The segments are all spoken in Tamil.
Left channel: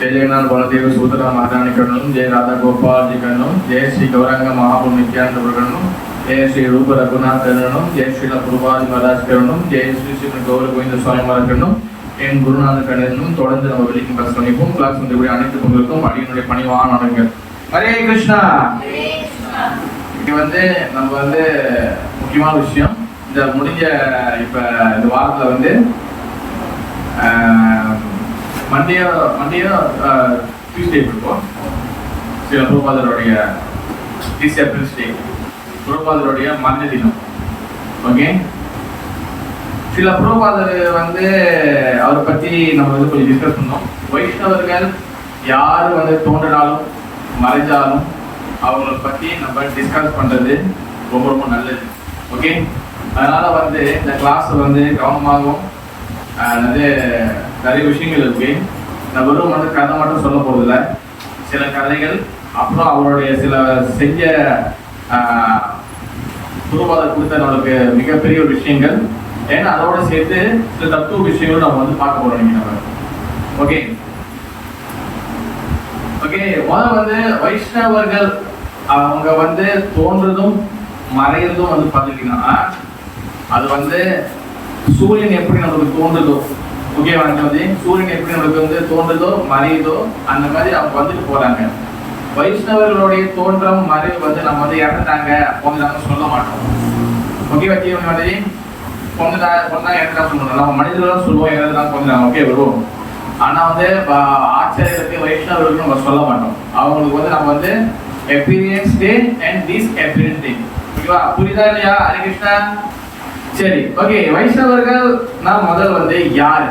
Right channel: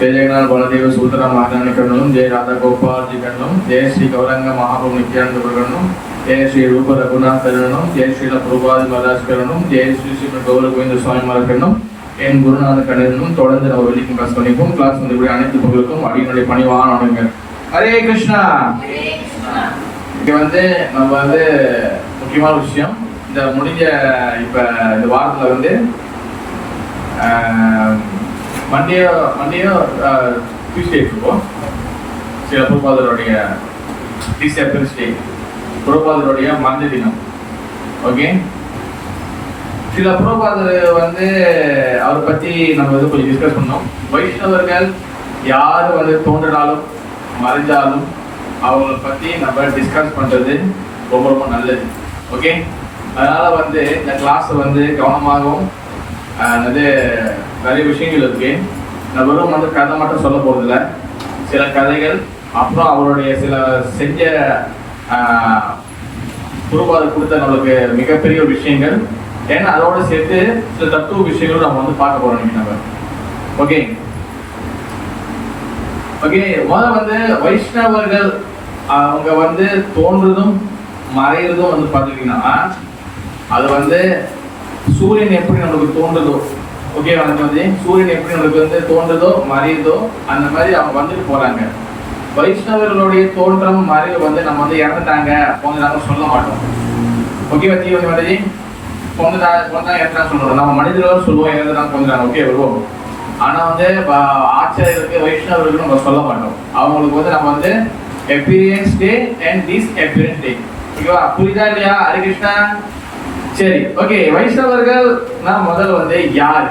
जय जगन्नाथ बलदेव सूत्र महारानी करणम जय राधा गोपाल जी करणम जय श्री गौरांग महाप्रभु नित्यानंद करणम जय श्री रूप रघुनाथ करणम जय श्री प्रभुपाद महाराज करणम जय श्री श्री गौर गोविंद स्वामी महाराज करणम என் குருநாத கண்ணனும் தொடர்ந்து நம்ம வெளிக்கும் கிளாஸ் பண்ணிப்போம். கிளாஸ் வந்து அனைத்து புகழுக்கும் அடியினுடைய பணிவான வணக்கங்கள். ஹரே கிருஷ்ணா. இது வந்து நம்ம வந்து முக்கியமான விஷயம். இந்த முடிஞ்ச இப்ப இந்த வாரத்துல வந்து மண்டேயும் டியூஸ்டே இருக்கும். சில பிரபாதருடைய டிசேபிள்ஸ் டே, பிரபாதருடைய மந்த தினம். ஓகே, சில பிரபாதர் வந்து அவரை பத்தி நம்ம வந்து கொஞ்சம் டிஸ்கஸ் பண்ணோம். வைஷ்ணவர்கள் யாரு வந்து தோன்றினாலும் மறைஞ்சாலும் அவங்களை பத்தி நம்ம டிஸ்கஸ் பண்றது ரொம்ப ரொம்ப நல்லது. ஓகே, அதனால வந்து இந்த கிளாஸ் வந்து கவனமாகவும் நிறைய விஷயங்கள் இருக்கு. நான் வெறும் வந்து கதை மட்டும் சொல்ல போறதில்ல, சில கதைகள் அப்புறம் அவருடைய சில செஞ்ச பிரபாதர் கொடுத்த நம்மளுக்கு மிகப்பெரிய விஷயங்கள், ஏன்னா அதோட சேர்த்து சில தத்துவ விஷயங்களும் நம்ம வந்து பார்க்க போறோம் நீங்க நம்ம. ஓகே ஓகே முதல்ல வந்து வைஷ்ணவர்கள் அவங்க வந்து தோன்றதும் மறைகிறதும் வந்து பார்த்துக்கிட்டீங்கன்னா அது வந்து சூரியன் எப்படி நம்மளுக்கு தோன்றுதோ, ஓகே வந்து சூரியன் எப்படி நம்மளுக்கு வந்து தோன்றுதோ மறையுதோ அந்த மாதிரி அவங்க வந்துட்டு போறாங்க. வைஷ்ணவர்களுடைய தோற்றம் மறைவு வந்து நம்ம வந்து இறந்துட்டாங்க போங்க சொல்ல மாட்டோம். ஓகே வச்சு மாதிரி சொல்லுவோம், நம்ம மனிதர்களும் சொல்லுவோம் இறந்துட்டாங்க கொஞ்சம். ஓகே வரும், ஆனா வந்து ஆச்சாரியருக்கு வைஷ்ணவர்களுக்கு நம்ம சொல்ல மாட்டோம். அவங்களுக்கு வந்து நம்ம வந்து experience day and this experience day. ஓகேவா, புரியுதா இல்லையா? ஹரே கிருஷ்ணா. சரி, ஓகே, வைஷ்ணவர்கள் நான் முதல் வந்து யாரு,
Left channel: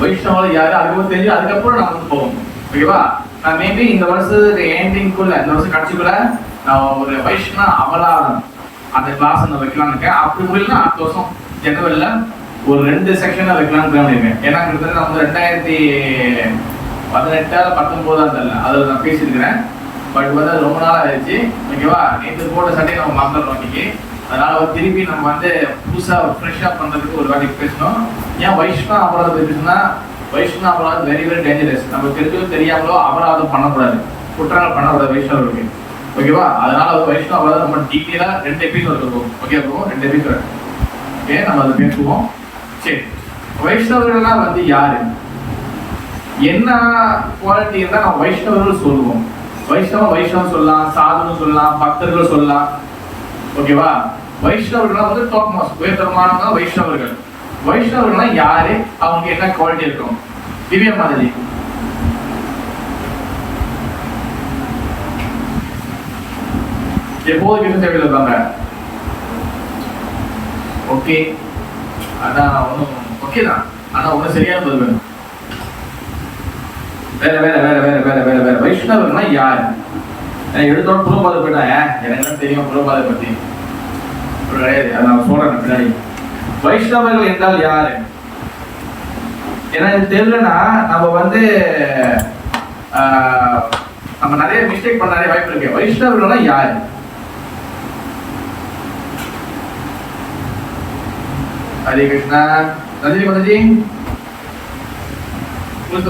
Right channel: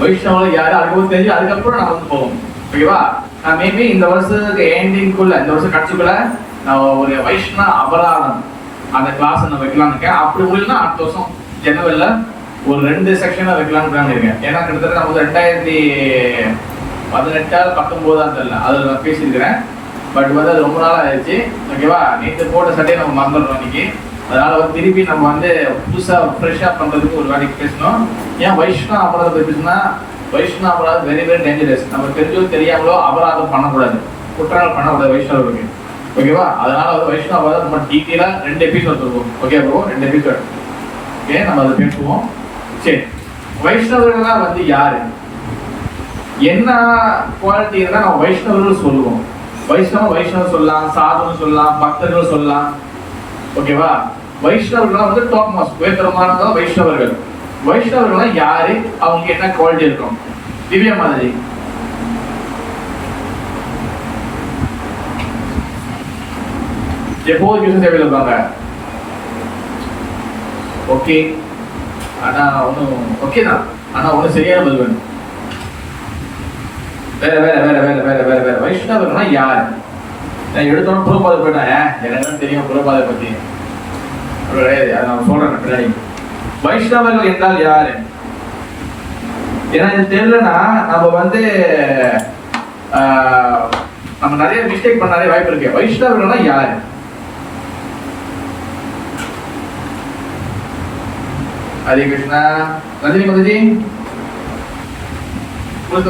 வைஷ்ணவர்கள் யாரு அதுக்கு தெரிஞ்சு அதுக்கப்புறம் நம்ம வந்து போவோம். ஓகேவா, நான் மேபி இந்த வருஷத்துக்கு எண்டிங்குள்ள இந்த வருஷம் கட்சிக்குள்ள நான் ஒரு வைஷ்ணவ அபராதம் அந்த கிளாஸ் நான் வைக்கலாம்னு இருக்கேன். அப்படி முடியல அடுத்த வருஷம் ஜனவரியில ஒரு 2 செக்ஷனை வைக்கலாம்னு இருக்கேன். ஏன்னா கிட்டத்தட்ட நான் வந்து 2018-19 தெரியல அதில் நான் பேசியிருக்கிறேன். பட் வந்து அது ரொம்ப நாள் ஆயிடுச்சு. ஓகேவா, நேற்று போட்ட சட்டையை நம்ம மறந்துடணும் இன்னைக்கு. அதனால வந்து திருப்பி நம்ம வந்து புதுசாக ஃப்ரெஷ்ஷாக பண்ணுறதுக்கு ஒரு வாட்டி பேசணும். ஏன் வைஷ்ணவ அபராதத்தை பேசுனா, வைஷ்ணவ அபராதம் வெரி வெரி டேஞ்சரஸ். நம்ம தெரிஞ்சோ தெரியாமலோ அபராதம் பண்ணக்கூடாது, குற்றங்கள் பண்ணக்கூடாது வைஷ்ணவர்களுக்கு. ஓகேவா, அதனால வைஷ்ணவ அபராதம் நம்ம டீட்டெயிலா 2 எபிசோட் இருக்கும். ஓகே இருக்கும், 2 எபிசோட். ஓகே, நம்ம அதை பேசுவோம். சரி, வைஷ்ணவர்கள்லாம் வந்து யாரு, என்ன குவாலிட்டி இருந்தால் நம்ம வைஷ்ணவர்கள் சொல்லுவோம். வைஷ்ணவம் சொல்லலாம், சாதுன்னு சொல்லலாம், பக்தர்கள் சொல்லலாம். ஓகேவா, வைஷ்ணவர்கள் வந்து டாப் மாஸ் உயர்தரமானவங்க வைஷ்ணவர்கள். வைஷ்ணவர்கள் யாரு, அவங்களுக்கு என்ன குவாலிட்டி இருக்கும்? திவ்யா மாதிரி எப்போது கிருஷ்ண சேவையில் இருப்பாங்க. ஓகே, ஆனா ஒன்றும் ஓகே தான், ஆனா ஒன்றும் சரியான பதில் வேணும். வேற வேற வேற வேற வேற வேற வேற வைஷ்ணவர்கள்னா யார்? நான் எடுத்தோம் புரோபாதை போயிட்டேன், எனக்கு தெரியும் புரோபாதை பத்தி நான் சொல்றேன் பின்னாடி. வைஷ்ணவர்கள் என்றால் யாரு? ஏன்னா இது தெரியலன்னா நம்ம வந்து நம்ம நிறைய மிஸ்டேக் பண்ண நிறைய வாய்ப்பு இருக்கு. வைஷ்ணவர்கள்னா யாரு? हरे कृष्णा. रजनी माता जी,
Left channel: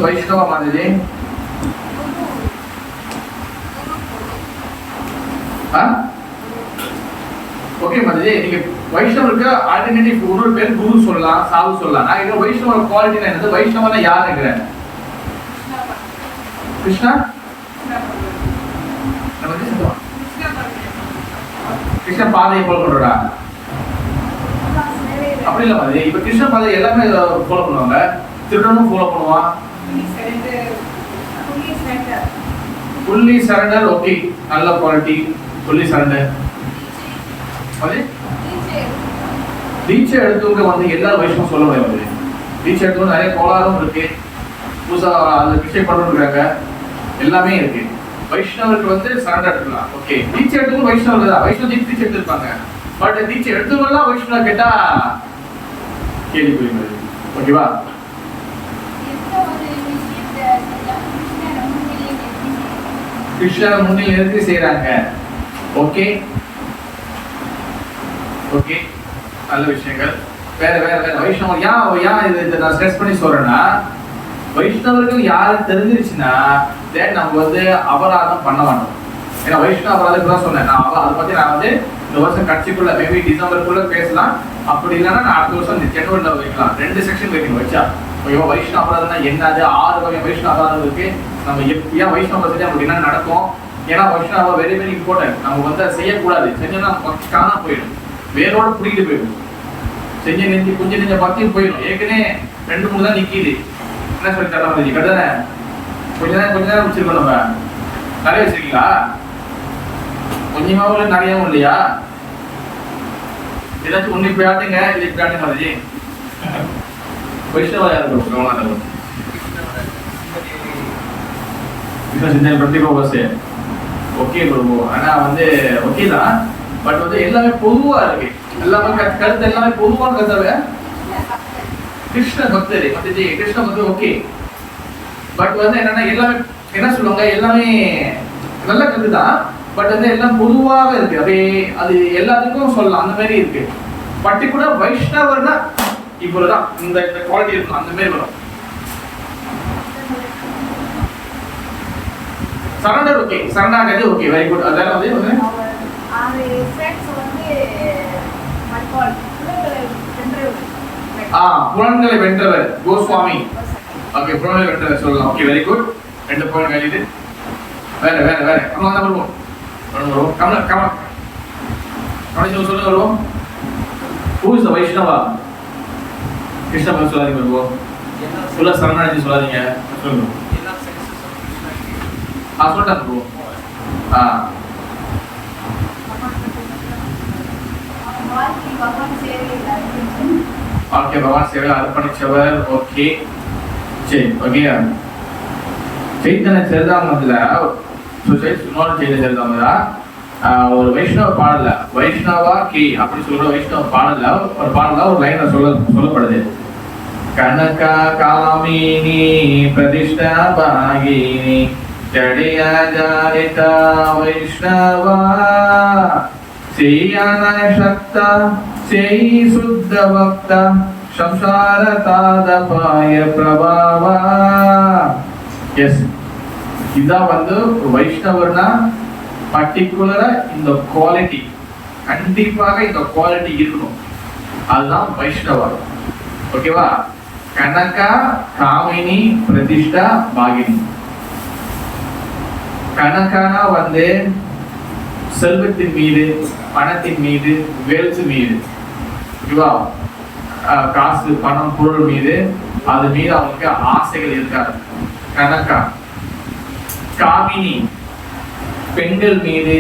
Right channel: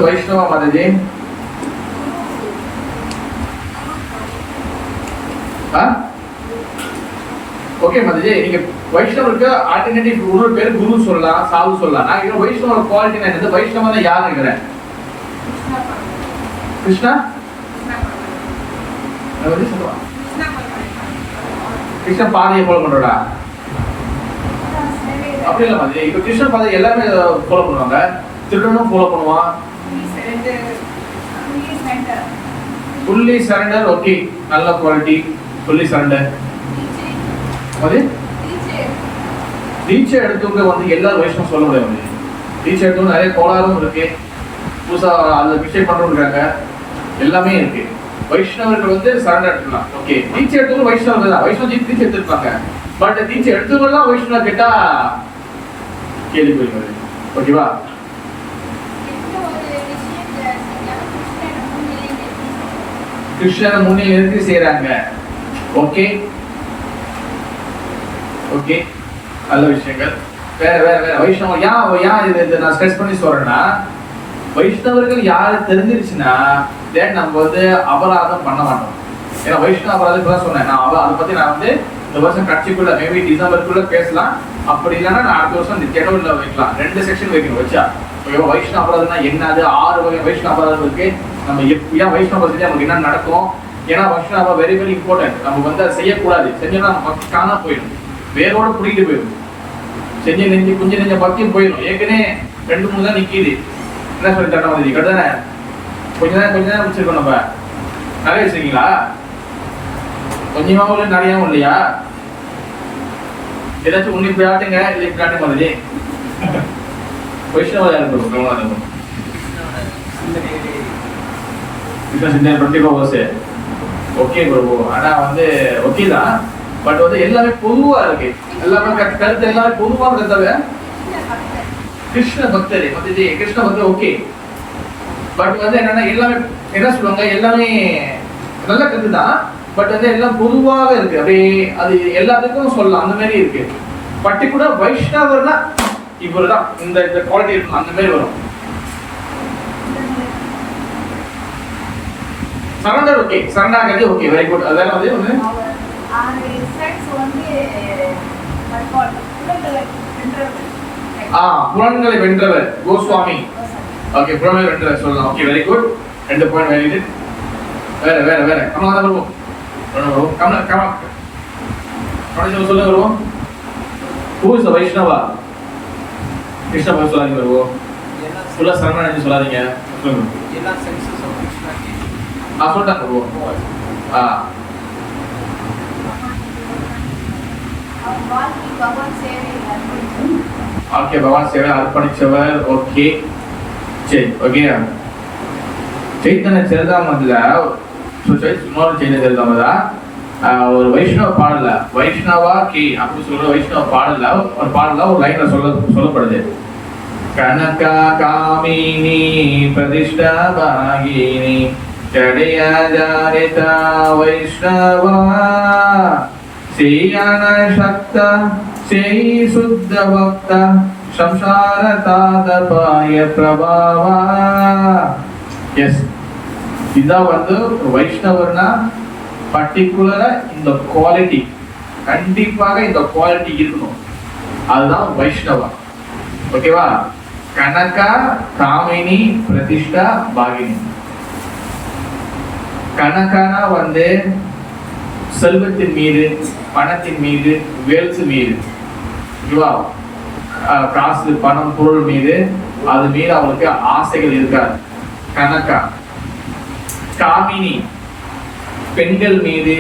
वैष्णव माता जी, ஓகே மாதா ஜி, நீங்க வைஷ்ணவருக்கு ஆல்டர்னேட்டிவ் இன்னொரு பேர் குரு சொல்லலாம், சாது சொல்லலாம். நான் இங்க வைஷ்ணவ குவாலிட்டி என்னது, வைஷ்ணவனா யாருங்கிறேன்? கிருஷ்ணா நம்ம வந்து சொல்லுவோம் கிருஷ்ண பாதையை ஃபாலோ பண்றா அப்படி இல்ல மாதிரி. இப்ப கிருஷ்ண பாதை எல்லாமே ஃபாலோ பண்ணுவாங்க, திருடனும் ஃபாலோ பண்ணுவான். Fully surrender. ஓகே, நல்ல குவாலிட்டி ஃபுல்லி சரண்டர். அது தீட்சை எடுத்தவங்க வந்து எல்லா வைஷ்ணவம் சொல்ல முடியாது. தீட்சை எடுத்தவங்க நிறைய கோளாறும் இருக்கு, புதுசா அதுல பிச்சை பண்றவங்க எல்லாமே இருக்கு. வைஷ்ணவர்கள் வந்து சரண்டர் எடுத்துக்கலாம். ஓகே, தீட்சை எடுத்தவங்க வைஷ்ணவர்கள் தான், வைஷ்ணவ தீட்சை எடுத்திருப்பாங்க. பட் தீட்சை எடுத்தவங்கலாம் வைஷ்ணவ கேட்டா கேள்வி போயிருக்காரு. ஓகேவா, கிருஷ்ணர் முன்னில் இருந்து செய்யறாங்க. ஓகே ஓகே, நல்ல விஷயங்கள். வேற வேற வேற வைஷ்ணவம் ஏன் இது நான் ஸ்ட்ரெஸ் பண்ணி சொல்றேன்னா, வைஷ்ணவர்கள் யாரு தெரிஞ்சிருச்சுன்னா தென் நம்ம வந்து அபராதம் பண்ண மாட்டோம். ஏன்னா வைஷ்ணவ அபராதம் தான் சொன்னேன் நான். அதை பத்தி நான் வந்து இந்த வருஷம் கட்சிக்குள்ள மேபி டிசம்பருக்குள்ள பேசலாம். அப்படி இல்லைன்னா நான் அடுத்த வருஷம் இந்த ஜனவரியில் வைக்கலாம். 2 செக்ஷன் வைக்கணும். வச்சா வைஷ்ணவ அபராதம்னா என்னது, 6 வகை வைஷ்ணவ அபராதம் இருக்கு. நம்ம ஏன் வைஷ்ணவ பத்தி நமக்கு என்ன நடக்கும், ஏன்னா வைஷ்ணவ வெரி வெரி இம்பார்ட்டன்ட். நம்ம வந்து அதை செய்யக்கூடாது. செஞ்சோம்னா நம்ம பக்தி காணா போயிடும், வேரோட பிடிக்கிட்டு போயிடும். செஞ்ச நெஞ்சு கொஞ்சம் நெஞ்ச பக்தியும் போயிடும். ஏற்கனவே 2-3 தான் நிக்கிது. என்ன சொல்லி தர மாதிரி கரெக்டானே? கொஞ்ச நேரம் வச்சிருக்கோம். நம்ம நிறைய வச்சிருக்கீங்களா? கொஞ்சமாவும் இல்லை நிறையாவும் இல்லையா? ஏதாச்சும் உன்னை பிராட்டுங்க இல்லை பிராட்டுங்க மாதிரி வைஷ்ணவ இருக்கும். Okay bro. ஆனா வந்து ஓகே தான், பட் வந்து எல்லாமே பொதுவா இருக்கு. எல்லாமே கருத்து எல்லாமே பொதுவான கருத்தாவே கிருஷ்ண பக்தர் வந்து கிருஷ்ண பக்தர் ஓகே. பட் வந்து என்னன்னா எல்லாமே என்ன சொல்லுவாங்க, எல்லாமே நல்ல கருத்து தான், பட் வந்து எல்லாம் பொதுவாக இருக்கு. அப்படியே அது எல்லாத்துக்கும் சொல்லலாம். அந்த மாதிரி இருக்கு. பர்டிகுலர் வைஷ்ணவர்னா இவருதான் இந்த குவாலிட்டி இருக்கும், அந்த மாதிரி வரும். சரண்டர் ஓகே, சரணாகதி ஓகே, வெரி குட். அதெல்லாம் வந்து புலன்களை வென்றவர் கோஸ்வாமி. ஓகே, புலன்களை வென்றவர் சொல்லலாம். Okay, very good. 2 point valid. வேற வேற வேற கமலா தான் வருவோம். கமலா சொல்ல வருவோம். Who is the Vaishnava? Krishna பக்தி சொல்லாதீங்க வருவோம். ஃபுல்லா சரணாகதி சொல்லாதீங்க. சொல்லுங்க. சொல்லிட்டேன் வருவோம். ஓகே, பகவான் சேவையில் அர்ப்பணிச்சவர். ஓகே சரி. ஓகே, சைத்தன்ய சரிதாமத்துல இன்னொரு சைத்தன்ய சரிதாமதா ஒரு வைஷ்ணவ பாடல வைஷ்ணவா கி அப்படி சொல்ற வைஷ்ணவ பாடல ஒரு லைன்ல சொல்லப்படுது. கனகா காமினி பிரதிஷ்டா பாகினி ஜடேயாஜாரிதா வைஷ்ணவா சேயன சக்த சேயி சுத்த பக்த சம்சார தாதபாய பிரபாவா. எஸ், இதான் வந்து வைஷ்ணவர்னா பர்டிகுலரா இந்த குவாலிட்டி, கண்டிப்பாக இந்த குவாலிட்டி இருக்கணும். அதுதான் வைஷ்ணவர். ஓகேவா? கனகா காமினி பிரதிஷ்டா பாகினி. கனகானா வந்து செல்வத்தின் மீது, பணத்தின் மீது, வேல்ஸ் மீது, ஓகேவா? காசு பணம் பொருள் மீது, அது மீது அவங்களுக்கு ஆசைகள் இருக்காது. கனகா. காமினி பெண்கள் மீது.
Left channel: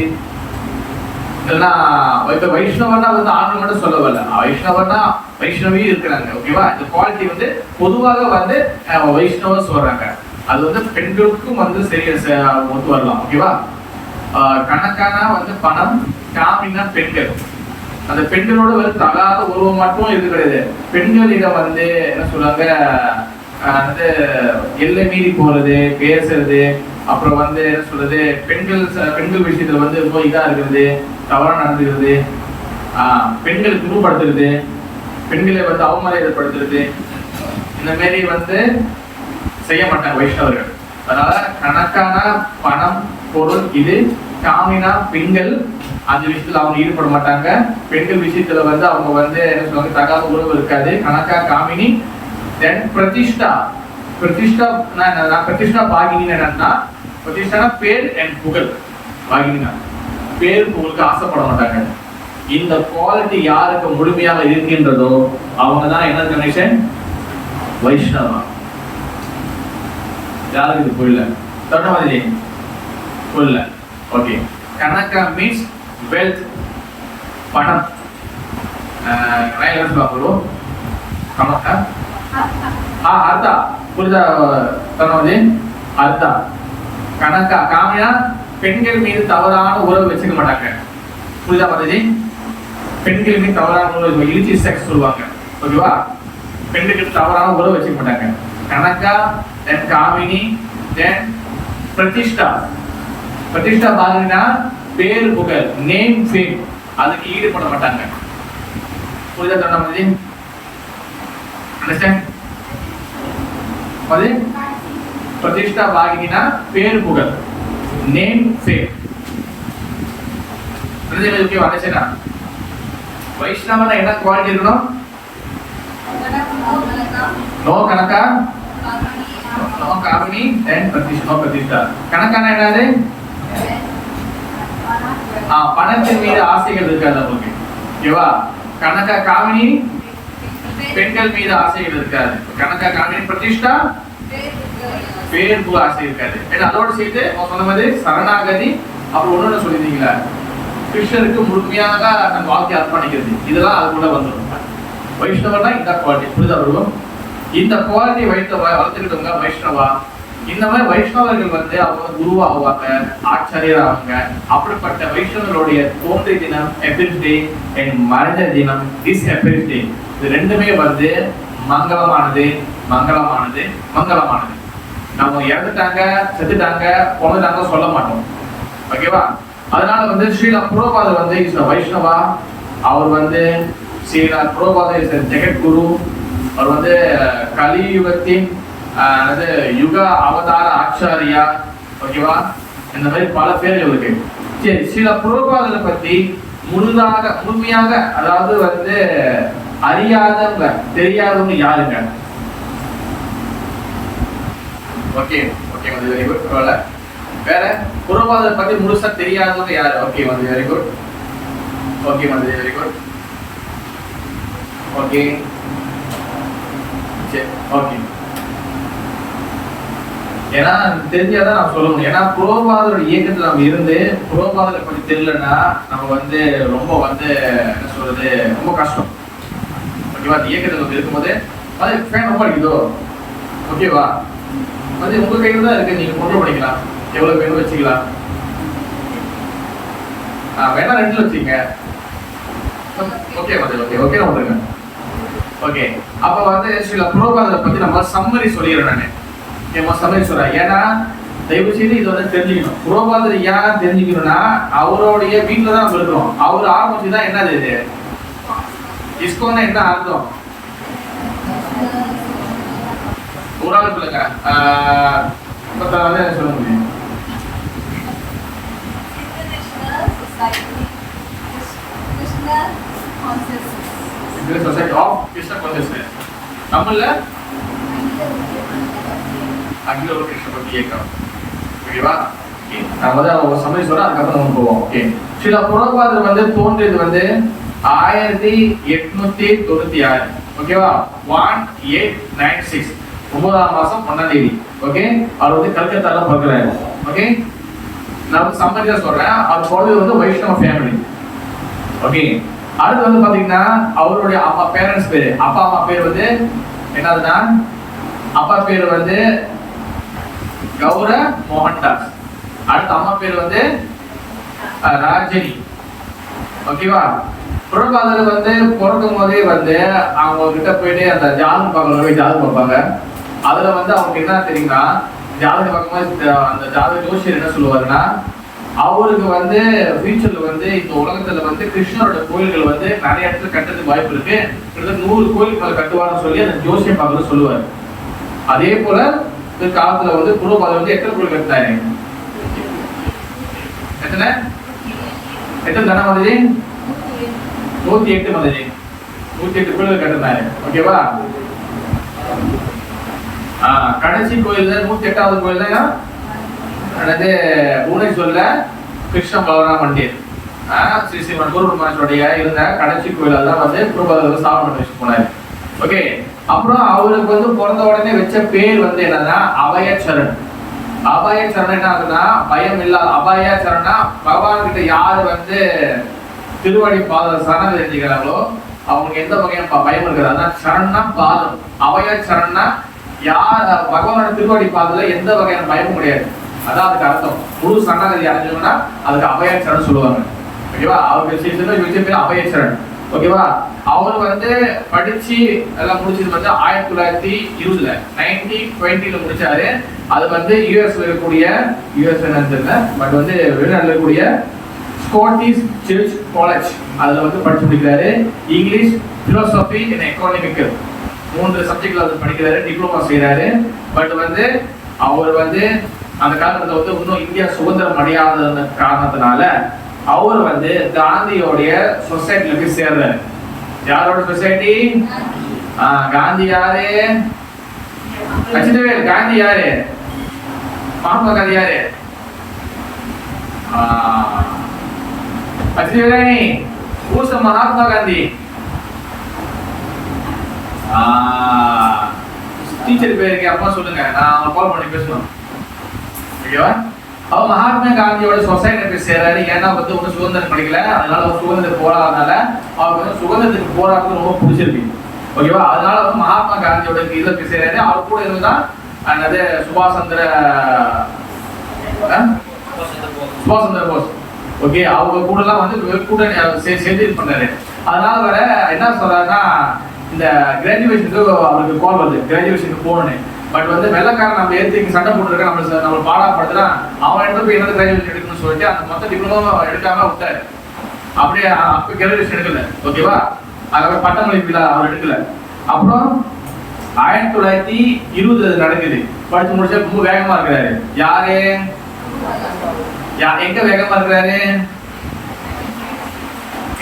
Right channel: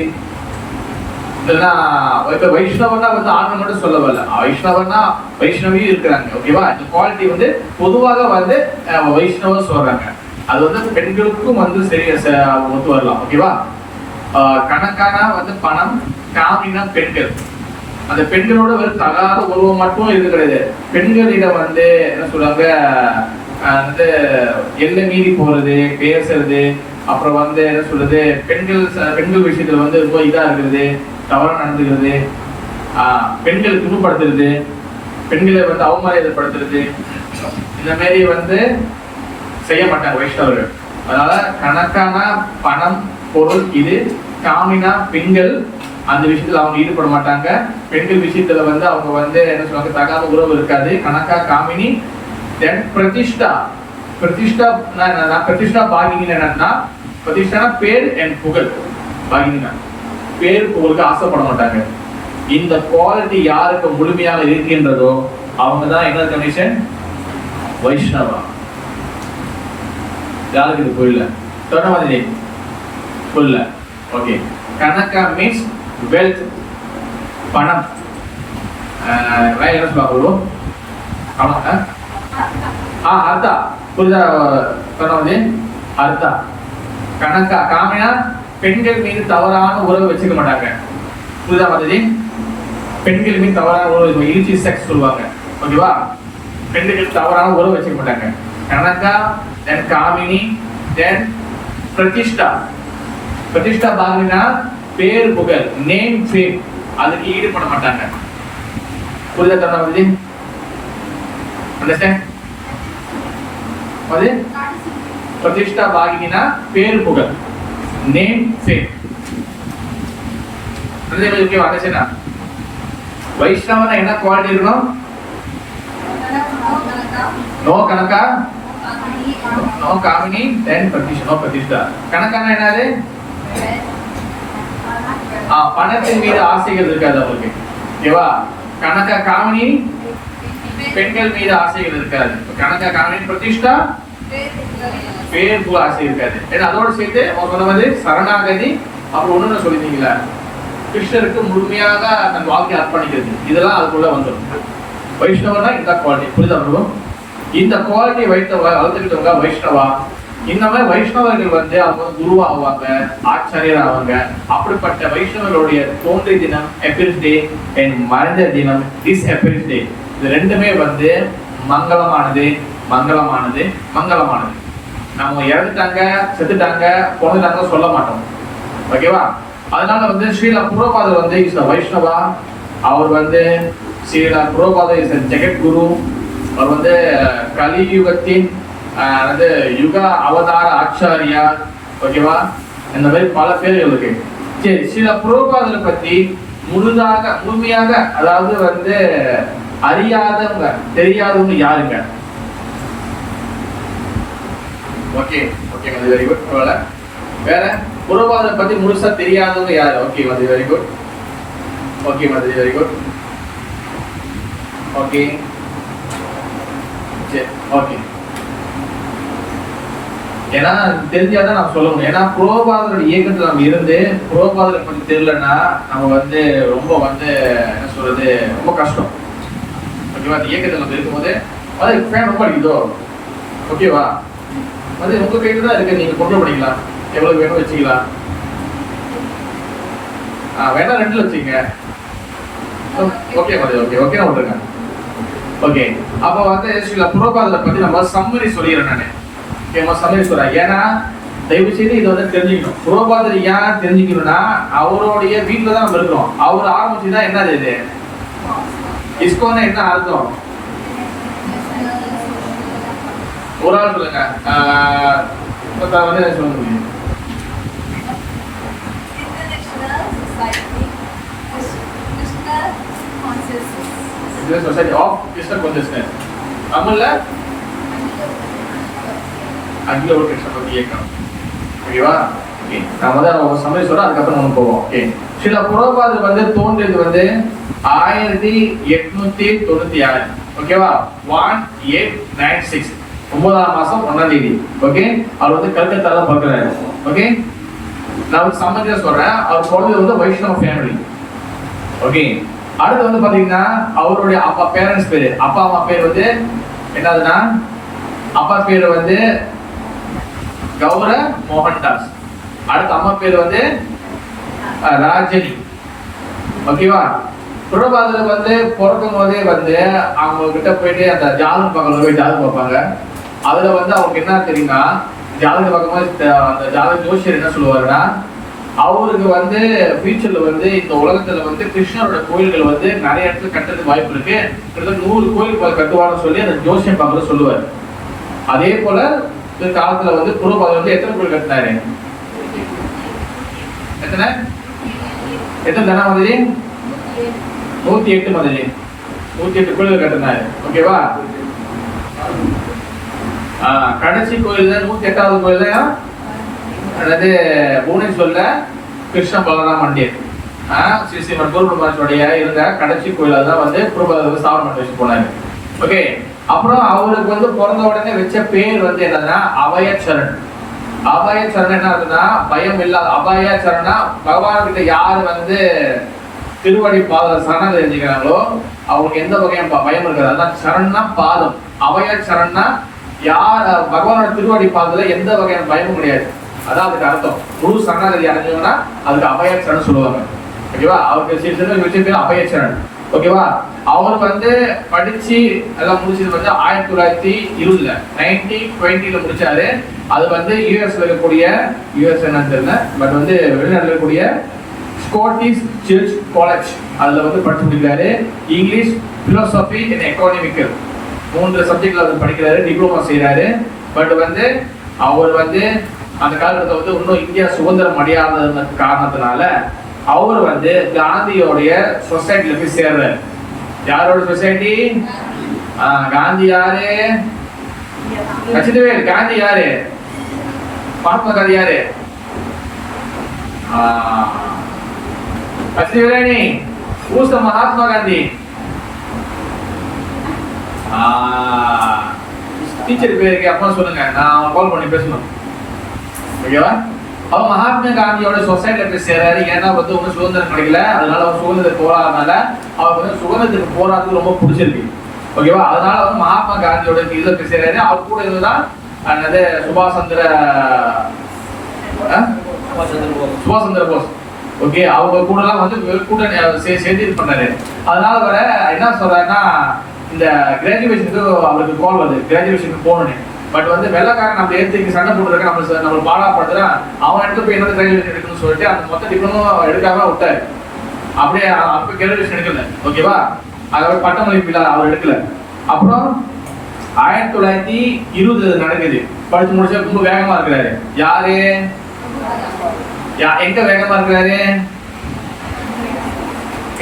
இதெல்லாம் வைஷ்ணவனா வந்து ஆண்கள் மட்டும் சொல்ல வரல, வைஷ்ணவனா வைஷ்ணவியும் இருக்கிறாங்க. ஓகேவா? இந்த குவாலிட்டி வந்து பொதுவாக வந்து வைஷ்ணவ சொல்றாங்க. அது வந்து பெண்களுக்கும் வந்து சரியா ஒத்து வரலாம். ஓகேவா? கணக்கானா வந்து பணம், காமினா பெண்கள். அந்த பெண்களோட ஒரு தகாத உருவம் மட்டும் இது கிடையாது. பெண்களிடம் வந்து என்ன சொல்றாங்க, வந்து எல்லை மீறி போறது, பேசுறது, அப்புறம் வந்து என்ன சொல்றது, பெண்கள் விஷயத்துல வந்து ரொம்ப இதா இருக்கிறது, தவறா நடந்துக்கிறது, பெண்களை துன்பப்படுத்துறது, பெண்களை வந்து அவமரியாதைப்படுத்துறது, இந்த மாதிரி வந்து செய்ய மாட்டாங்க வைஷ்ணவர்கள். அதனால கணக்கான பணம் பொருள் இது, காமினா பெண்கள், அந்த விஷயத்துல அவங்க ஈடுபட மாட்டாங்க. பெண்கள் விஷயத்துல வந்து அவங்க வந்து என்ன சொல்றாங்க, தகாத உறவு இருக்காது. கணக்கா காமினி. தென் பிரதிஷ்டா. பிரதிஷ்டா பிரதிஷ்டா பாகினி என்னன்னா, பிரதிஷ்டான பேர் அண்ட் புகழ். பாகினா பேர் புகழுக்கு ஆசைப்பட மாட்டாங்க. இந்த குவாலிட்டி யாருக்கு முழுமையாக இருக்கின்றதோ அவங்க தான் என்ன கண்டிஷன், வைஷ்ணவா. யாருக்கு இது புரியல? சொன்ன மாதிரி புரியல. ஓகே. கனகா மீன்ஸ் வெல்த், பணம். பார்க்கணும் அர்த்தா புரிதா? சொன்ன மாதிரி அர்த்தா. கணக்கா காமியா பெண்கள் மீது தவறான உறவு வச்சுக்க மாட்டாங்க. புரிதா மாதிரி? பெண்கள் மீது தவறான உறவு, இலிச்சி செக்ஸ் சொல்லுவாங்க. ஓகேவா? பெண்கள் தவறான உறவு வச்சுக்க மாட்டாங்க. கணக்கா, தென் காமினி, தென் பிரதிஷ்டா. பிரதிஷ்டா பாத்தீங்கன்னா பேரு புகழ், நேம் ஃபேம், அதுக்கு ஈடுபட மாட்டாங்க. புரிதா? தன்ன மாதிரி அண்டர்ஸ்டாண்ட்? அது பிரதிஷ்டா பாகினா பேர் புகழ், நேம் ஃபேம். ஓகே வந்துச்சுன்னா வைஷ்ணவன என்ன குவாலிட்டி இருக்கணும்? நோ கணக்கா, நோ காமினி, தென் நோ பிரதிஷ்டா. கணக்கான என்னது? பணத்தின் மீது ஆசைகள் இருக்காது அவங்களுக்கு. ஓகேவா? கணக்கா காமினி பெண்கள் மீது ஆசைகள் இருக்காது. கணக்கா காமினி பிரதிஷ்டா பேர் புகழ் ஆசை இருக்காது. ஏன்னா அதோடு சேர்த்து சொன்ன மாதிரி சரணாகதி, அப்புறம் ஒண்ணு சொல்லிருந்தீங்களா, கிருஷ்ணருக்கு முழுமையாக தன் வாழ்க்கையை அர்ப்பணிக்கிறது, இதெல்லாம் அதுக்குள்ள வந்துடும். வைஷ்ணவனா இந்த குவாலிட்டி, புரியுதா பிரபு? இந்த குவாலிட்டி வளர்த்துக்கிட்டவங்க வைஷ்ணவா. இன்னமே வைஷ்ணவர்கள் வந்து அவங்க குருவா ஆவாங்க, ஆச்சாரியர் ஆவாங்க. அப்படிப்பட்ட வைஷ்ணவர்களுடைய தோன்றிய தினம் எபிரிஸ் டே அண்ட் மறைந்த தினம் திஸ் எபிரிஸ் டே, இது ரெண்டுமே வந்து மங்களமானது, மங்களமானது, மங்களமானது. நம்ம இறந்துட்டாங்க, செத்துட்டாங்க, போனதாங்க சொல்ல மாட்டோம். ஓகேவா? அதனால வந்து ஸ்ரீலா புரோபாதர் வந்து இஸ் வைஷ்ணவா. அவர் வந்து ஸ்ரீலா புரோபாதர் இஸ் ஜெகத்குரு. அவர் வந்து கலியுகத்தின் அதாவது யுக அவதார ஆச்சாரியா. ஓகேவா? இந்த மாதிரி பல பேர்கள் இருக்கு. சரி, ஸ்ரீலா புரோபாதரை பத்தி முழுமையாக அதாவது வந்து அறியாதவங்க, தெரியாதவங்க யாருங்க? Okay okay, very good. பரவாயில்ல. வேற புரோபாதரை பத்தி முழுசா தெரியாதவங்க யாரு? ஓகே வந்து வெரி குட். ஓகே வந்து வெரி குட். ஓகே சரி ஓகே. ஏன்னா தெரிஞ்சாதான் நம்ம சொல்ல முடியும். ஏன்னா புரோபாதரோட இயக்கத்துல நம்ம இருந்து புரோபாதரை பத்தி தெரியலன்னா நம்ம வந்து ரொம்ப வந்து என்ன சொல்றது, ரொம்ப கஷ்டம். ஓகேவா? அந்த இயக்கத்துல நம்ம இருக்கும்போது அது ஃபேன் ரொம்ப அடிக்குதோ, ஓகேவா, அது உங்க கையில தான் இருக்கு. நீங்க கொண்டு பண்ணிக்கலாம், எவ்வளவு வேணும் வச்சுக்கலாம். வேணா ரெண்டுல வச்சுங்க. ஓகே ஓகே ஓகே விட்டுருங்க. ஓகே, அப்ப வந்து சில புரோபாதரை பத்தி நம்ம சம்மரி சொல்லிடுறேன் நானு. சம்மரி சொல்றேன். ஏன்னா தயவு செய்து இதை வந்து தெரிஞ்சுக்கணும். புரோபாதர் ஏன் தெரிஞ்சுக்கணும்னா அவருடைய வீட்டுல தான் நம்ம இருக்கிறோம். அவர் ஆரம்பிச்சுதான் என்னது இது இஸ்கோன்னா என்ன அர்த்தம்? ஒரு ஆள் சொல்லுங்க. வந்து சொல்ல முடியும். Society of Krishna consciousness. தமிழ்ல அகில ஒரு கிருஷ்ண பக்தி இயக்கம். ஓகேவா? நான் வந்து ஒரு சமயம் சொல்றேன், அதுக்கப்புறம் நம்ம போவோம். ஓகே, சில புரோபாதர் வந்து தோன்றியது வந்து 1896. ஓகேவா? 1896 9ஆம் மாசம் 1ஆம் தேதி. ஓகே, அவர் வந்து கல்கத்தால பிறக்கிறாரு. ஓகே, நான் சம்பந்தியா சொல்றேன். அவர் பிறந்தது வந்து வைஷ்ணவ ஃபேமிலி. ஓகே, அடுத்து வந்து பாத்தீங்கன்னா அவருடைய அப்பா பேரண்ட்ஸ் பேரு, அப்பா அம்மா பேர் வந்து என்னதுன்னா, அப்பா பேர் வந்து கௌர மோகன்தாஸ். அடுத்த அம்மா பேர் வந்து ராஜினி. ஓகேவா? புரோபாதர் வந்து பிறக்கும் போதே வந்து அவங்க கிட்ட போயிட்டு அந்த ஜாதகம் பார்க்கறது போய் ஜாதகம் பார்ப்பாங்க. அதுல வந்து அவங்களுக்கு என்ன தெரியுமா, ஜாதகம் பார்க்கும்போது அந்த ஜாதக ஜோசியர் என்ன சொல்லுவாருன்னா, அவருக்கு வந்து ஃபியூச்சர்ல வந்து இந்த உலகத்துல வந்து கிருஷ்ணரோட கோயில்கள் வந்து நிறைய இடத்துல கட்டுறதுக்கு வாய்ப்பு இருக்கு, 100 கோயில் கட்டுவார்னு சொல்லி அந்த ஜோசியம் பார்க்கறது சொல்லுவாரு. அதே போல காலத்துல வந்து புரோபாதர் வந்து எத்தனை கோயில் கட்டினாரு? எத்தனை தனம் மாதிரி? 108 மாதிரி. 108 கோயில்கள் கட்டினாரு. ஓகேவா? கடைசி கோயில் தான் 108வது கோயில் தான் அதாவது புவனேஸ்வர்ல கிருஷ்ண பலராம மண்டிர் ஸ்ரீ ஸ்ரீமன் குருபிரமாச்சுடைய இருந்த கடைசி கோயில தான் வந்து புரோபாதர் ஸ்தாபனம் பண்ணி வச்சு போனாரு. ஓகே, அப்புறம் அவருக்கு வந்து பிறந்த உடனே வச்ச பேர் வந்து என்னன்னா அபயச்சரண். அபயச்சரண் என்ன ஆகுதுன்னா பயம் இல்லாத. அபயச்சரணா பகவான் கிட்ட யாரு வந்து திருவடி பாதம் சரணம் தெரிஞ்சுக்கிறாங்களோ அவங்களுக்கு எந்த வகையான பயம் இருக்காது. அதான் சரணா பாதம். அபயச்சரணா யார் பகவானோட திருவடி பாதத்துல எந்த வகையான பயமும் கிடையாது. அதான் அதுக்கு அர்த்தம். முழு சரணாகதி அடைஞ்சவங்கன்னா அதுக்கு அபயச்சரண் சொல்லுவாங்க. ஓகேவா? அவருக்கு சில பேர் அபயச்சரண். ஓகேவா? அவர் வந்து படிச்சு எல்லாம் முடிச்சது வந்து 1920 1920 முடிச்சாரு. அது வந்து யூஎஸ்ல இருக்கக்கூடிய யூஎஸ் என்னன்னு தெரியல, பட் வந்து வெளிநாட்டுல இருக்கக்கூடிய ஸ்காட்டிஷ் சர்ச் காலேஜ் அதுல வந்து படிச்சு முடிக்கிறாரு. இங்கிலீஷ், பிலோசபி அண்ட் எக்கனாமிக்கல் 3 சப்ஜெக்ட்ல வந்து படிக்கிறாரு. டிப்ளமா செய்யறாரு. பட் வந்து அவர் வந்து அந்த காலகட்டத்தில் வந்து இன்னும் இந்தியா சுதந்திரம் அடையாத காரணத்தினால அவர் வந்து காந்தியோடைய சொசைட்டில போய் சேர்றாரு. யாரோட சொசைட்டி? காந்தி யாரு? கச்சிதவேல். காந்தி யாரு? மகாத்மா காந்தி யாரு? கச்சிதவேலி. ஊச மகாத்மா காந்தி. டீச்சர் பேருக்கு அப்பா சொல்லுங்க, நான் கால் பண்ணி பேசணும். ஓகேவா? அவன் மகாத்மா காந்தியோட சொசைட்டில போய் சேராரு. ஏன்னா வந்து ஒன்றும் சுதந்திரம் கிடைக்கல, அதனால அவன் சுதந்திரத்துக்கு போராடுறதுனால அவருக்கு வந்து சுதந்திரத்துக்கு போராடுறது ரொம்ப பிடிச்சிருக்கு. ஓகேவா? அதனால வந்து மகாத்மா காந்தியோட இதில் போய் சேராரு. அவர் கூட இருந்துதான் என்னது சுபாஷ் சந்திர போஸ். ஓகே, அவங்க கூட எல்லாம் வந்து கூட்டணி சேர்ந்து இது பண்ணாரு. அதனால வர என்ன சொல்றாருன்னா, இந்த கிராஜுவேஷனுக்கு அவருக்கு கால் வருது, கிராஜுவேஷனுக்கு போகணுன்னு. பட் வந்து வெள்ளக்காரன் நம்ம எடுத்து சண்டை போட்டுருக்க நம்ம பாடாப்படுத்துனா அவன் எடுத்து போய் என்ன கிராஜுவேஷன் எடுக்கணும்னு சொல்லிட்டு அந்த மொத்த டிப்ளமோ எடுக்காம விட்டாரு. அப்படியே அப்ப கிராஜுவேஷன் எடுக்கல. ஓகேவா? அதாவது பட்டமளிப்பு அவர் எடுக்கல. அப்புறம் 1920 நடக்குது. படிச்சு முடிச்சா ரொம்ப வேகமா இருக்கிறாரு. யாரு? எங்க வேகமா இருக்கிறாரு?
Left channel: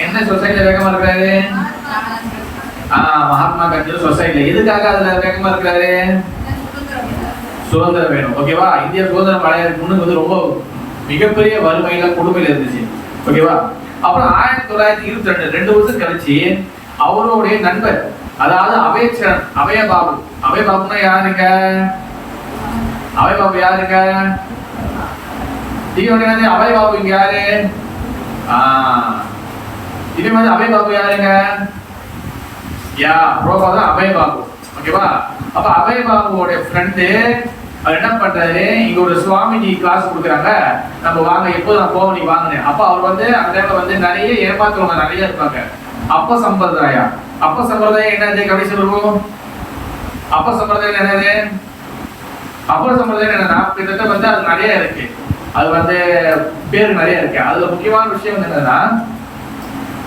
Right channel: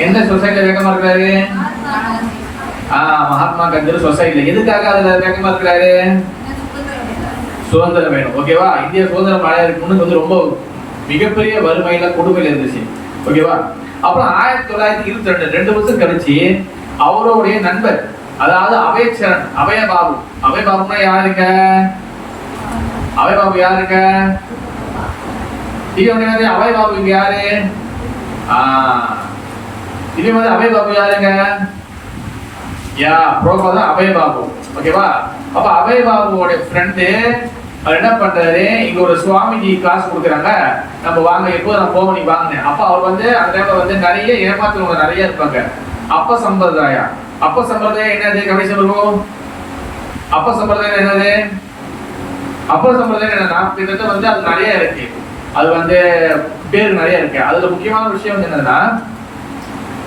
எந்த சொசைட்டில வேகமா இருக்கிறாரு? மகாத்மா காந்தி சொசைட்டில. எதுக்காக அதுல வேகமா இருக்கிறாரு? சுதந்திரம் வேணும். ஓகேவா? இந்தியா சுதந்திரம் அடையறதுக்கு முன்னுக்கு வந்து ரொம்ப மிகப்பெரிய வறுமையில கொடுமையில இருந்துச்சு. ஓகேவா? அப்புறம் 1922 2 வருஷம் கழிச்சு அவருடைய நண்பர், அதாவது அபயச்சரண், அபயபாபு. அபயபாபுனா யாருங்க? அபயபாபு யாருங்க? அபயபாபு இங்க யாரு? இதே மாதிரி அபயபாபு யாருங்க? அபயபாபு. ஓகேவா? அப்ப அபயபாபுவோட ஃப்ரெண்டு என்ன பண்றாரு, இங்க ஒரு சுவாமிஜி கிளாஸ் கொடுக்குறாங்க, நம்ம வாங்க, எப்போ நான் போக நீ வாங்கினேன். அப்ப அவர் வந்து அந்த டைம்ல வந்து நிறைய ஏமாத்துறவங்க நிறைய இருப்பாங்க. அப்ப சம்பிரதாயம் என்னது? கடைசி சொல்லுவோம். அப்ப சம்பிரதாயம் என்னது? அப்ப சம்பிரதாயம் என்னன்னா, கிட்டத்தட்ட வந்து அது நிறைய இருக்கு. அது வந்து பேர் நிறைய இருக்கு. அதுல முக்கியமான விஷயம் என்னன்னா,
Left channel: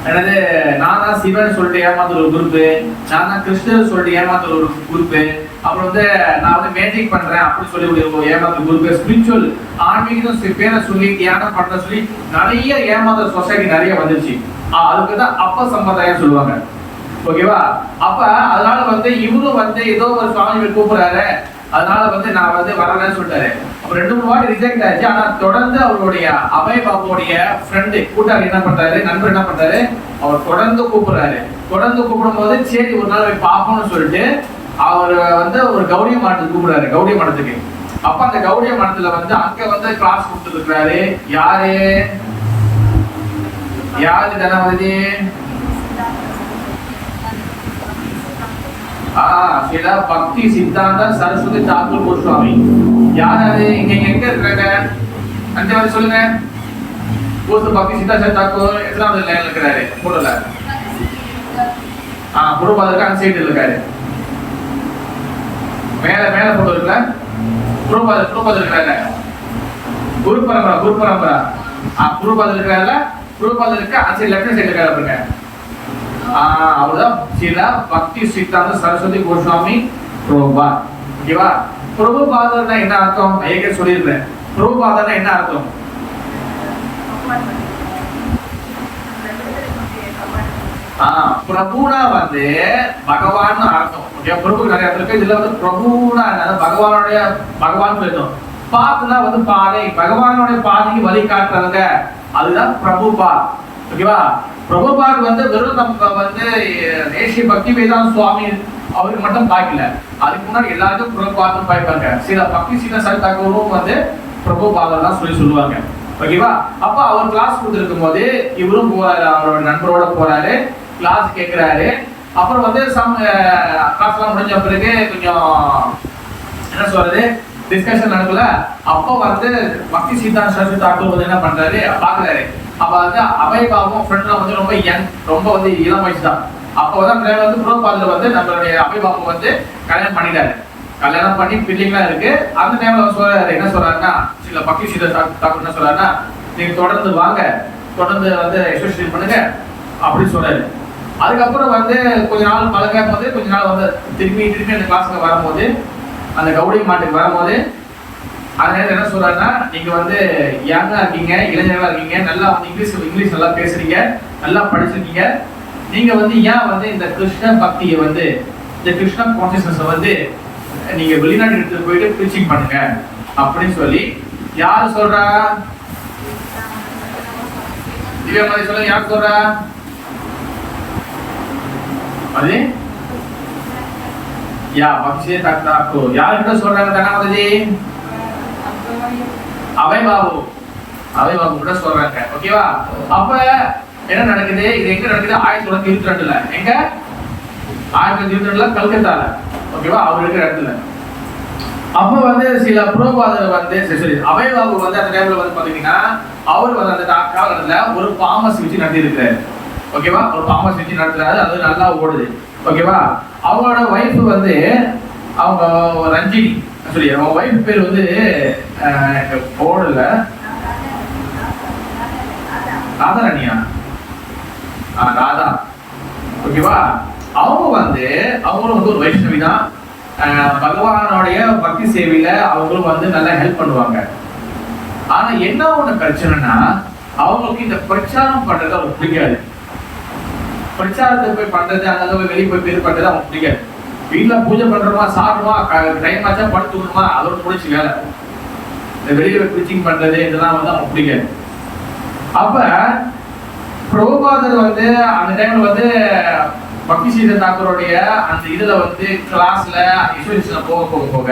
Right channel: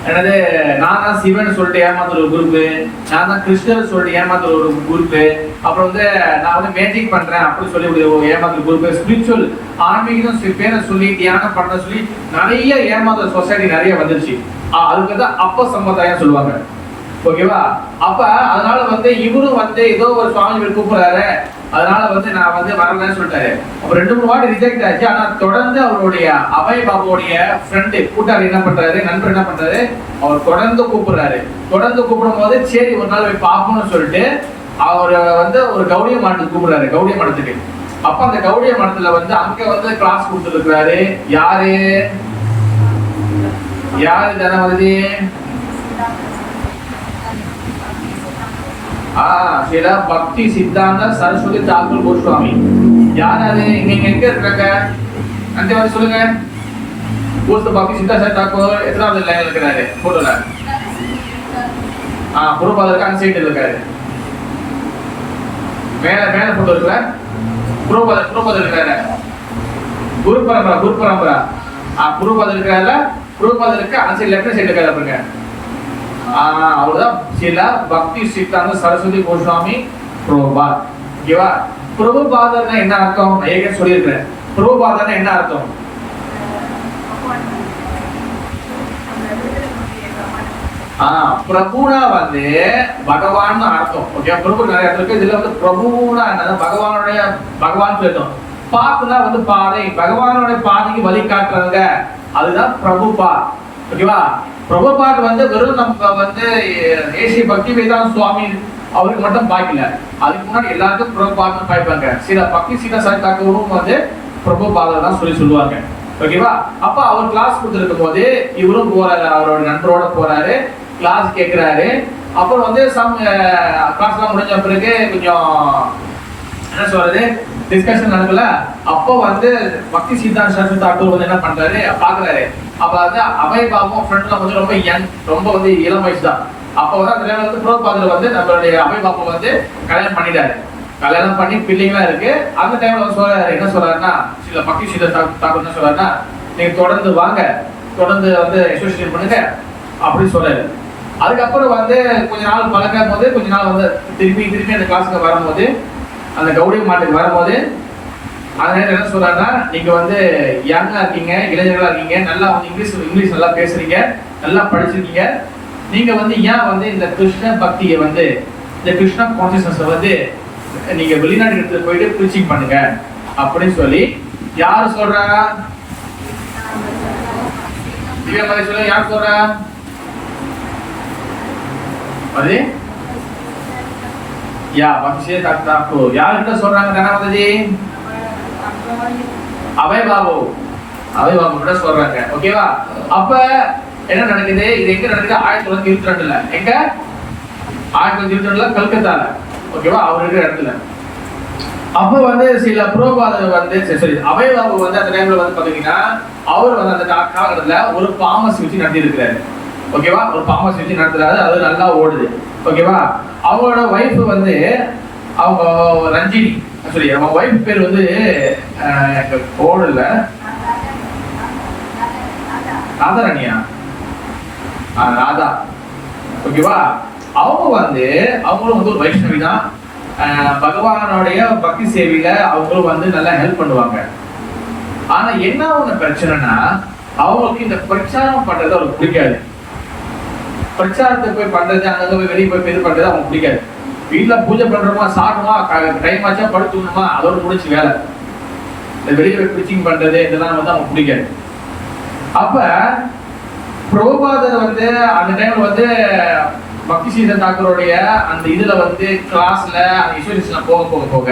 என்னது, நான் தான் சிவன் சொல்லிட்டு ஏமாத்துற ஒரு குரூப்பு, நான் தான் கிருஷ்ணன் சொல்லிட்டு ஏமாத்துற ஒரு குரூப்பு, அப்புறம் வந்து நான் வந்து மேஜிக் பண்றேன் அப்படி சொல்லி ஒரு ஏமாத்துற குரூப்பு, ஸ்பிரிச்சுவல் ஆன்மீகம் பேரை சொல்லி தியானம் பண்ற சொல்லி நிறைய ஏமாத்துற சொசைட்டி நிறைய வந்துருச்சு. அதுக்கு தான் அப்ப சம்பிரதாயம் சொல்லுவாங்க. ஓகேவா? அப்ப அதனால வந்து இவரும் வந்து ஏதோ ஒரு சுவாமி கூப்பிடுறாரு, அதனால வந்து நான் வந்து வரலன்னு சொல்லிட்டாரு. அப்ப 2-3 வாட்டி ரிஜெக்ட் ஆச்சு. ஆனா தொடர்ந்து அவருடைய அபயபாபுடைய ஃப்ரெண்டு கூட்டாளி என்ன பண்றாரு, நண்பர் என்ன பண்றாரு, அவர் தொடர்ந்து கூப்பிடுறாரு. தொடர்ந்து கூப்பிடும் போது சரி ஒரு நாள் போய் பார்க்கணும்னு சொல்லிட்டு அவர் வந்து ஒரு கௌடிய மடத்துக்கு கூப்பிடுறாரு. கௌடிய மடத்துக்கு. அப்ப அந்த கௌடிய மடத்துல வந்து அங்க வந்து கிளாஸ் கொடுத்துருக்காரு. யாரு ஜனாதிபதி? பக்தி சித்தாந்த சரஸ்வதி தாக்கூர் கோஸ்வாமி. யாரு இங்க எங்க இருக்காங்க? அந்த மாதிரி சொல்லுங்க. பக்தி சித்தாந்த தாக்கூர் எத்தனாவது லைன்ல இருக்கிறாரு? போட்டோல குருபாதருக்கு அந்த சைடு இருக்காரு. மேல போட்டோ இருக்குல்ல, குருபாதர் இருக்கிறாரு. குரு பரம்பரா குருபாதர் இருக்கிறாரு. குருபாதருக்கு அந்த சைடு லெஃப்ட் சைடு இருக்காரு. பாருங்க, அவர்தான் சில பக்தி சித்தாந்த சரஸ்வதி கோஸ்வாமி பிரபுபாத். ஓகேவா? பிரபுபாதர்னா என்ன அர்த்தம்? ஏற்கனவே சொல்லியிருக்கிறேன். பிரபுபாதர்னா என்ன அர்த்தம்? பிரபுனா வந்து பகவான் அர்த்தம். ஓகே, பிரபு நிறைய இருக்கு. இதுல வந்து பிரபுனா பகவானுடைய பகவான் பேசணும். பாத்துனா வந்து பாதை, பகவானுடைய பாதைக்கு வழிகாட்டுறவங்க, அதுதான் பிரபுபாத். ஓகேவா? பிரபுபாத் வந்து வெறும் நம்ம வந்து ஏசிய பக்தி வேதாந்த சுவாமி அவருக்கு மட்டும் பாக்கல, அதுக்கு முன்னாடி எல்லாருக்கும் பிரபுபாத் பாய்ப்பாங்க. சில பக்தி சீதா சாத்தாக்கவும் வந்து பிரபுபாத் தான் சொல்லுவாங்க. ஓகேவா? அப்ப அவர் கிளாஸ் கொடுத்துருக்கும் போது இவரும் போறாரு, அவரோட நண்பரோட போறாரு, கிளாஸ் கேட்கிறாரு. அப்புறம் வந்து கிளாஸ் முடிஞ்ச பிறகு கொஞ்சம் என்ன சொல்றது டிஸ்கஷன் நடக்கல. அப்போ வந்து பக்தி சித்தாந்த சரஸ்வதி தாக்கூர் வந்து என்ன பண்றாரு பாக்குறாரு. அப்ப வந்து அபயபாபும் ஃப்ரெண்டும் வந்து ரொம்ப யங், ரொம்ப வந்து இளம் வயசு தான். அப்போ வந்து பிரபுபாதர் வந்து நம்மளுடைய அபயபாபு வந்து கல்யாணம் பண்ணிட்டாரு. கல்யாணம் பண்ணி பிள்ளைங்களா இருக்கு. அந்த டைம்ல சொல்றாரு, என்ன சொல்றாருன்னா, சில பக்தி சித்தாந்த தாக்கூர் என்ன சொல்றாருன்னா, நீங்க தொடர்ந்து வாங்க, தொடர்ந்து வந்து அசோசியேட் பண்ணுங்க அப்படின்னு சொல்றாரு. அதுக்கப்புறம் வந்து கொஞ்ச நாள் பழகும் போது, கொஞ்ச நாள் வந்து திருப்பி அந்த கிளாஸுக்கு வரும்போது, அந்த கௌடி மாட்டுக்கு வரும்போது அதனால என்ன சொல்றாங்கன்னா, நீங்க வந்து யங்கா இருக்கீங்க, இளைஞர்களா இருக்கீங்க, நல்லா வந்து இங்கிலீஷ் நல்லா பேசுறீங்க, நல்லா படிச்சிருக்கீங்க, நீங்க வந்து ஏன் வந்து இந்த கிருஷ்ண பக்தியை வந்து, இந்த கிருஷ்ண கான்சியஸ்னஸ் வந்து நீங்க வெளிநாட்டு எடுத்து போயிட்டு ப்ரீச்சிங் பண்ணுங்க அப்படின்னு சொல்லி யாரு சொல்றா? திவ்யா மாதிரி சொல்ல யார் சொல்றா? அது பக்தி யாருக்கிட்ட சொல்றாங்க? தனமதி அபய் பாபு கிட்ட சொல்றாங்க. ஓகேவா? அப்ப என்ன நடக்குது? இது எங்க நடக்குது? 1922ல. எங்க? 1922ல கல்கத்தால. ஓகேவா? அவர் இருக்கிற இடத்துல. அப்ப வந்து சில புரோபாதர் வந்து சரி அபய் பாபு வந்து அந்த டைம்ல வந்து பாத்தீங்கன்னா அவர் வந்து அந்த காலத்துல ஒரு பாமஸ் வச்சு நடத்தி இருக்கிறாரு. ஓகேவா? ஒரு பாமஸ் வச்சு நடத்துறாரு. அது நல்லா ஓடுது. ஓகேவா? அவரோட வைஃப் வந்து அவங்க ரஞ்சினி, சரி அவங்க வைஃப் பேர் வந்து ஓடல, ராதாராணியா? ராதா. ஓகேவா? அவங்க வந்து அவங்களும் வந்து ஒரு வைஷ்ணவி தான். பகவானுடைய பக்தி சேவையில அவங்களும் வந்து நல்லா ஹெல்ப் பண்ணுவாங்க. ஆனா என்ன ஒண்ணு பிரச்சனைனா, அவங்களுக்கு இந்த பிரச்சாரம் பண்றது அவங்களுக்கு பிடிக்காது. பிரச்சாரத்தை போய் பண்றது, அங்க வெளியே போய் இது பண்றது அவங்களுக்கு பிடிக்காது. வீட்டுல பூஜை பண்றோமா, சாப்பிடுமா, டைம் ஆச்சா படுத்துக்கணுமா, அதோட முடிச்சு வேலை. இந்த வெளியே போய் ப்ரீச்சிங் பண்றது இதெல்லாம் வந்து அவங்க பிடிக்காது. அப்ப பிரபுபாதர் வந்து அந்த டைம்ல வந்து பக்தி சீதன் தாக்கருடைய அந்த இதுல வந்து கிளாஸ்ல இன்ஸ்டிடியூஷன்ல போக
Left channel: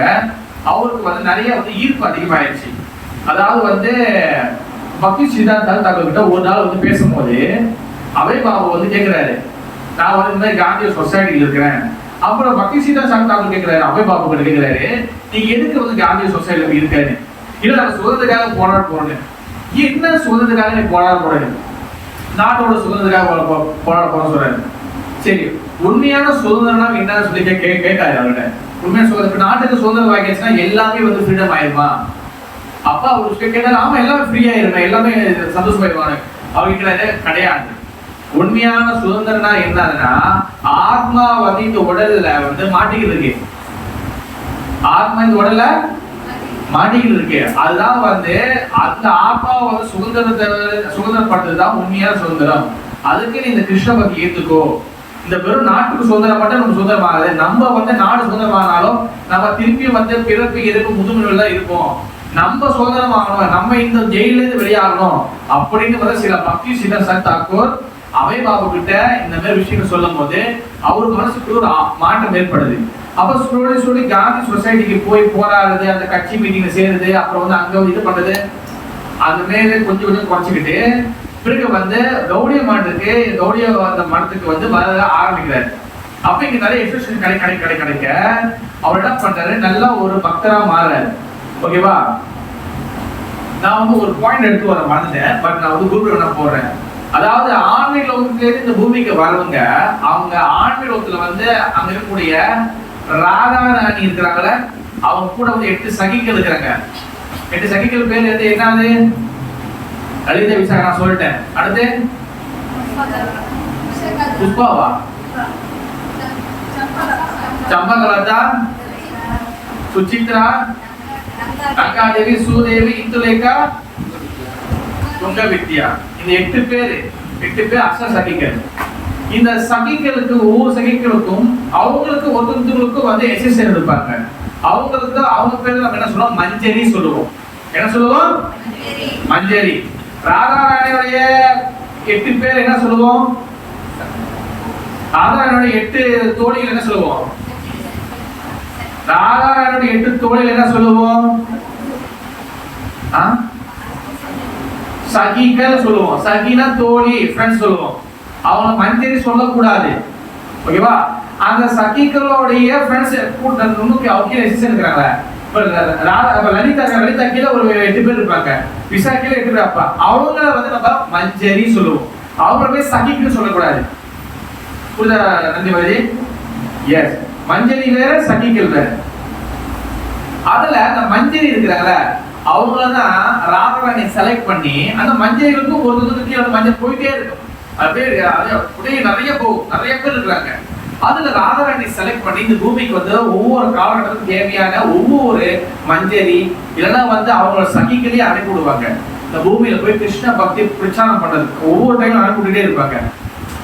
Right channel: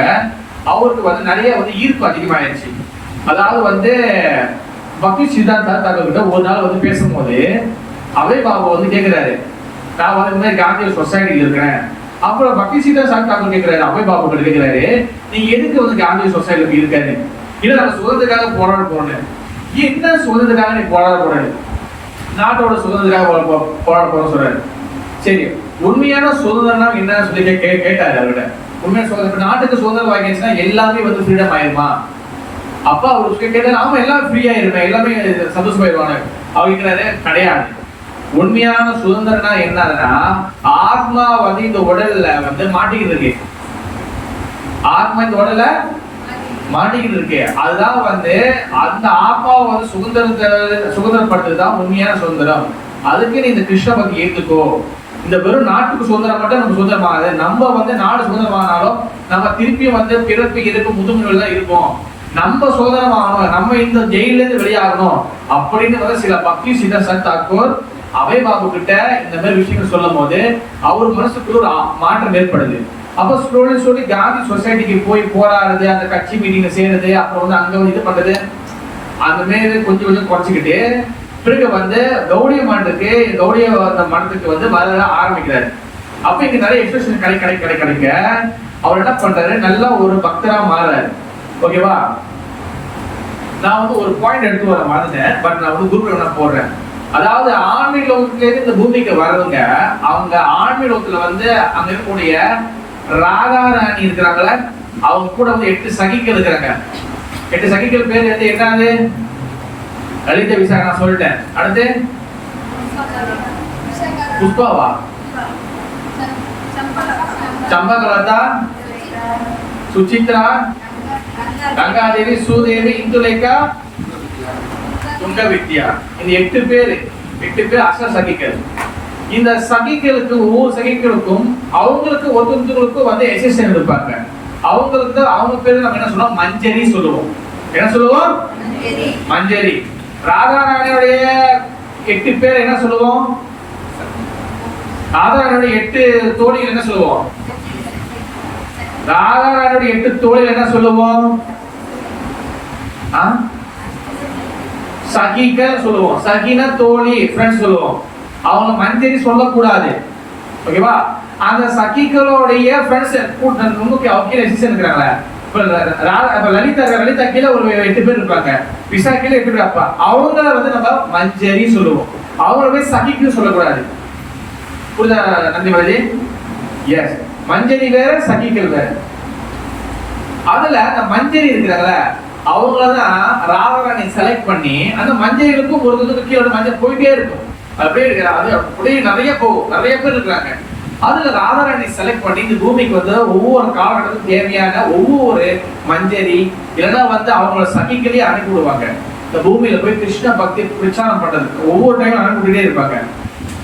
அவருக்கு வந்து நிறைய வந்து ஈர்ப்பு அதிகமாயிருச்சு. அதாவது வந்து பக்தி சித்தாந்த தாக்கர் கிட்ட ஒரு நாள் வந்து பேசும்போது அபய் பாபு வந்து கேட்கிறாரு, நான் வந்து இந்த மாதிரி காந்தி சொசைட்டில இருக்கிறேன். அப்புறம் பக்தி சித்தாந்த தாக்கர் கேட்கிறாரு, அபய் பாபு கிட்ட கேட்கிறாரு, நீங்க எதுக்கு வந்து காந்தி சொசைட்டில இருக்காரு? இல்ல நான் சுதந்திரத்துக்காக போராட போறேன். என்ன சுதந்திரத்துக்காக நீ போராட போறேன்? நாட்டோட சுதந்திரத்துக்காக போராட போறேன்னு சொல்றாரு. சரி, உண்மையான சுதந்திரம் என்னன்னு சொல்லி கேட்டாரு அவர்கிட்ட. உண்மையான சுதந்திரம், நாட்டுக்கு சுதந்திரம் வாங்கிடுச்சுன்னா எல்லாமே வந்து ஃப்ரீடம் ஆயிருமா? அப்பா அவர் கேட்டாரு, ஆமா எல்லாமே ஃப்ரீ ஆயிருமே, எல்லாமே சந்தோஷமாயிருவாங்க. அவங்க கேட்கிறாரு, கிடையாது. உண்மையான சுதந்திரம்னா என்னதுன்னா, ஆத்மா வந்து இந்த உடல்ல வந்து மாட்டிக்கிட்டு இருக்கு. ஆத்மா இந்த உடல்ல மாட்டிக்கிட்டு இருக்கு. அதுதான் வந்து அந்த ஆத்மாவை வந்து சுதந்திரப்படுத்துறதுதான் உண்மையான சுதந்திரம். அதுக்கு நீ இந்த கிருஷ்ண பக்தி ஏத்துக்கோ. இந்த வெறும் நாட்டுக்கு சுதந்திரம் மட்டும் நம்ம சுதந்திரமாகாது. நம்ம வந்து நாடு சுதந்திரமானாலும் நம்ம திருப்பி வந்து பிறப்பு இறப்பு முதுமையில இருக்கும். நம்ம சுதந்திரம் ஆகணும், நம்ம இந்த ஜெயில இருந்து வெளியாகணும் அப்படின்னு வந்து சில பக்தி சித்தாந்த தாக்கூர் அபய் பாபு கிட்ட இந்த மாதிரி விஷயங்கள் சொல்லும் போது அவரு மனசுக்கு ஒரு மாற்றம் ஏற்படுது. அப்ப சொல்லி காந்தி சொசைட்டிக்கு போய் போராடுறது, அந்த கட்சி மீட்டிங்ல சேருது, அப்புறம் வந்து அங்க இது பண்றது, அது மேல கொஞ்சம் கொஞ்சம் குறைச்சிக்கிட்டு பிறகு வந்து கௌடிய அந்த மடத்துக்கு வந்து வர ஆரம்பிக்கிறாரு. அப்ப இங்க நிறைய எக்ஸ்பிரஷன் கிடைக்க அவர் என்ன பண்றாரு, நல்லா ஒரு பக்தரா மாறுறாரு. ஓகேவா? நான் வந்து ஒரு பாயிண்ட் எடுத்து வர மறந்துட்டேன், பட் நான் வந்து குரூப்ல நான் போடுறேன். அதாவது ஆன்மீக லோகத்துல இருந்து இந்த பூமிக்கு வரவங்க, அவங்க ஆன்மீக லோகத்துல வந்து அங்க இருக்கக்கூடிய ராதாராணி இருக்கிறாங்களே, அவங்க கூட வந்து 8 சகிகள் இருக்கிறாங்க. 8 சகிகள் பேர் வந்து என்னது? லலிதா, விசாகா நான் சொல்லிட்டேன். அடுத்து புஷ்பாவா, சம்பகலதா, சுசித்ரா, கங்காதேவி, சூதேவி, இந்துலேகா, துங்க வித்யா. இந்த 8 பேர் அச சகிகள். இந்த சகிகளுக்கு ஒவ்வொரு சகிகளுக்கும் அவங்களுக்கு ஒருத்தருக்கும் வந்து எசேஷன் இருப்பாங்க. அவங்களுக்கு தான் அவங்க பேர் நம்ம என்ன சொல்லுவோம், மஞ்சரி சொல்லுவோம். என்ன சொல்லுவோம்? மஞ்சரி. ராதாராணியுடைய 8 பேர் என்ன சொல்லுவோம்? ராதாராணியுடைய 8 தோழிகள் என்ன சொல்லுவோம்? ராதாராணியுடைய 8 தோழிகள் என்ன சொல்லுவோம்? சகிகள் சொல்லுவோம். சகினா தோழி, ஃப்ரெண்ட்ஸ் சொல்லுவோம். அவங்க மஞ்சரி சொல்லக்கூடாது. ஓகேவா? அந்த சகிகளுடைய ஃப்ரெண்ட்ஸ் முன்னுக்கு அவங்க ரெசிஸ்டன் இருக்காங்க. இப்ப லலிதா கீழே ஒரு 8 பேர் இருப்பாங்க, விசா கீழே 8 பேர் இருப்பா. அவங்கள வந்து நம்ம மஞ்சரி சொல்லுவோம். அவங்கள போய் சகிக்கு சொல்லக்கூடாது. புரியுதா நந்திமதி? எஸ், மஞ்சரி வேற, சகிகள் வேற. அதுல அந்த மஞ்சரி இருக்கிறாங்கல்ல, அவங்களதான் ராதாராணி செலக்ட் பண்ணி அந்த மஞ்சளுக்கும் ஒரு கீழே மஞ்சள் போயிட்டே இருக்கும். அப்படியே அது அப்படியே நிறைய போகும். நிறைய பேர் இருக்கிறாங்க. அதுல ராதாராணி செலக்ட் பண்ணி இந்த பூமிக்கு வந்து ஒவ்வொரு காலகட்டத்துக்கு தேவையான ஒவ்வொரு மஞ்சரி இல்லைன்னா வந்து அவங்களோட சகிகளே அனுப்பி விடுவாங்க. இந்த பூமியில போய் கிருஷ்ண பக்தி பிரச்சாரம் பண்றதுக்கு ஒவ்வொரு டைம் அனுப்பிவிட்டே இருப்பாங்க.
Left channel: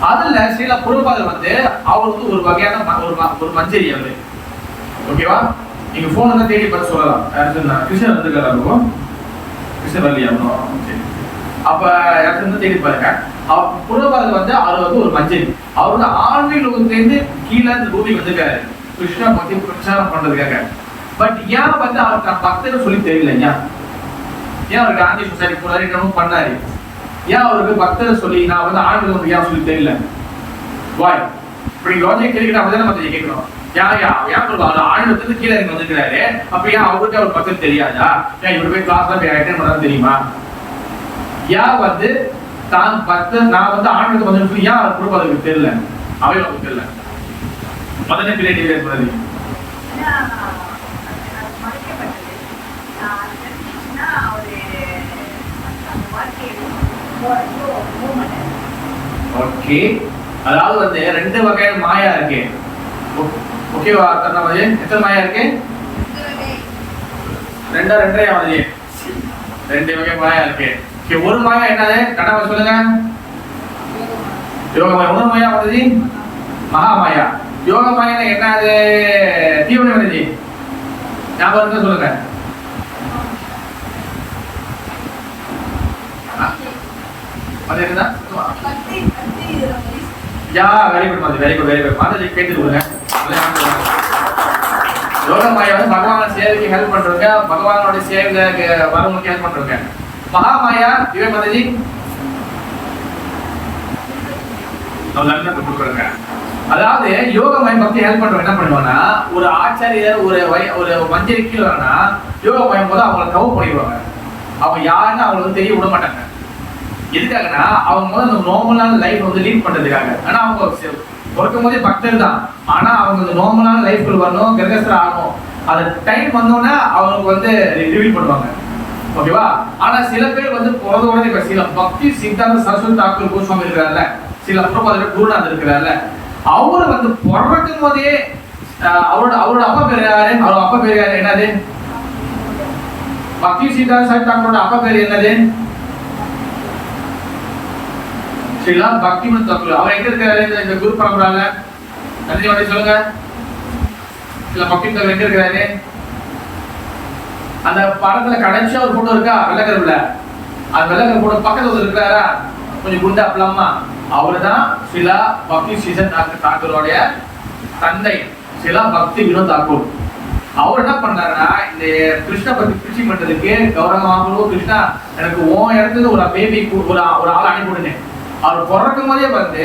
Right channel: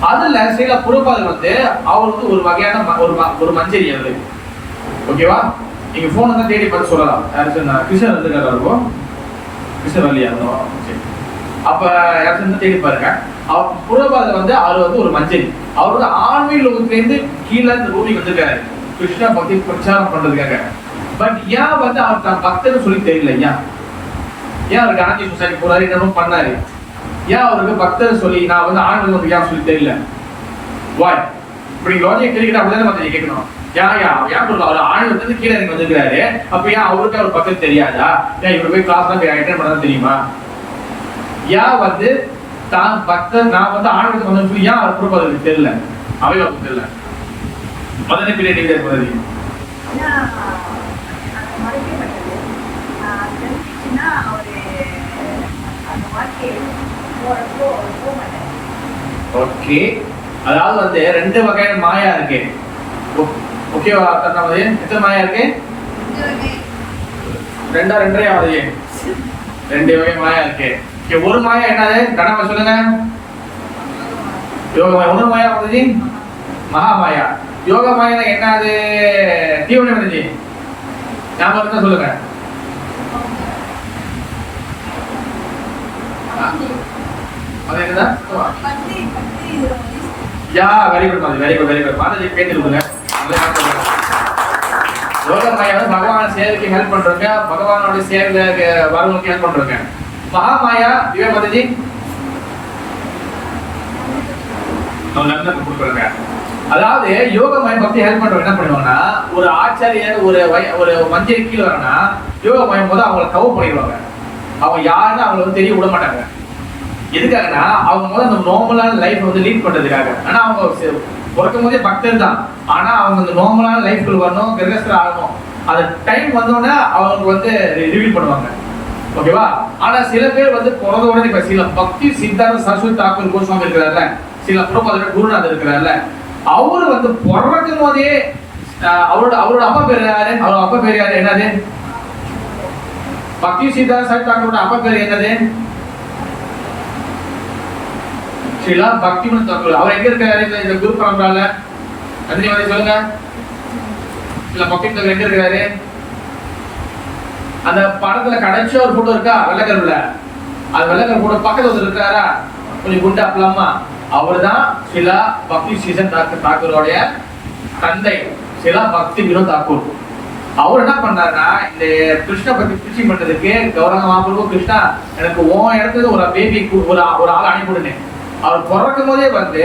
அதுல சில குருபாதர் வந்து அவர் வந்து ஒரு வகையான ஒரு மஞ்சரி அவரு. ஓகேவா? நீங்க போன் வந்து தேடி பார்த்து சொல்லலாம். கிருஷ்ணர் வந்துருக்காரா இருக்கும், கிருஷ்ணர் வரலையா? அப்ப யாரும் தேடி பாருங்க. புறபாதர் வந்து அவர் வந்து ஒரு மஞ்சரி. அவர் வந்து ஆன்மீக லோகத்திலேருந்து கீழே இந்த பூமிக்கு வந்திருக்காரு கிருஷ்ண பக்தி பிரச்சாரம் பண்றதுக்காக. பட் ஏன் வந்து அவர் தான் பக்தர்னு சொல்லி தெரியல? ஏன் அவருக்கு காந்தி சொசைட்டி போறாரு, என்னமோ பண்ணாரு? ஏன் அவருக்கு பக்தர் சொல்லி நான் வந்து ஆன்மீக வந்து ஏன் சொல்லி தெரியல? வாய் இப்படி லாஜிக் கேள்விக்கிட்ட அப்படிதான் மத்திய கேட்கணும். ஏன் அவர் ஆன்மீகத்துக்கு கீழே இறங்கி வந்திருக்கிறாரு, அப்ப ஏன் அவருக்கு அவர் பக்தர் தெரியாதா? ஏன் இவர் போய் கிளாஸ் தான் போய் அட்டெண்ட் பண்ணதான் தெரியுமா? ஏன் வந்து தான் பக்தர் நான் வந்து ஆன்மீகத்துக்கு வந்து ஏன் அவர் புறப்பதற்கு தெரியல, அவைகளுக்கு தெரியல? அதனே பின்னாடி போறது ஓகே. அதாவது வந்து ரெண்டு வகையான மாயா இருக்கு. ஓகேவா? எத்தனை மாயா இருக்கு? ரெண்டரை ஆகுது. ரெண்டு வகை மாயா இருக்கு. ஒரு மாயா என்னது? கணவன் சொல்லுங்க. யோக மாயா. ஒரு மாயா வருது மகா மாயா. யோக மாயா என்னது? தீவனம் வருது. ஞாபகம் சொல்லுங்க. அது என்னதான்? யா வெரி குட் மாதிரி, very good, very good. Mataji கேட்டுருங்க. யோக மாயா வந்து பகவான் சேவைக்கு ஹெல்ப் பண்றவங்க, பகவானோட சேவையில வரவங்களுக்கு ஹெல்ப் பண்றவங்க. மகா மாயா இவன் மாதாஜி அதாவது யோக மாயம் பத்தி ஹெல்ப் பண்றவங்க என்ன பண்ணுவாங்கன்னா, ஒரு ஆச்சாரியர் ஒரு மஞ்சரி கீழே வரனா யோக மாயம் போது அவங்களை கவு பண்ணிடுவாங்க. அவங்க யாருன்னு அவங்களை வந்து தெரிய விட மாட்டாங்க. எதுக்காகனா அவங்க வந்து அந்த நார்மலான லைஃப் வந்து லீட் பண்றதுக்காக. ஆனா அவங்க பிறக்கும் போதே பக்தர் தான். ஆனா அவங்க அந்த நார்மலான லைஃப்ல வரணும், கிரகஸ்தர் ஆகணும். அது டைம் வந்தோடனே அவங்க வந்து ரிவீல் பண்ணுவாங்க. ஓகேவா? ஆனா சில பேர் வந்து பிறந்த உடனே இப்ப சில பக்தி சித்தாந்த சரஸ்வதி தாக்கூர் கோஸ்வாமி இருக்கிறார்ல, சில புறப்பாதர் குருநாதர் இருக்கிறார்ல, அவரு வந்து பிறக்கும் போதே அவரோட அப்பா பேர் யாரு? அவங்க அப்பா பேர் யாரு? என்னது? பக்தி சித்தாந்த சரஸ்வதி தாக்கூரோட அப்பா பேர் என்னது? ஸ்ரீலா பக்திமன் தாக்கூர். அவர் எங்க இருக்காரு இந்த குரு பரம்பரால? அஞ்சு வாட்டி சொல்லுங்க. இல்ல பக்தி தாக்கூர் எங்க இருக்காரு? அந்த படத்துல கடைச்ச ஒரு போட்டோ இருக்கா வெள்ளக்கருவுல? அது வெள்ளக்கரு போட்டோ பக்கத்துல இருக்காரா கொஞ்சம் குண்டா பிளம்மா? அவர்தான் ஸ்ரீலா பக்தி சீசன் தாக்கூரோடைய தந்தை, ஸ்ரீலா பக்தி வினோத் தாக்கூர். அவர் என்ன பண்ணாருன்னா, இந்த கிருஷ்ண பக்தி பிரிச்சி பண்றதுக்கு கௌரவமாக கிருஷ்ணா எனக்கு உன் இடத்துல ஒரு பேபிக்கு ஒரு ஆள் அனுப்பிவிடுனே. அவர் பிறக்கும் போதே வந்து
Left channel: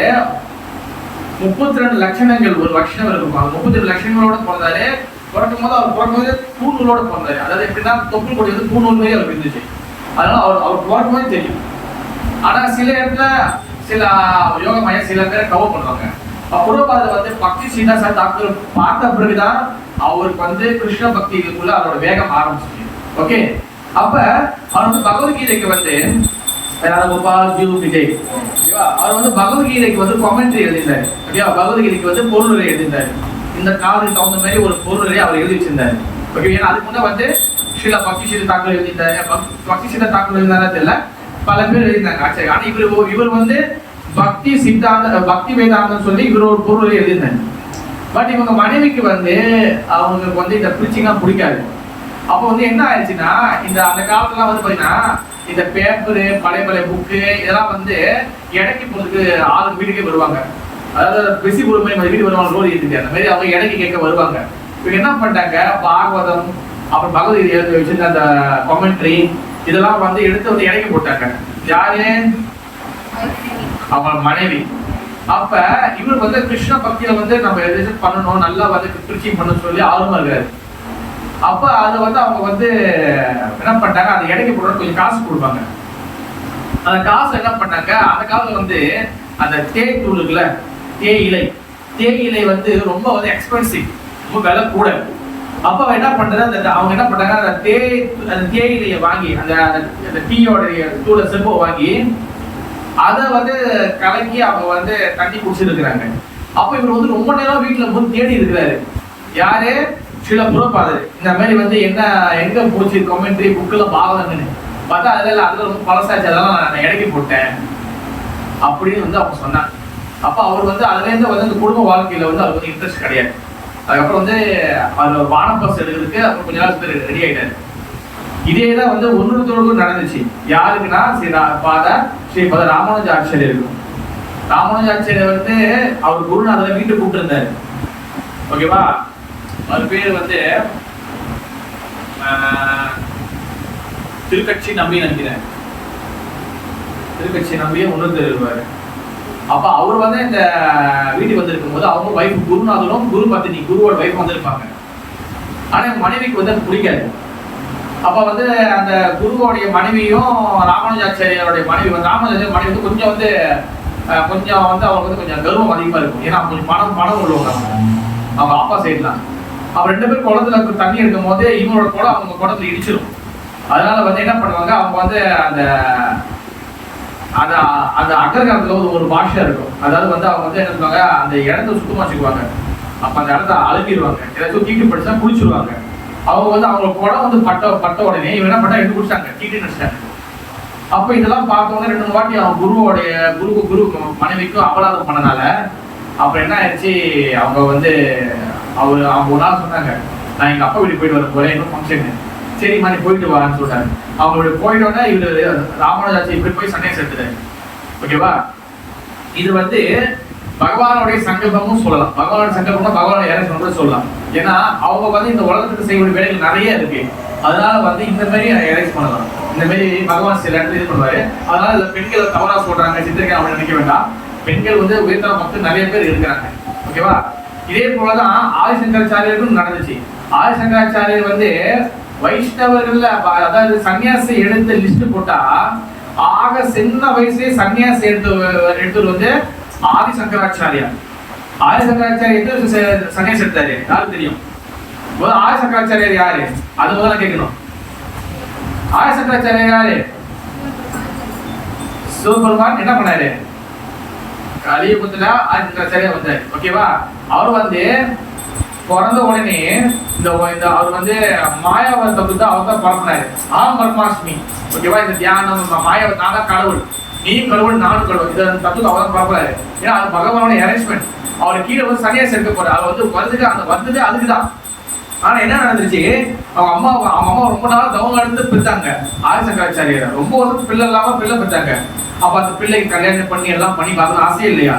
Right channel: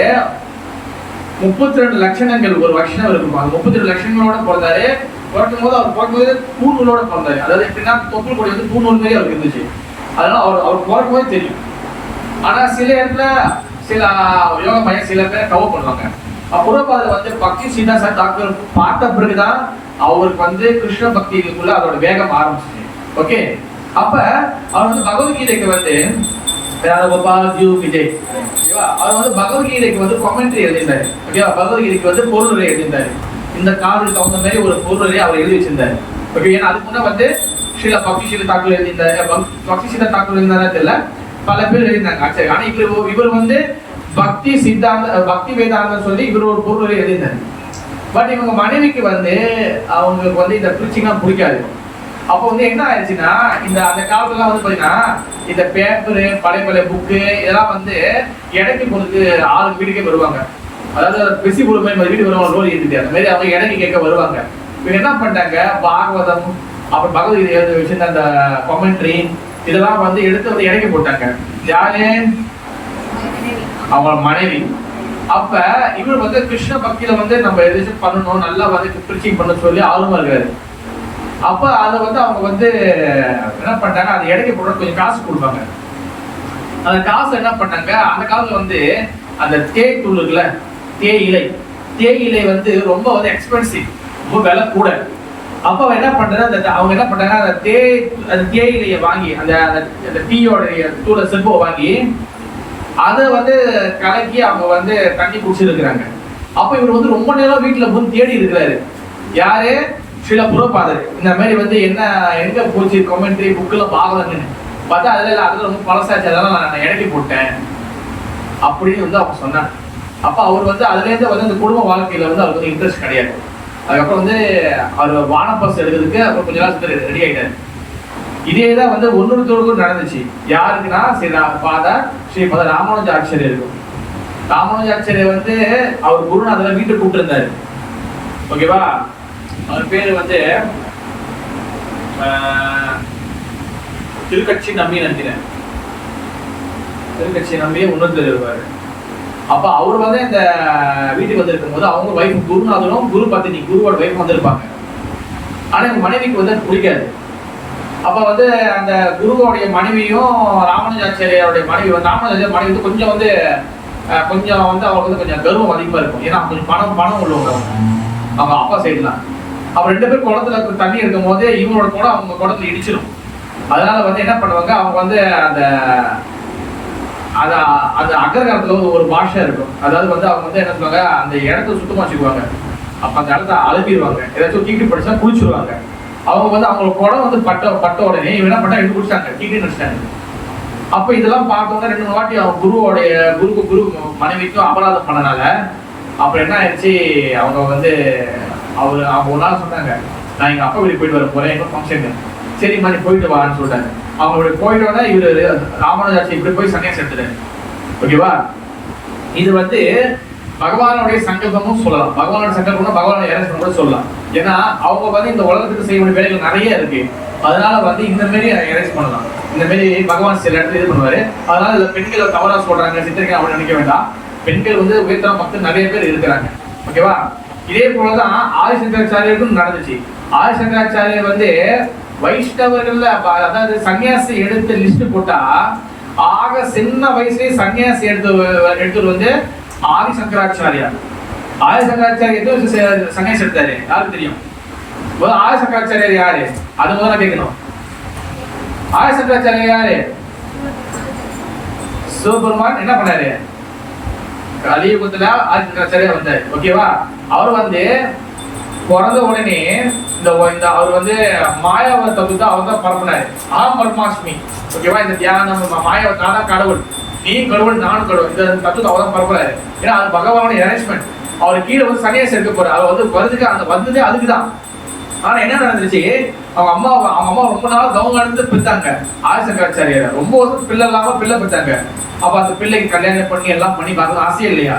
32 லட்சணங்கள் ஒரு வருஷம் இருக்கும். அது 32 லட்சங்களோட பிறந்தாரு. பிறக்கும் போது அவர் பிறக்கும் போது பூநூலோட பிறந்தாரு. அதாவது எப்படின்னா தொப்புள் கொடி வந்து பூநூல் மாதிரி அவருக்கு இருந்துச்சு. அதனால அவர் பிறக்கும் போது தெரியும். ஆனா சில இடத்துல சில யோக மையம் சில பேரை கவர் பண்ணுவாங்க. புறப்பாதையில வந்து பக்தி சீதா தாக்கூர் பார்த்த பிறகுதான் அவருக்கு வந்து கிருஷ்ண பக்திக்குள்ள அவரோட வேகம் ஆரம்பிச்சு. ஓகே. அப்ப அவர் வந்து பகவத்கீதைக்கு வந்து விஜய் அவர் வந்து பகவத்கீதைக்கு வந்து கமெண்ட்ரி எழுதினார். ஓகேவா? பகவத்கீதைக்கு வந்து பொருளுரை எழுதினார். இந்த காலத்துக்கு தகுந்த மாதிரி ஒரு பொருளுரை அவர் எழுதி வச்சிருந்தாரு. ஓகே. ஏன்னா அதுக்கு முன்ன வந்து ஸ்ரீல பக்தி சீதா தாக்கூர் எழுதினாரு. பக்தி சீதா தாக்கூர் எழுதினாரா தெரியல, பல பேர் எழுதினாங்க. ஆச்சரிய. ஆனா இவர் வந்து பக்தி சித்தாந்த பக்தி வேதாந்தம் சொல்லி இவர் ஒரு பொருளுரை எழுதினார். பட் இவங்க மனைவிக்கு வந்து அவங்களுக்கு வந்து இந்த பிரிச்சிங்லாம் பிடிக்காது. அப்போ வந்து என்ன ஆயிடுச்சுன்னா, அந்த காலத்துல வந்து பாத்தீங்கன்னா இந்த பேப்பரு பழைய புக்கு இதெல்லாம் வந்து இடைக்கு போறதுக்கு ஆள் வீட்டுக்கே வருவாங்க. அதாவது பிசி போற மாதிரி வீடு வருவாங்க. ரோல் ஏற்றிட்டு அந்த மாதிரி அவங்க இடைக்கு கேட்க வருவாங்க. இவங்க என்ன பண்ணிட்டாங்க, பாகவதம் அப்புறம் பகவத்கீதை எழுதி வச்சிருந்த அந்த கமெண்ட்ரி இதெல்லாம் வந்து எடுத்து வந்து இடைக்கு போட்டாங்க. யாரு? அவங்க மனைவி. அப்ப இவர் வந்து கிருஷ்ண பக்தியில வந்து நம்ம எதாச்சும் பண்ணணும், நல்லா வந்து பிரீச்சிங் பண்ண சொல்லி ஆர்வமா இருக்காரு. அப்ப அதை வந்து அவங்க வந்து என்ன பண்ணாங்க, அந்த இடைக்கு போட கொஞ்சம் காசு கொடுப்பாங்க. அந்த காசு என்ன பண்ணாங்க, அந்த காலத்துல வந்து அந்த தேய் தூள் இருக்குல்ல, தேயிலை வந்து ரொம்ப வந்து எக்ஸ்பென்சிவ், ரொம்ப விலை கூட. அப்ப அவன் என்ன பண்றது, அவங்க என்ன பண்ணாங்க, அந்த தேயிலையை வாங்கி அந்த டீயோட தூளை செல்போ வாங்கி அதை வந்து கலக்கி அவங்க வந்து தண்ணி குடிச்சிருக்கிறாங்க. அப்ப இவர் வந்து ரொம்ப நேரம் வீட்டுல போய் தேடி இருக்கிறாரு. யாரு? சில புரோபாதர். இந்த மாதிரி வந்து என்ன எங்க போச்சு கமெண்ட்ரி புக்ல பாவங்கன்னு பார்த்தா அதுல ரொம்ப பழசாச்சு, அதெல்லாம் நான் இறக்கி போட்டேன் அப்படின்னு வந்து அவங்க சொன்னாங்க. அப்ப அவர் வந்து அதுல இருந்து வந்து இந்த குடும்ப வாழ்க்கையில வந்து அவருக்கு வந்து இன்ட்ரெஸ்ட் கிடையாது. அதுக்கப்புறம் வந்து அவர் வானப்பஸ் எடுக்கிறதுக்கு அவர் கொஞ்ச நாள் ரெடி ஆயிட்டாரு. இதேதான் வந்து ஒன்னொருத்தருக்கும் நடந்துச்சு. யாருக்குன்னா ஸ்ரீ பத ராமானுஜாச்சாரியர் இருக்கும். ராமானுஜாச்சாரியர் வந்து அவர் குருநாதரை வீட்டுக்கு கூப்பிட்டு இருந்தாரு. ஓகேவா? அவர் பேரு வந்து திருக்கட்சி நம்பி நினைக்கிறேன். திருக்கட்சி நம்பியே ஒன்று இருப்பாரு. அப்ப அவர் வந்து இந்த வீட்டுக்கு வந்திருக்கும் போது அவங்க வைஃப் குருநாதரும் குரு பத்தினி குருவோட வைஃப் வந்திருப்பாங்க. ஆனா எங்க மனைவிக்கு வந்து பிடிக்காது. அப்ப வந்து அந்த குருவோடைய மனைவியும் ராமானுஜாச்சாரியாருடைய மனைவி வந்து ராமானுஜாச்சாரிய மனைவி வந்து கொஞ்சம் வந்து அவங்களுக்கு வந்து கொஞ்சம் கர்வம் அதிகமா இருக்கும். ஏன்னா கொஞ்சம் பணம் உள்ளவங்க அவங்க அப்பா சைட்லாம். அப்ப 2 பேரும் குளத்துல தண்ணி எடுக்கும் போது இவங்களோட குளம் அவங்க குளத்துல இடிச்சிடும். அதனால வந்து என்ன பண்ணுவாங்க, அவங்க வந்து அந்த அகர்காலத்துல வந்து ஒரு பாஷை இருக்கும். அதாவது வந்து அவங்க வந்து என்ன சொல்லுவாங்க, அந்த இடத்த சுத்தமா வச்சுக்குவாங்க. அப்ப அந்த இடத்த அலம்பிடுவாங்க. ஏதாச்சும் தீட்டு படிச்சா குளிச்சுடுவாங்க. அவங்க வந்து அவங்களோட குடம் வந்து பட்ட உடனே இவன் என்ன பண்ணா எடுத்து குடிச்சாங்க, தீட்டு நினைச்சிட்டாங்க. அப்ப இதெல்லாம் பார்த்தவங்க 2-3 வாட்டி அவங்க குரு மனைவிக்கும் அபராதம் பண்ணனால அப்புறம் என்ன ஆயிடுச்சு, அவங்க வந்து அவங்க ஒரு நாள் சொன்னாங்க, நான் எங்க அப்பா வீட்டுக்கு போயிட்டு வர போறேன், இன்னும் ஃபங்க்ஷன். சரிம்மா நீ போயிட்டு வான்னு சொல்லிட்டாங்க. அவங்களுடைய போயிட்டோட இவரு ராமானுஜாச்சாரி இப்படி போய் சன்னியாசம் எடுத்துட்டாரு. ஓகேவா? இது வந்து பகவானுடைய சங்கல்பமும் சொல்லலாம். பகவானுடைய சங்கல்பம்னா பகவானுடைய இறைச்சல் கூட சொல்லலாம். ஏன்னா அவங்க வந்து இந்த உலகத்துக்கு செய்ய வேண்டிய வேலைகள் நிறைய இருக்கு. அதனால வந்து இந்த மாதிரி இறைச்சி பண்ணலாம். இந்த மாதிரி பகவான் சில இடத்துல இது பண்ணுவாரு. அதனால இந்த பெண்களை தவறா சொல்றாங்க, சித்திரிக்கை அப்படின்னு நினைக்க வேண்டாம். பெண்கள் வந்து உயர்த்தர மக்கள் நிறைய பேர் இருக்கிறாங்க. ஓகேவா? இதே போலதான் ஆதிசங்கராச்சாரியருக்கும் நடந்துச்சு. ஆதிசங்கராச்சாரியர் வந்து வைஷ்ணவர்கள்ல அதாவது சன்னியாசி எடுத்து லிஸ்ட் போட்டா ஆக சின்ன வயசுலயே சன்னியாசி எடுத்து வந்து ஆதிசங்கராச்சாரியார். ஆதிசங்கராச்சாரியர் சன்னியாசி எடுத்தாரு. யாருக்கு தெரியும்? ஆதிசங்கராச்சாரியர் யாரு? அது முதல்ல கேட்கணும். ஆதிசங்கராச்சாரியர் யாரு? சிவபெருமான் என்ன பண்ணாரு? கலியுகத்துல ஆதிசங்கராச்சாரியர் வந்தாரு. ஓகேவா? அவர் வந்து பிறந்த உடனே இந்த அவர் வந்து மாயாவை தப்பு அவர் தான் பரப்பினாரு. பரமாஷ்மி. ஓகேவா? இந்த தியானம் மாயாவை நான் தான் கடவுள், நீ கடவுள் நானும் கடவுள், இந்த தத்துவத்தை அவர் தான் பரப்புறாரு. ஏன்னா அது பகவானுடைய அரேஞ்ச்மெண்ட். அவர் கீழே வந்து சன்னியாசி எடுக்க போறாரு. அவர் வந்து வருதுக்கு அந்த வந்தது அதுக்குதான். ஆனா என்ன நடந்துச்சு, அவங்க அம்மா ரொம்ப நாள் தவம் எடுத்து பெற்றாங்க. ஆதிசங்கராச்சாரியர் ரொம்ப வருஷம் பிள்ளை இல்லாம பிள்ளை பெற்றாங்க. அப்ப அந்த பிள்ளைக்கு கல்யாணம் பண்ணி எல்லாம் பண்ணி பார்க்கணும் ஆசையே இல்லையா?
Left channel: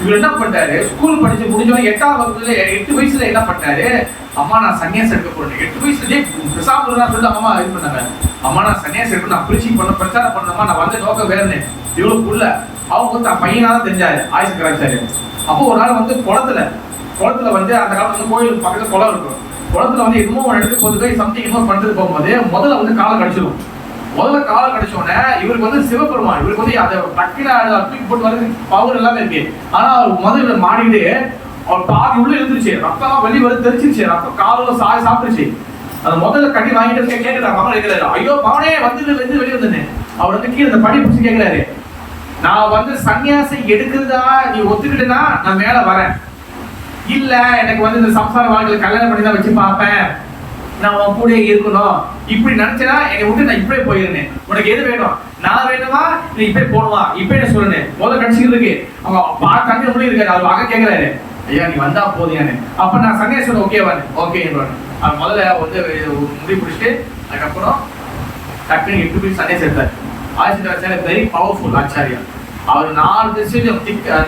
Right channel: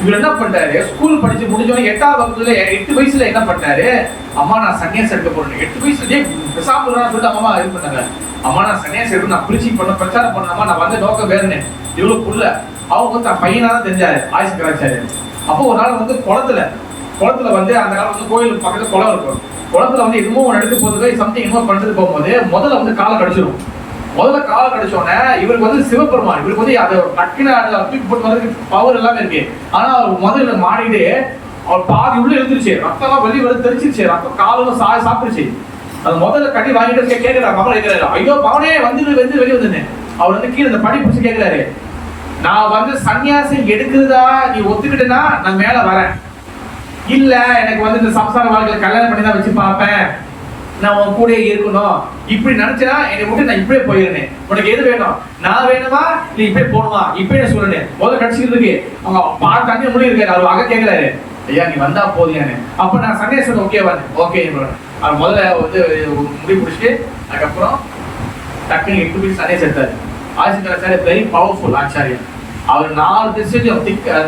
இவர் என்ன பண்ணிட்டாரு, ஸ்கூல் படிச்சு முடிஞ்சவங்க 8ஆம் வகுப்புல 8 வயசுல என்ன பண்ணிட்டாரு, அம்மா நான் சன்னியாசி எடுக்க போறேன். 8 வயசுலயே பெசாம சொல்லிட்டு அம்மா இது பண்ணாங்க. அம்மா நான் சன்னியாசி எடுக்க, நான் பிரிச்சு பண்ண பிரச்சாரம் பண்ணாமா, நான் வந்த நோக்கம் வேறனே இவ்வளவு புள்ள. அவங்க வந்து தன் பையனா தான் தெரிஞ்சாரு ஆதிசங்கராச்சாரியர். அப்போ ஒரு நாள் வந்து குளத்துல வந்து அந்த காலத்துல வந்து கோயிலுக்கு பக்கத்துல குளம் இருக்கும். குளத்துல வந்து இன்னும் எடுத்து போது சம்திங் இன்னொரு பண்ணிட்டு போகும்போது முதல்ல வந்து காலை கடிச்சிடும். முதல்ல கால் கடிச்சோடனே இவருக்கு வந்து சிவபெருமான், இவருக்கு வந்து அதை டக்குன்னு தூக்கி போட்டு வரது பவர் எல்லாமே இருக்கு. ஆனா அவர் முதல்ல மாடிட்டு அவர் பாதி உள்ள எழுந்துருச்சு, ரத்தம் வெளியே வந்து தெரிச்சிருச்சு, ரத்தம் காலம் சாப்பிட்டுருச்சு. அந்த முதல்ல கட்டி வாங்கிட்டு கேட்கிறாரு, மகன் கேட்கிறாரு, ஐயோ மகனே வந்து வெளியே வந்துன்னு. அவர் வந்து கீழே இந்த படி பிடிச்சி கேட்கிறாரு, நான் வந்து சன்னியாசி எடுக்கிறதா நீ ஒத்துக்கிட்டேன்னா நான் மேல வரேன், இல்ல எனக்கு வந்து இந்த சம்சார வாழ்க்கையில கல்யாணம் பண்ணி தான் வச்சு பார்ப்பேன், நான் உன் கூட இருக்கணும் இப்படி நினைச்சா என்னை விட்டு நான் இப்படியே போயிருந்தேன். உனக்கு எது வேணும், நான் வேணுமா நீ இப்படியே போகணுமா இப்படியே சொல்லுனேன். முதல்ல கடிச்சிக்கிறதுக்கு அவங்க தண்ணி முடி இருக்காரு. அவர் அக கேட்கிறாரு, ஐயா நீ வந்தா போதியானு. அப்ப நான் சன்னியாசன் ஓகே அவர் முதல்ல வந்து முடி பிடிச்சிட்டு அதுக்கப்புறம் டக்குன்னு 8 பேர் சன்னியாசி எடுத்தாரு. Adi Shankaracharyar very powerful Acharya. அவர் 4 திசையிலும்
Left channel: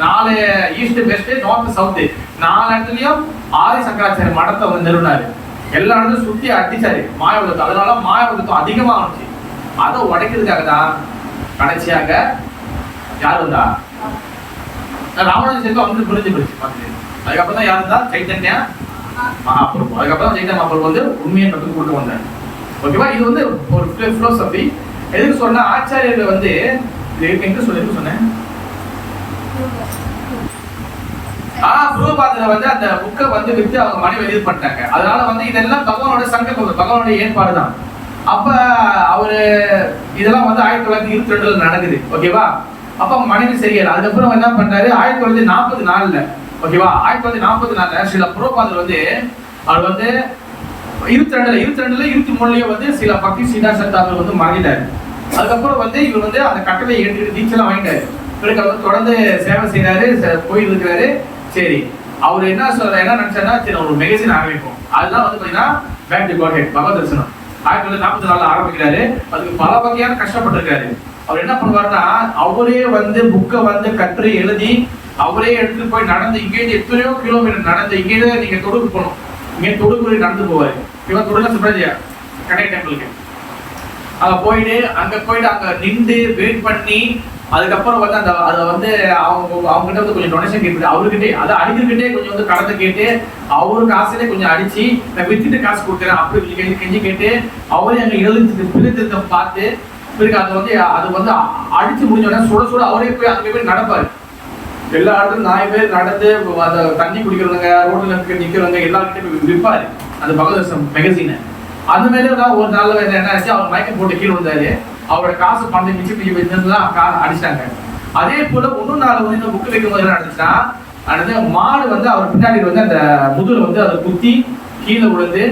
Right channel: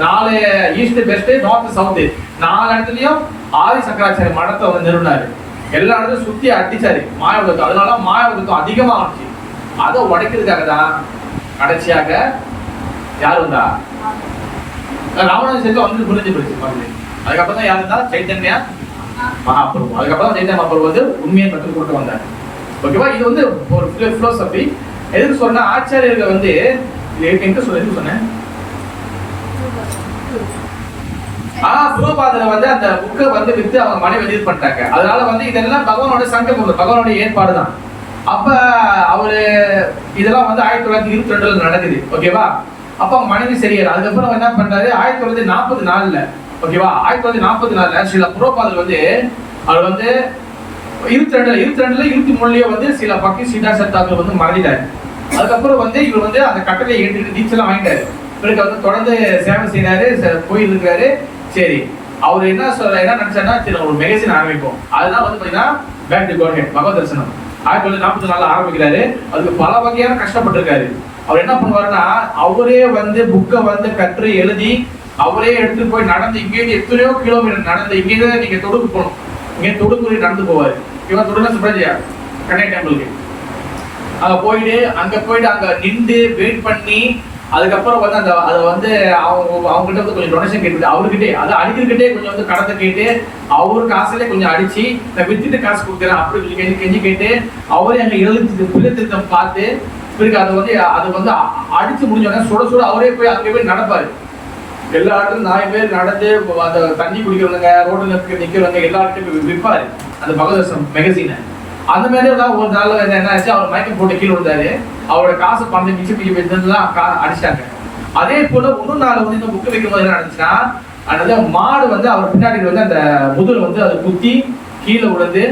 4 ஈஸ்ட் வெஸ்ட் நார்த் சவுத் 4 இடத்துலயும் ஆதிசங்கராச்சாரிய மடத்தை வந்து நிறுவனாரு. எல்லா இடத்துலையும் சுத்தி அடிச்சாரு மாயாவதத்துவம். அதனால மாயாவதத்துவம் அதிகமா ஆச்சு. அதை உடைக்கிறதுக்காக தான் கடைசியாக யார் வந்தா, ராமானுஜர் வந்து புரிஞ்சு போச்சு மாதிரி. அதுக்கப்புறம் தான் யார் இருந்தா, சைத்தன்யா மகாபிரபு. அதுக்கப்புறம் சைத்தன்ய மகாபிரபு வந்து உண்மையை கற்றுக் கொண்டு வந்தார். ஓகேவா? இது வந்து ஒரு பிலோசபி. எதுக்கு சொன்ன, ஆச்சாரியர்கள் வந்து எங்க சொன்னேன் பிரபுபாதரை வந்து அந்த புக்கை வந்து வித்து அவங்க மனைவி இது பண்ணிட்டாங்க. அதனால வந்து இதெல்லாம் பகவானோட சங்கல்பம், பகவானுடைய ஏற்பாடு தான். அப்ப அவரு இதெல்லாம் வந்து 1922 நடக்குது. ஓகேவா? அப்ப அவங்க மனைவி சரியாரு. அதுக்கப்புறம் என்ன பண்றாரு, 1944 ஓகேவா. 1944 ஸ்ரீல பிரபுபாதர் வந்து அவர் வந்து 22 23 வந்து சில பக்தி சித்தாந்த தாக்கூர் வந்து மறைஞ்சிட்டாரு. அதுக்கப்புறம் வந்து இவர் வந்து அந்த கட்டளை ஏற்றுக்கிட்டு டீச்சர்லாம் வாங்கிட்டாரு. பிறகு அவர் தொடர்ந்து சேவை செய்யறாரு, போயிட்டு இருக்காரு. சரி, அவர் என்ன நினைச்சாருன்னா, சரி ஒரு மேகசின் ஆரம்பிப்போம். அதுதான் வந்து பாத்தீங்கன்னா பேக் டு காட் ஹெட் பகவத் தரிசனம் 1944 ஆரம்பிக்கிறாரு. அதுக்கு பல வகையான கஷ்டப்பட்டிருக்காரு. அவர் என்ன பண்ணுவாருன்னா, அவரே வந்து புக்கை வந்து கற்று எழுதி அவரே எடுத்துட்டு போய் நடந்து இங்கேருந்து எத்தனையோ கிலோமீட்டர் நடந்து இங்கேருந்து நீங்க தொடுக்கு போகணும், இங்கே தொடுக்கு நடந்து போவாரு. இவன் தொடுக்க சுப்ரஜியா கண்ணை டெம்பிளுக்கு அங்க போயிட்டு அங்க நின்று வெயிட் பண்ணி அதுக்கப்புறம் வந்து அந்த அதை வந்து அவங்க கிட்ட வந்து கொஞ்சம் டொனேஷன் கேட்டு அவர்கிட்டே அதை அடிக்கிட்டே கொஞ்சம் வந்து கடத்தை கேட்டு அவரு காசுலேயே கொஞ்சம் அடிச்சு நான் வித்துட்டு காசு கொடுக்குறேன் அப்படி கெஞ்சி கேட்டு அவரே அங்க பிள்ளை திருத்தம் பார்த்து பிறகு அதை வந்து அடிச்சு முடிஞ்சோடனே சுட அவரே போய் அங்கே போய் நடப்பாரு. எல்லா இடத்துலையும் 4 பேர் நடந்து அந்த தண்ணி குடிக்கிறவங்க ரோட்டில் நிற்கிறவங்க எல்லாருக்கிட்டையும் விற்பாரு அந்த பகவத் மேகசினை. அந்த மாதிரி தான் ஒரு நாள் என்ன ஆச்சு, அவர் மயக்கம் போட்டு கீழே விழுந்தாரு. அவரோட காசு பணத்தை மிச்சம் அடிச்சிட்டாங்க. அதே போல இன்னொரு நாள் வந்து இந்த புக்கு வைக்கும் போது என்ன நடந்துச்சுன்னா, அந்த மாடு வந்து அவர் பின்னாடி வந்து அந்த முதல் வந்து அதை குத்தி கீழே விழுந்து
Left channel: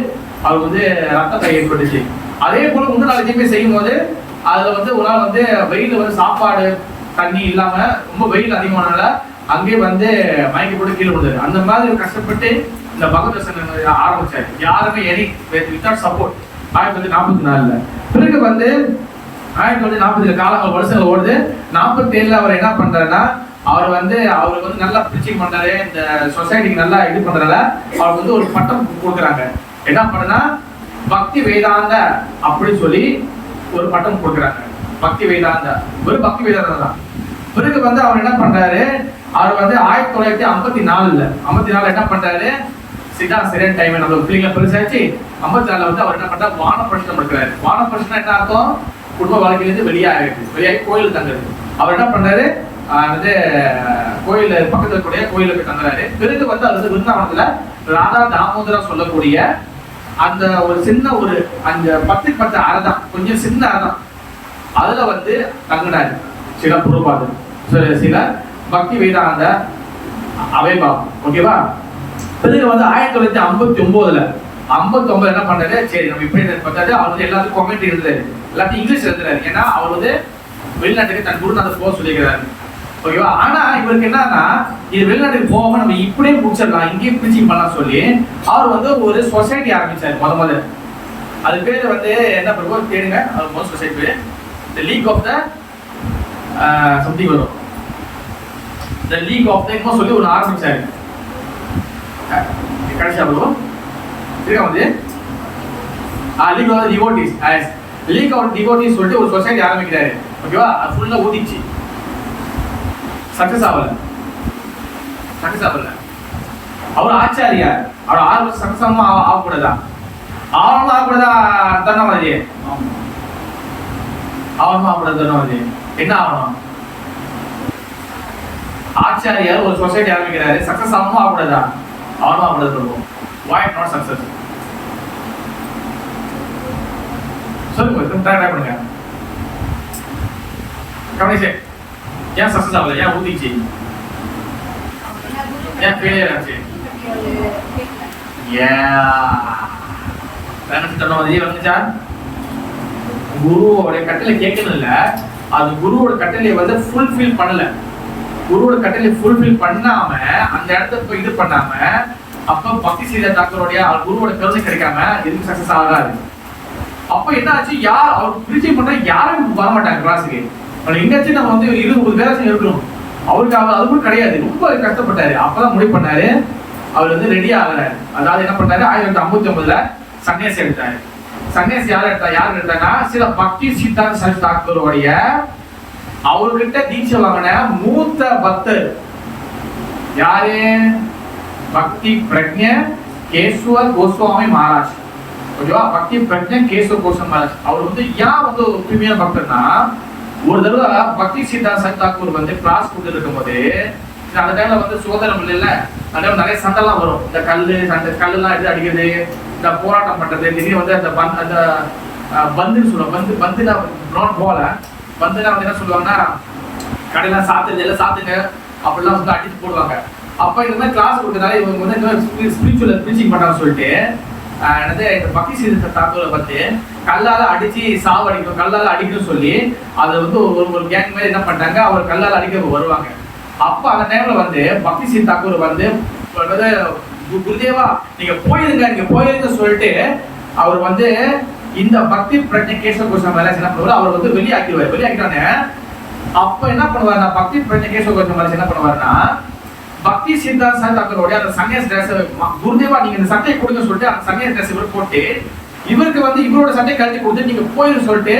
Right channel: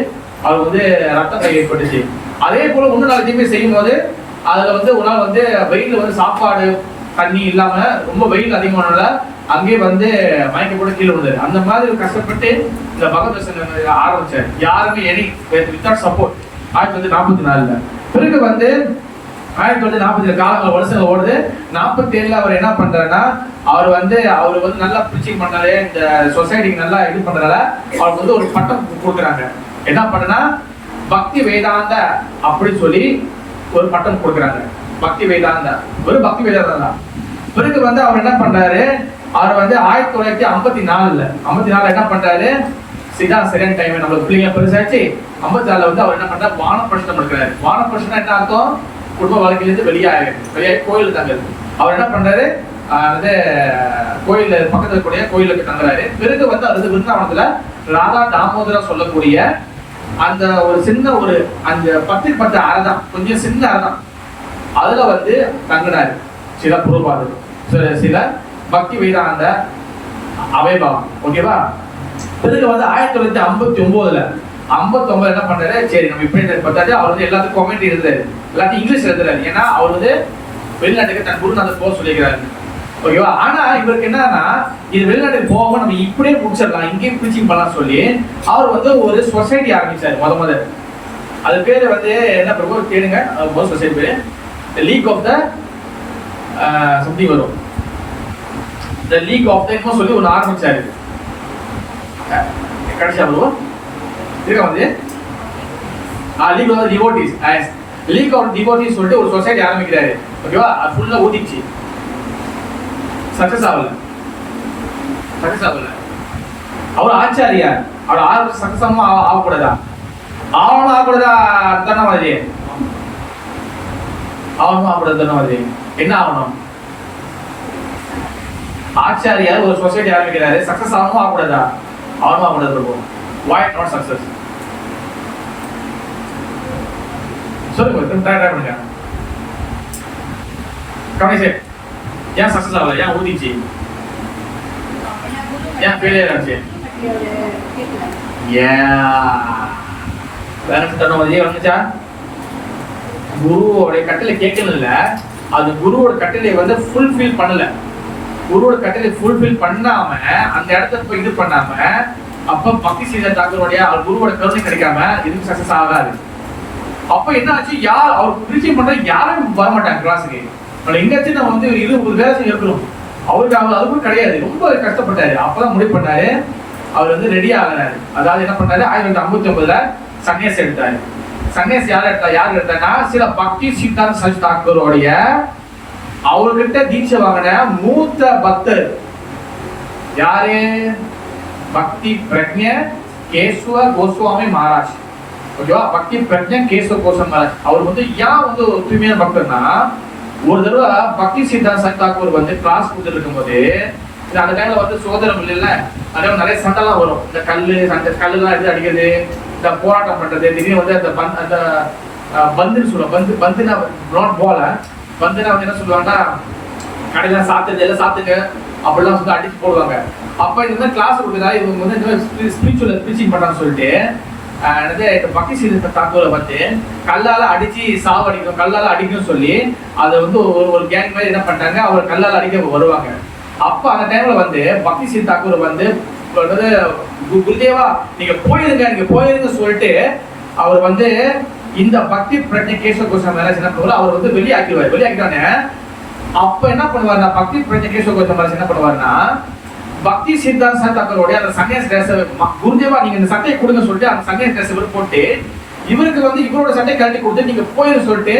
அவர் வந்து ரத்தத்தை ஏற்பட்டுச்சு. அதே போல இன்னொரு நாள் எதுவுமே செய்யும் போது அதுல வந்து ஒரு நாள் வந்து வெயில வந்து சாப்பாடு தண்ணி இல்லாம ரொம்ப வெயில் அதிகமானால அங்கே வந்து மயக்கப்பட்டு கீழே விழுந்தாரு. அந்த மாதிரி கஷ்டப்பட்டு இந்த பகவத் ஆரம்பிச்சாரு. யாருமே வித்தவுட் சப்போர்ட் 1944. பிறகு வந்து 1940 காலங்கள் வருஷங்கள் ஓடுது. 47 அவர் என்ன பண்றாருன்னா, அவருக்கு வந்து நல்லா பிரிச்சிங் பண்றாரு, இந்த சொசைட்டிக்கு நல்லா இது பண்றதால அவருக்கு வந்து ஒரு பட்டம் கொடுக்குறாங்க. என்ன பண்ணனா பக்தி வேதாந்த அப்படின்னு சொல்லி ஒரு பட்டம் கொடுக்குறாங்க. பக்தி வேதாந்தா, ஒரு பக்தி வேதாந்தா தான். பிறகு வந்து அவர் என்ன பண்றாரு, அவர் வந்து 1954 என்ன பண்றாரு, சரியான டைம் நம்ம பிள்ளைங்க பெருசாச்சு. 54 வந்து அவர் என்ன பண்றாரு, வானப்பிரசனம் இருக்கிறாரு. வானப்பிரசனம் என்ன அர்த்தம், குடும்ப வாழ்க்கையிலிருந்து வெளியாகி கோயில் தங்குறது. அவர் என்ன பண்றாரு, வந்து கோயில் பக்கத்துல கூடிய கோயிலுக்கு தங்குறாரு. பிறகு வந்து அவர் விருந்தாவனத்துல ராதா தாமோதரா சொல்லக்கூடிய அந்த ஒரு சின்ன ஒரு அந்த 10 அறை தான், கொஞ்சம் சின்ன அறை தான். அதுல வந்து தங்கினாரு சில பிரபுபாதர், சில பக்தி வேதாந்த அவைபா. ஓகேவா. பிறகு வந்து 1959 என்ன பண்றாரு, சரி நம்ம இப்படி பார்த்தாரு. அவர் வந்து எல்லாத்துக்கும் கமெண்ட் எழுதுறாரு, எல்லாத்தையும் இங்கிலீஷ் எழுதுறாரு. ஏன்னா அவர் வந்து வெளிநாட்டுக்கு தன் குருநாதர் போக சொல்லிக்கிறாரு. ஓகேவா. ஆனா இவருக்கு என்னன்னா, இது வெளிநாட்டுக்கு போகாம நம்ம இப்படியே முடிச்சிடலாம், இங்கேயும் பிரிச்சிங் பண்ணலாம் சொல்லி அவர் வந்து ஒரு சொசைட்டி ஆரம்பிச்சாரு. முதல் அது பேர் வந்து என்ன பிரபு கேளுங்க, முதல் சொசைட்டி பேர் The League of the something வரும். The League of the இப்போ சொல்லி ஒன்று ஆரம்பிச்சாரு. கடைசியா வரும் இருக்கா வந்து League of the Devotees. League of the Devotees சொல்லிட்டு ஒரு சொசைட்டி ஆரம்பிக்கிறாரு. ஓகேவா. அது ஃபுல்லா ஊதிச்சு, சக்சஸ் ஆகல. அவர் ஆச்சாரியா, அவர் 6 வருஷம் சக்சஸ் ஆகக்கூடாதா, ஆகக்கூடாதா தானே மாதிரி என்ன ஆகணும், ஆச்சாரியார் ஒரு சொசைட்டி ஆரம்பிக்கிறாரு, சக்சஸ் ஆகணும் ஆகக்கூடாதா, ஆகக்கூடாது. Why not success? சொல்லுங்க, ட்ரை பண்ணுங்க. கவனிச்சு ஏன் சக்சஸ் ஆகல, ஏன் ஊதிச்சு, ஏன் ஃபெயிலியர் ஆச்சு, வந்துச்சா குருவோட கட்டளை கேட்கணும் இல்ல, அது குருவோட கட்டளையை வந்து ஃபுல்ஃபில் பண்ணல. குருவோட கட்டளை ஃபுல்ஃபில் பண்ணாம அந்த இடத்துல போய் இது பண்ணாம அப்ப பக்தி செய்த தாக்கூரோடைய குருவோட கருணை கிடைக்காம எதுவும் சக்சஸ் ஆகாது. அப்ப என்ன ஆச்சு, யார் அவர் பிரிச்சு பண்ற யாரும் வரமாட்டாங்க கிளாஸுக்கு. எங்காச்சும் நம்ம வந்து 20 வேலை செய்ய இருக்கணும். அவருக்கு அதுக்கும் கிடையாது, ரொம்ப கஷ்டப்பட்டாரு. அப்பதான் முடிவு பண்ணாரு, அவர் வந்து ரெடி ஆகிறாரு. அதாவது என்ன பண்ணாரு, 1959 சன்னியாசி எடுத்தாரு. சன்னியாசி யார் எடுத்தாங்கன்னா, சில பக்தி சித்தாந்த சரஸ்வதி தாக்கூரோடைய அவர்கிட்ட தீட்சை வாங்கின மூத்த பக்தர் யாரு, பக்தி பிரஜ்ஞ கேசவ கோஸ்வாமி மகாராஜ். ஓகேவா. பக்தி பிரஜ்ஞ கேசவ கோஸ்வாமி மகாராஜ் அவர் வந்து ஏன் வந்து தூய்மையான பக்தர்னா, ஒரு தடவை பக்தி சித்தாந்த சரஸ்வதி தாக்கூர் வந்து கிளாஸ் கொடுத்துட்டு இருக்கும்போது அந்த டைம்ல வந்து சுதந்திரம் இல்ல, அந்த டைம் நிறைய சண்டைலாம் வரும். இந்த கல்லுலாம் எடுத்து அடிக்கிறது, இந்த போராட்டம் பண்றது, திடீர்னு வந்து அந்த பந்துன்னு சொல்லுவாங்க. பந்துனா நாட் பால், பந்துனா வந்து என்ன சொல்லுவாங்கன்னா, கடையெல்லாம் சாத்துறது எல்லாம் சாத்துங்க அப்படிலாம் வந்து அடிச்சு போடுவாங்க. அப்ப இந்த மாதிரி கிளாஸ் கொடுக்கறதால இவங்க வந்து இந்த மாதிரி ஸ்பிரிச்சுவல் டீச்சிங் பண்றாங்கன்னு சொல்லிட்டு பக்தி சித்த தாக்கூரை வந்து கல்லால அடிச்சு சாவடிக்கும், கல்லால அடிக்கும் சொல்லி அதை வந்து ஒரு கேங் மாதிரி என்ன பண்ணிட்டாங்க, அவர் கல்லால அடிக்க வருவாங்க. அப்ப அந்த டைம்ல வந்து பக்தி சித்த தாக்கூர் வந்து குருதேவா நீங்க போயிருங்க சொல்லிட்டு அவர் வந்து இந்த பக்தி பிரஜை கேசவ கோஸ்வாமி மகாராஜ் என்ன பண்ணுவாரு, அவர் வந்து வெளியாக்கிட்டாங்க. அப்ப என்ன பண்ணுவாருன்னா பக்தி பிரஜை கேசவ கோஸ்வாமி மகாராஜ் என்ன பண்ணுவாருன்னா பக்தி சித்தாந்த தாக்கூரோட அந்த சன்னியாஸ் டிரஸ் குருதேவா நீங்க இந்த சட்டையை கொடுங்க சொல்லிட்டு அந்த சன்னியாஸ் டிரஸ் போட்டு இவருக்கு வந்து இவரோட சட்டையை கழட்டி கொடுத்து நீங்க போயிரு சொல்லிட்டு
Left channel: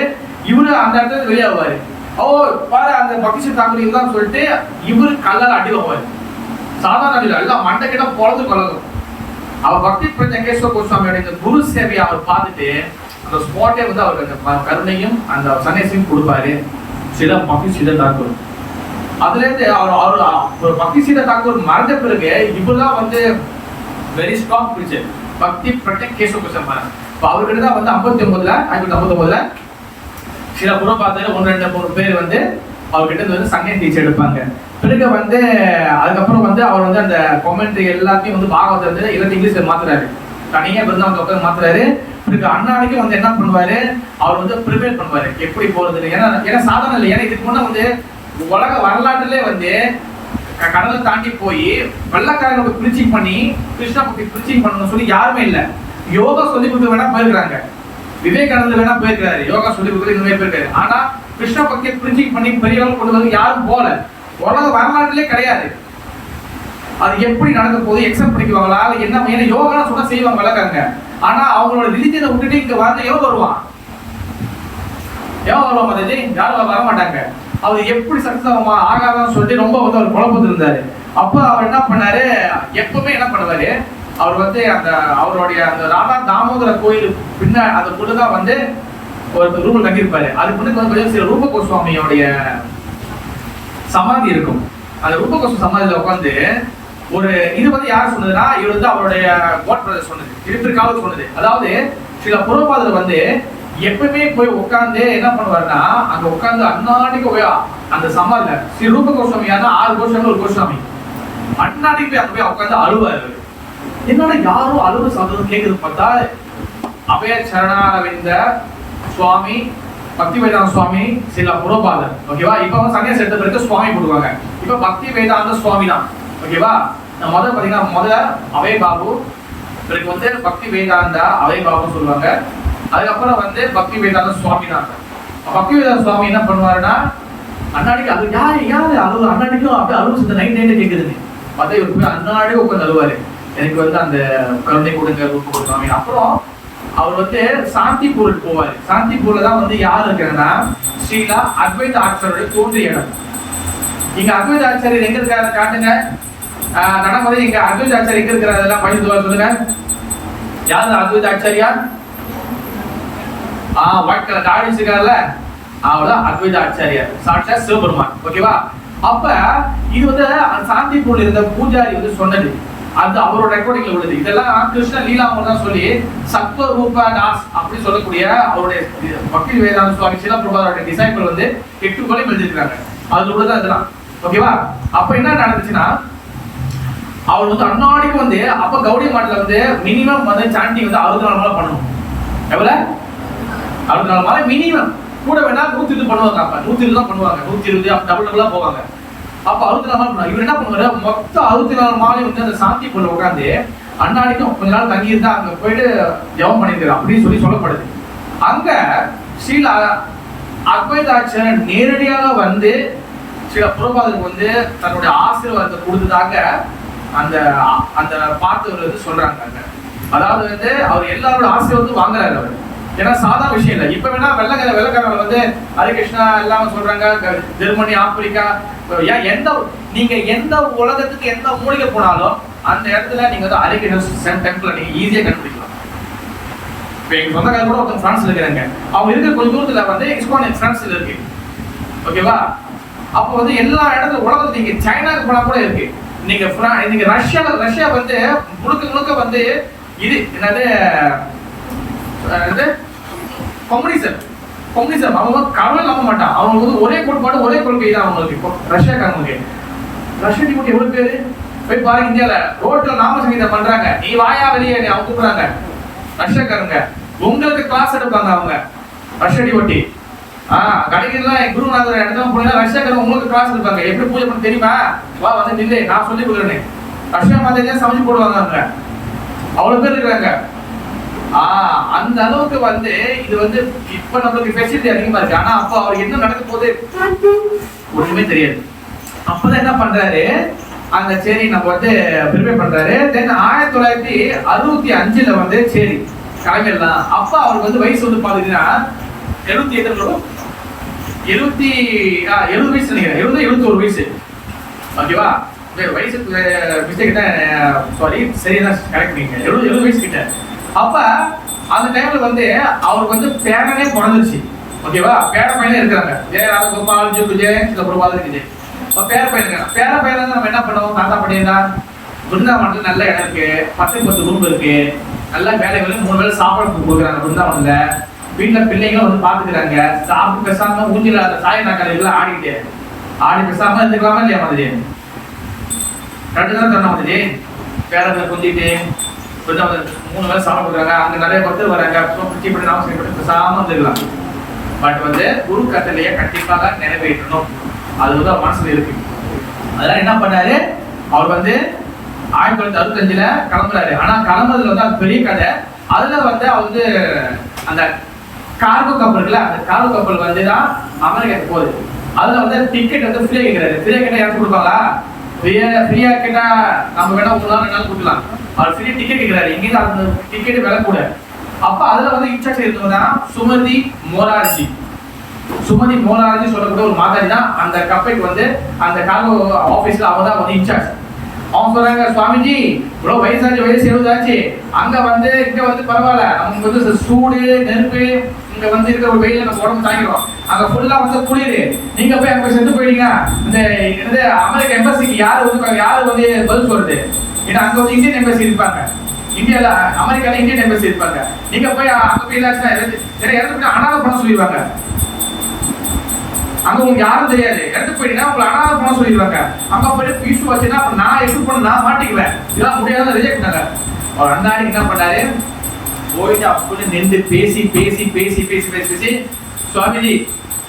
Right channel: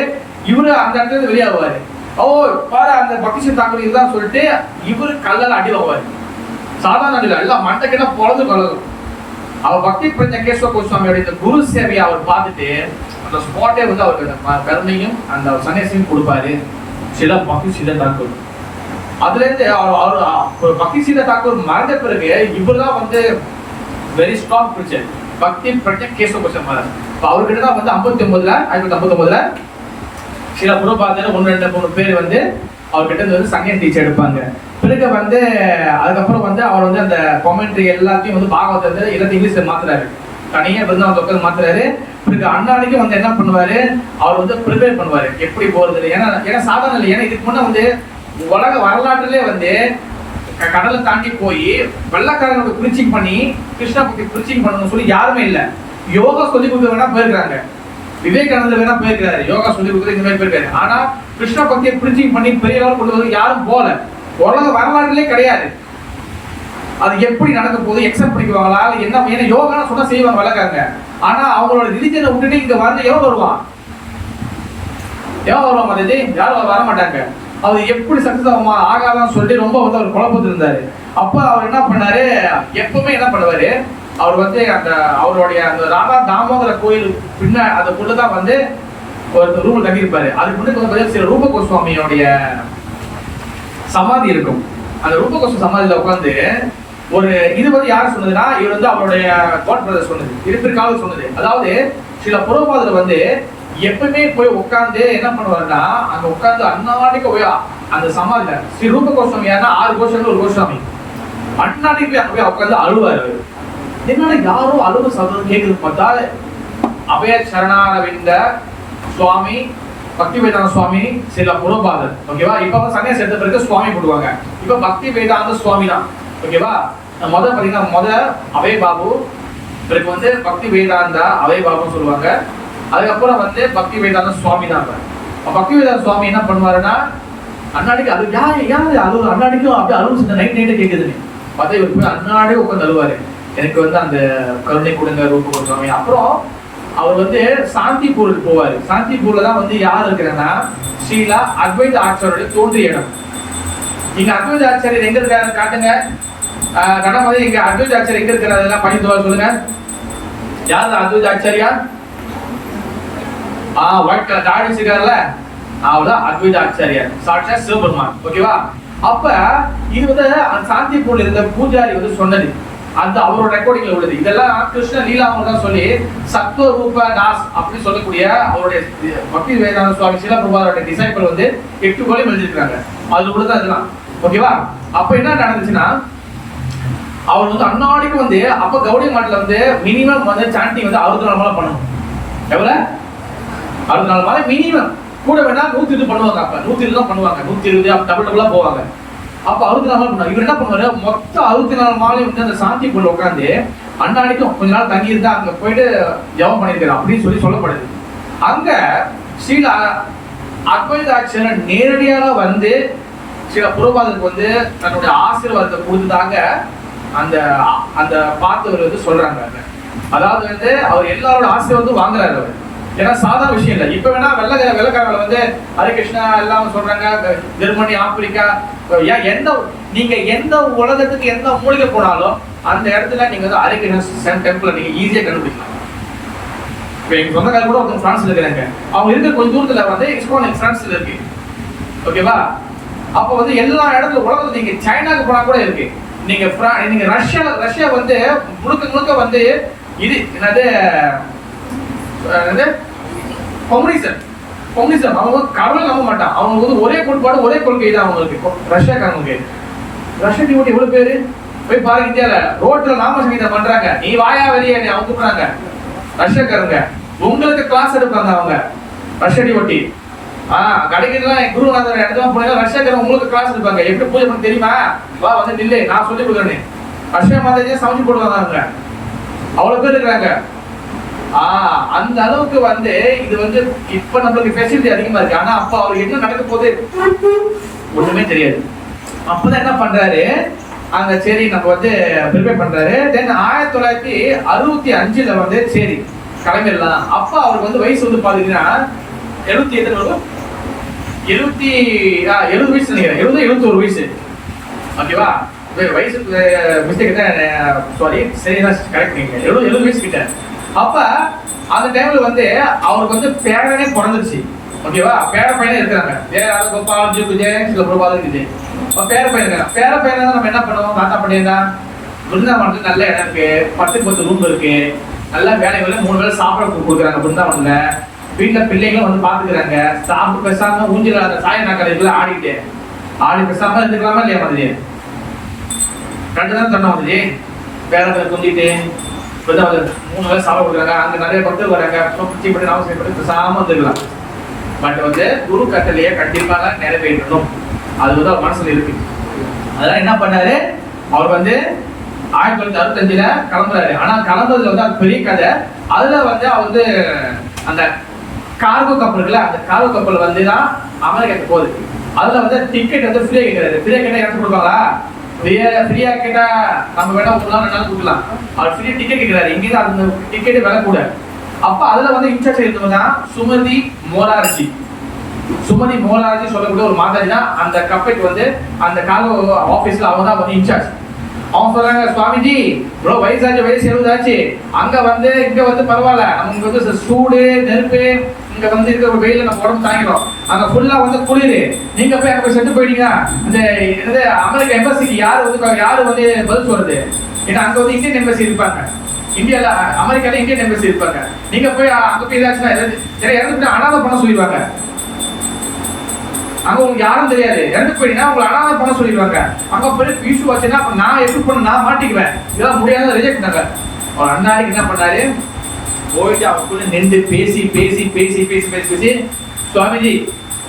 இவரு அந்த இடத்துல வெளியாகுவாரு. ஓ பாரு அந்த பக்தி சித்த தாக்கூர் இதுதான் சொல்லிட்டு இவரு கல்லால அடி வாங்குவாரு. சாதாரண இல்லை, எல்லாம் மண்டை கிட்ட பொழுது கலகும். அவர் பக்தி பிரஜை கேசவ கோஸ்வாமியோட இந்த குரு சேவையை அவர் பார்த்துட்டு அந்த ஸ்பாட்டே வந்து அவருக்கு அந்த கருணையும் அந்த சன்னியாசியும் கொடுப்பாரு சில பக்தி சித்த தாக்கூர். அதுல இருந்து அவர் பக்தி சித்த தாக்கூர் மறந்த பிறகு இவர்தான் வந்து வெரி ஸ்ட்ராங் பிடிச்சர் பக்தி பிரஜை கேசவ கோஸ்வாமி மகாராஜ். அவர்கிட்ட தான் வந்து 1959 சில புறப்பாதர் 1-2-3 பேர் வந்து அவர்கிட்ட வந்து சன்னியாசி டீச்சர் எடுப்பாங்க. பிறகு வந்து அதுக்கப்புறம் வந்து அவர் வந்து அந்த காமெண்ட்ரி எல்லாத்தையும் வந்து பாகவத்தை வந்து எல்லாத்தையும் இங்கிலீஷ்ல மாத்துறாரு, தனியா பிருந்தாவன் உட்காந்து மாத்துறாரு. பிறகு அண்ணாடிக்கு வந்து என்ன பண்ணுவாரு, அவர் வந்து ப்ரிப்பேர் பண்ணுவாரு எப்படி போறது. ஏன்னா சாதாரண இல்லை, ஏன்னா இதுக்கு முன்னே வந்து உலக வரலாற்றுல வந்து கடலை தாண்டி போய் வெள்ளக்காரங்களோட பிரீச்சிங் பண்ணி கிருஷ்ணா பத்தி பிரீச்சிங் பண்ணணும்னு சொல்லி யாருமே இல்லை. யோகா சொல்லி கொடுக்க வேணா போயிருக்காங்க, விவேகானந்தர் வேணா போயிருக்காரு, யோகா சொல்லி கொடுக்க இந்த மாதிரி போயிருக்காரு. ஆனா கிருஷ்ண பக்தியை பிரீச்சிங் பண்ணி பெரிய அளவு கொண்டு வந்து யாரும் போல, உலக வரலாறுலே கிடையாது. அது எப்படி நடக்க போகுது, எக்ஸப்ட் பண்ணிக்குவாங்களா என்ன? ஏன்னா யோகா சொன்னா செய்வாங்க வளர்க்காங்க, ஆனா அவங்களோட ரிலிஜனை விட்டுட்டு இங்க வந்து எவன் வருவான் மதஜி? யாரும் வர மாட்டாங்க. அவர் எப்படி சக்சஸ் ஆகாதான்னு சொல்லிட்டு ரொம்ப வந்து அவர் குழப்பத்தில் இருந்தாரு. அப்ப அவர் என்ன பண்ணாரு, எப்பவுமே என்ன பண்ணுவாரு, அவர் வந்து அந்த அவருடைய அந்த ராதா தாமோதர கோயில் பின்ன அந்த புள்ளதான் வந்து ஒரு ரூபம் தங்கியிருப்பாரு. அதுக்கு முன்னாடி சில ரூப கோஸ்வாமியோடைய சமாதி இருக்கும். அந்த ரூப கோஸ்வாமி சமாதியில உட்காந்து ஒரு இது வந்து யார் சொன்னதுன்னா இவர் வந்து அவருடைய காட் பிரதர் சொன்னது, இருப்பிற்காக சொன்னது. அதாவது சில புறப்பாதர் வந்து எப்பவுமே போய் உட்காந்து என்ன பண்ணுவாருன்னா அங்க உட்காந்து அண்ணாடிக்கு போய் அந்த சமாதியில ஸ்ரீ ரூப கோஸ்வாமி 6 கோஸ்வாமி ஒரு கோஸ்வாமி அண்ணாடிக்கு போய் அங்க போய் உட்காந்து அழுவாரு. என்னோட யாரும் அழுவு சாதனம் கேட்குது பார்த்தா அபய சரணாரவிந்த சுவாமி பக்தி வேதாந்த சுவாமி சில புறப்பாதர். ஓகேவா? இப்ப வந்து சன்னியாசி எடுத்த பிறகு சுவாமி போடுவாங்க. இப்ப பக்தி வேதாந்த சுவாமி தான். ஓகேவா? முதல்ல பாத்தீங்கன்னா முதல்ல அபய பாபு, பிறகு வந்து பக்தி வேதாந்த அபய பாபுன்னு சொல்லுவாங்க. அதுக்கப்புறம் வந்து பக்தி வேதாந்த சுவாமி தான். பக்தி வேதாந்த சுவாமி என்ன பண்ணுவாருன்னா அண்ணாடிக்கு அது யாரு அழுவு அண்ணாடிக்கும் அப்படியே அழுவு நைட் கேட்குதுன்னு பார்த்தா இவர் போய் அண்ணாடி உட்காந்து அழுவாரு, எனக்கு வந்து அந்த கருணை கொடுங்க ரூப கோஸ்வாமி. அப்புறம் அவர் வந்து சாந்திப்பூருக்கு போவாரு. சாந்திப்பூர்ல தான் வந்து யார் இருக்கிறன்னா ஸ்ரீலா அத்வைத ஆச்சாரியோட தோன்றிய இடம். இங்க அத்வைத ஆச்சாரியர் எங்க இருக்காரு காட்டுங்க. கடமை இங்க அத்வைத ஆச்சாரியர் எங்க இருக்கிறாரு எல்லாம் பண்ணி சொல்லுங்க. யாரு அத்வைத ஆச்சாரியா? ஒயிட் கலர் தாடி வச்சிருக்காருல்ல, அவர்தான் அத்வைத ஆச்சாரியார், சாட்சாத் சிவபெருமான். ஓகேவா? அப்ப இது வந்து சாந்திப்பூர்ல இருந்த பூஜாரி வந்து சொன்னது, அது அவரோட ரெக்கார்டிங்ல உள்ளது. இதெல்லாம் கிருஷ்ண லீலாமர் தான் சொல்லி சத்வ ரூப தாஸ் அப்படி சொல்லக்கூடிய அவருடைய பக்தி வேதாந்த சுவாமி சில பிரபாரோட டிசைபிள் வந்து 8 கொலையும் எழுதிருக்காங்க. அது உள்ளதான் இதெல்லாம். ஓகேவா? அப்ப என்ன நடந்துச்சுன்னா அவர் வந்து அண்ணாடிக்கு வந்து அப்ப கௌடி மாட்டில் வந்து மினிமம் வந்து சாண்டி வந்து 64 மாலை பண்ணணும். எவ்வளவு? 64 மாலை மினிமம். கூட வேணா 120 பண்ணுவாங்க. அப்ப 120 தான் பண்ணுவாங்க, 120 டபுள் போவாங்க. அப்ப 64 மாலை பண்ணாங்க. இவர் என்ன பண்ணுவாரு, மொத்தம் 64 மாலை வந்து அந்த சாந்திக்குள்ள உட்காந்து அண்ணாடிக்கும் கொஞ்ச நாள் தங்கி இருந்தா அங்க போயிட்டு ஜெபம் பண்ணிருக்காரு அப்படின்னு சொல்லப்படுது. அங்க ஸ்ரீல அத்வைதாச்சாரியர் நேரடியாக வந்து சில புரோபாதருக்கு வந்து தன்னுடைய ஆசீர்வாதத்தை கொடுத்ததாக அந்த அந்த பார்த்தவர் வந்து சொல்றாங்க. அதாவது வந்து அவர் எல்லாரோட ஆசீர்வாதம் வாங்குறாரு அவர். ஏன்னா சாதாரண விஷயம் இல்லை. இப்ப வேணா வெள்ளக்காரங்க வந்து ஹரே கிருஷ்ணா எல்லாம் சொல்றாங்க, ஜெர்மனி ஆப்பிரிக்கா நீங்க எந்த உலகத்துக்கு எந்த மூலிகை போனாலும் அந்த இடத்துல நீங்க வந்து ஹரே கிருஷ்ணா டெம்பிள் நீங்க ஈஸியா கண்டுபிடிக்கலாம். இப்ப எங்க சொந்தக்காரங்க கூட ஒருத்தர் பிரான்ஸ்ல இருக்கிறாங்க, அவங்க இருக்கிற கொஞ்சம் தூரத்துல வந்து இஸ்கான் பிரான்ஸ்ல இருக்கு. ஓகேவா? அப்போ வந்து எல்லா இடத்துல உலகத்துல நீங்க சைனாக்கு போனா கூட இருக்கு. நீங்க ரஷ்யா வந்து முழுக்க வந்து இது என்னது கம்யூனிசம் அவங்க கடவுளை நம்ப மாட்டான். அவங்க வந்து ஒரே கோட்பாடு ஒரே கொள்கை தான் அவங்களுக்கு. ரஷ்யாக்காரங்களுக்கு ரஷ்யா டிமோட்டி எவ்வளவு பேரு போய் பாருங்க, இந்தியால ரோட்ல நாம சங்கீதம் பண்றாங்க, நீ வாயா வெளியே அவங்க கூப்பிடுறாங்க. ரஷ்யக்காரங்க உங்களுக்கு கிளாஸ் எடுப்பாங்க, அவங்க ரஷ்யடி ஒட்டி கடைக்கெல்லாம் குருநாதர் இடத்துல போனா ரஷ்யக்காரங்க உங்களுக்கு கிளாஸ் எடுப்பாங்க. எப்படி பூஜை பண்ண தெரியுமா, வா வந்து நில்லு நான் சொல்லி கொடுக்குறேன்னு. ரஷ்யா மாதிரி சமைச்சு போடுவாங்க. அவ்வளவு பேர் இருக்கிறாங்க. அந்த அளவுக்கு வந்து இது வந்து இப்ப நம்மளுக்கு ஃபெசிலிட்டி அதிகமா இருக்கு. ஆனா அப்ப அவர் என்ன நடக்க போகுது ஒண்ணுமே தெரியாது. அப்பதான் என்ன பண்றாரு, அந்த சரி நம்ம வந்து ப்ரிப்பேர் பண்றாரு. தென் 1965 வந்து சரி கிளம்பிடலாம். அப்ப அவருக்கு வந்து வயசு வந்து பாத்தீங்கன்னா 70 வயசு நினைக்கிறேன், 71 வயசு. ஓகேவா, வயசு மிஸ்டேக் தான், சாரி சரியா கரெக்ட் நீங்க 70 வயசு கிட்ட. அப்ப அந்த டைம்ல வந்து அவருக்கு வந்து பேரனே பிறந்துருச்சு. ஓகேவா, பேர பையனே இருக்காங்க, கோபால் ஜெயன் சில பிரபாதம் இருக்குது. பேர பையன் இருக்காங்க. பேர பையன் தான் நம்ம என்ன பண்ணுவோம், தாத்தா பண்ணியிருந்தா பிருந்தாவனத்துல நல்ல இடம் இருக்கு, 10 ரூம் இருக்கு, நல்லா வேலை 3 வேலை சாப்பாடு கொடுக்குறாங்க பிருந்தாவனத்துல. வீட்டுல பிள்ளைங்களும் வந்து பாத்துக்கிறாங்க. சாப்பிட்டு பேசாம ஊஞ்சில அந்த சாய நாக்கல ஆடிக்கிட்டு ஆடி பேசாம இருந்துக்கலாமா இல்லையா மாதிரி 2 தான் தண்ணி வந்துச்சு. வேலை குந்திட்டு 3 வேலை சாப்பிட கொடுக்குறாங்க. அங்க நிறைய பக்தர் வராங்க, நாம பேசாம வந்துக்கலாம். பட் வந்து குரு கட்டளையை கண்டிப்பாக நிறைவேற்றணும், அது வந்து அவர் மனசுல இருக்கு. அதெல்லாம் என்ன பண்ணாரு, அவர் வந்து 1965 கிளம்புறாரு. ஆனா கிளம்புறதுல வந்து அது பெரிய கதை. அதுல வந்து அவர் வந்து அந்த கார்கோ கப்பல் இருக்குல்ல, அந்த கார்கோ கப்பல் வந்து தான் அமெரிக்காவுக்கு போகுது. அதுல வந்து டிக்கெட் வந்து ஃப்ரீயா கேட்கிறாரு. ஃப்ரீயா கேட்டா யாரும் கொடுப்பாங்களா, ஃப்ரீயா கேட்டா நம்ம வேணா 3 நாள் கொடுக்கலாம். அவர் ஃப்ரீ டிக்கெட் கேட்கிறாரு. இங்கேயும் அந்த டிக்கெட் விலை கூட. அப்ப அதுல வந்து இன்சார்ஜ் இருந்தவங்க தான் சுமதி மோரார்ஜி. சுமதி மோரார்ஜி சொல்லக்கூடிய ஒரு மாதாஜி தான் அந்த கப்பலுக்கு வந்து அந்த கார்கோ ஆபீஸ்ல அவங்க தான் வந்து இன்சார்ஜ். அவங்க சொல்றாங்க, சுவாமிஜி இவ்வளவு வயசு 70 ஆச்சு, அங்க வந்து இங்க வந்து பரவாயில்ல, நமக்கு வந்து சூடு நெருப்பு, இங்க வந்து இருக்கிற ஒரு வெயில நம்ம உடம்பு தாங்கிறோம், அங்க ஃபுல்லா வந்து குளிரு, நீங்க போய் அங்க போய் செத்து போயிட்டீங்க, இந்த அமெரிக்க எம்பசிக்கு யாரு வந்து பதில் சொல்றது? ஏன்னா அங்க வந்து இந்தியன் எம்பசி இருப்பாங்க, இந்தியால அமெரிக்கால இந்தியன் எம்பசி இருப்பாங்க. நீங்க போய் அங்க போய் இறந்துட்டு அனாதை பண்ண சொல்லிடுவாங்க. அங்க உங்களுக்கு யாரும் தெரியாது, இறந்து போயிட்டீங்கன்னா உங்களை அனாதை பண்ண சொல்லிடுவாங்க. அங்க போய் இஷ்யூ வச்சுன்னா நான் எப்படி பண்ண, நான் மாட்டிக்குவேன், இதெல்லாம் முடியாத ரிஜெக்ட் பண்ணாங்க. அவர் அண்ணாடிக்கு என்ன பண்ணாரு, போயிட்டு அவங்க நின்று பேசி சுவாமிஜி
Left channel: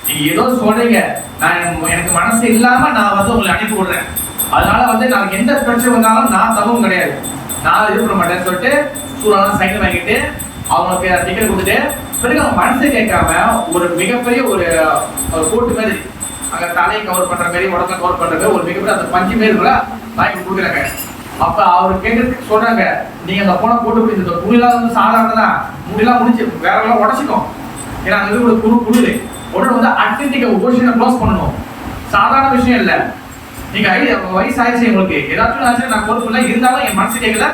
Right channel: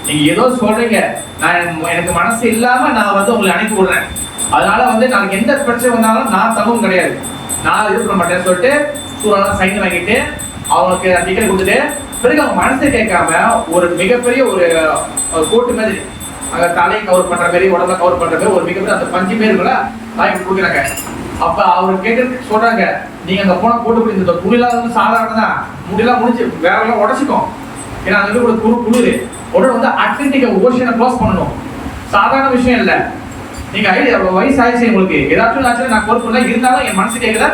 நீங்க ஏதோ சொல்றீங்க, நான் எனக்கு மனசு இல்லாம நான் வந்து உங்களை அனுப்பி விடுறேன், அதனால வந்து நாளைக்கு எந்த பிரச்சனை வந்தாலும் நான் தகவும் கிடையாது, நான் இது பண்ண மாட்டேன்னு சொல்லிட்டு சூடான சைன் வாங்கிட்டு அவங்களுக்கு டிக்கெட் கொடுத்துட்டு, பிறகு அவங்க மனசை கேட்காம ஒரு மிகப்பெரிய ஒரு கோட்டு மாதிரி அங்க தலையை கவர் பண்ற மாதிரி, உடம்பை கவர் பண்ற மாதிரி ஒரு மிகப்பெரிய அந்த 5 பேருக்குள்ள வாங்கி கொடுக்குறாங்க. அப்ப அவர் கேட்கறதுக்கு சொல்றாங்க, நீங்க அங்க போன போட்டு இந்த துணிலாம் வந்து சாதாரண தான், முடியெல்லாம் முடிச்சு வேற எல்லாம் உடச்சிக்கும், ஏன்னா அங்க இருந்து ஒரு குளிர் உடனே வந்து அட்லாண்டிக் ஓஷனை க்ளோஸ் பண்ணணும், சாதாரண விஷயம் இல்லை. நீங்க வயசு ஆயிடுச்சு, உங்களுக்கு ஏதாச்சும் ஆச்சு நான் பொறுப்பு இல்லை, இருந்தாலும் என் மனசு கேட்கல,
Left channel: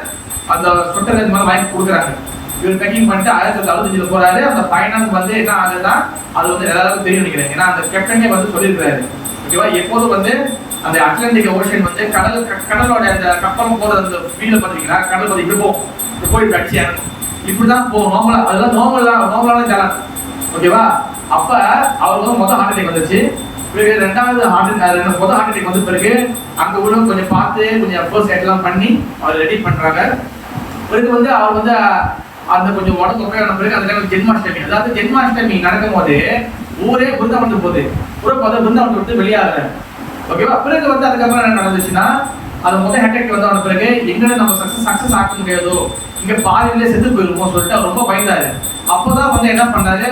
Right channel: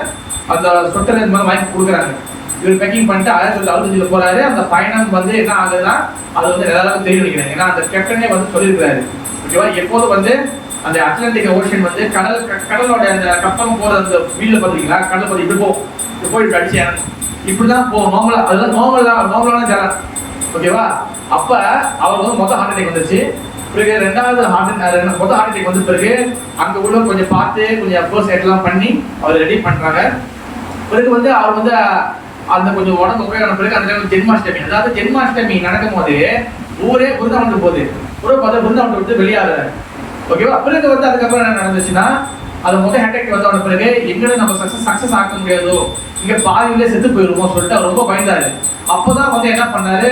அந்த சொட்டர் இந்த மாதிரி வாங்கி கொடுக்குறாங்க. இவர் பேக்கிங் பண்ணிட்டு 1965 போறாரு. அந்த பயணம் வந்து என்ன ஆகுதுன்னா அது வந்து எல்லாருக்கும் தெரியும் நினைக்கிறேன், ஏன்னா அந்த கேப்டனே வந்து சொல்லியிருக்காரு. ஓகேவா, எப்போதும் வந்து அந்த அட்லாண்டிக் ஓஷன் வந்து கடலோட அந்த கப்பலும் போறது அந்த வீடுல பாத்தீங்களா, கடல் பத்தி இப்படி போய் அடிச்சு இறங்கும், இப்படிதான் போகும் நார்மலா, அதுதான் நார்மலான ஜலம். ஓகேவா, அப்ப அவர் வந்து மொத்த ஹார்ட் அட்டாக் வந்துச்சு. பிறகு ரெண்டாவது மொத்த ஹார்ட் அட்டாக் வந்து பிறகு அங்க உள்ள கொஞ்சம் பார்த்து கொஞ்சம் அப்போஸ் எல்லாம் பண்ணி அவர் ரெடி பண்றாங்க. பிறகு வந்து அவர் வந்து அந்த கொஞ்சம் உடம்பு உபயோக பிறகு அந்த டைம் ஜென்மாஷ்டமி, அதாவது ஜென்மாஷ்டமி நடக்கும் போது ஊரே பிருந்தாவனத்துக்கு போகுது, பிருந்தாவனத்தை விட்டு வெளியாகுறாரு. ஓகேவா, பிறகு வந்து அதுக்கப்புறம் என்ன நடந்துச்சுன்னா, அது மொத்த ஹேட்டக் வந்தவன பிறகு எங்களை நம்ம சக்சஸ் ஆக்க முடியாதோ, இங்க பாதியிலே செத்து போயிருக்கோம் சொல்லிட்டு அவர் ரொம்ப பயந்தாரு. அப்பதான் வந்து என்ன பண்ணாரு,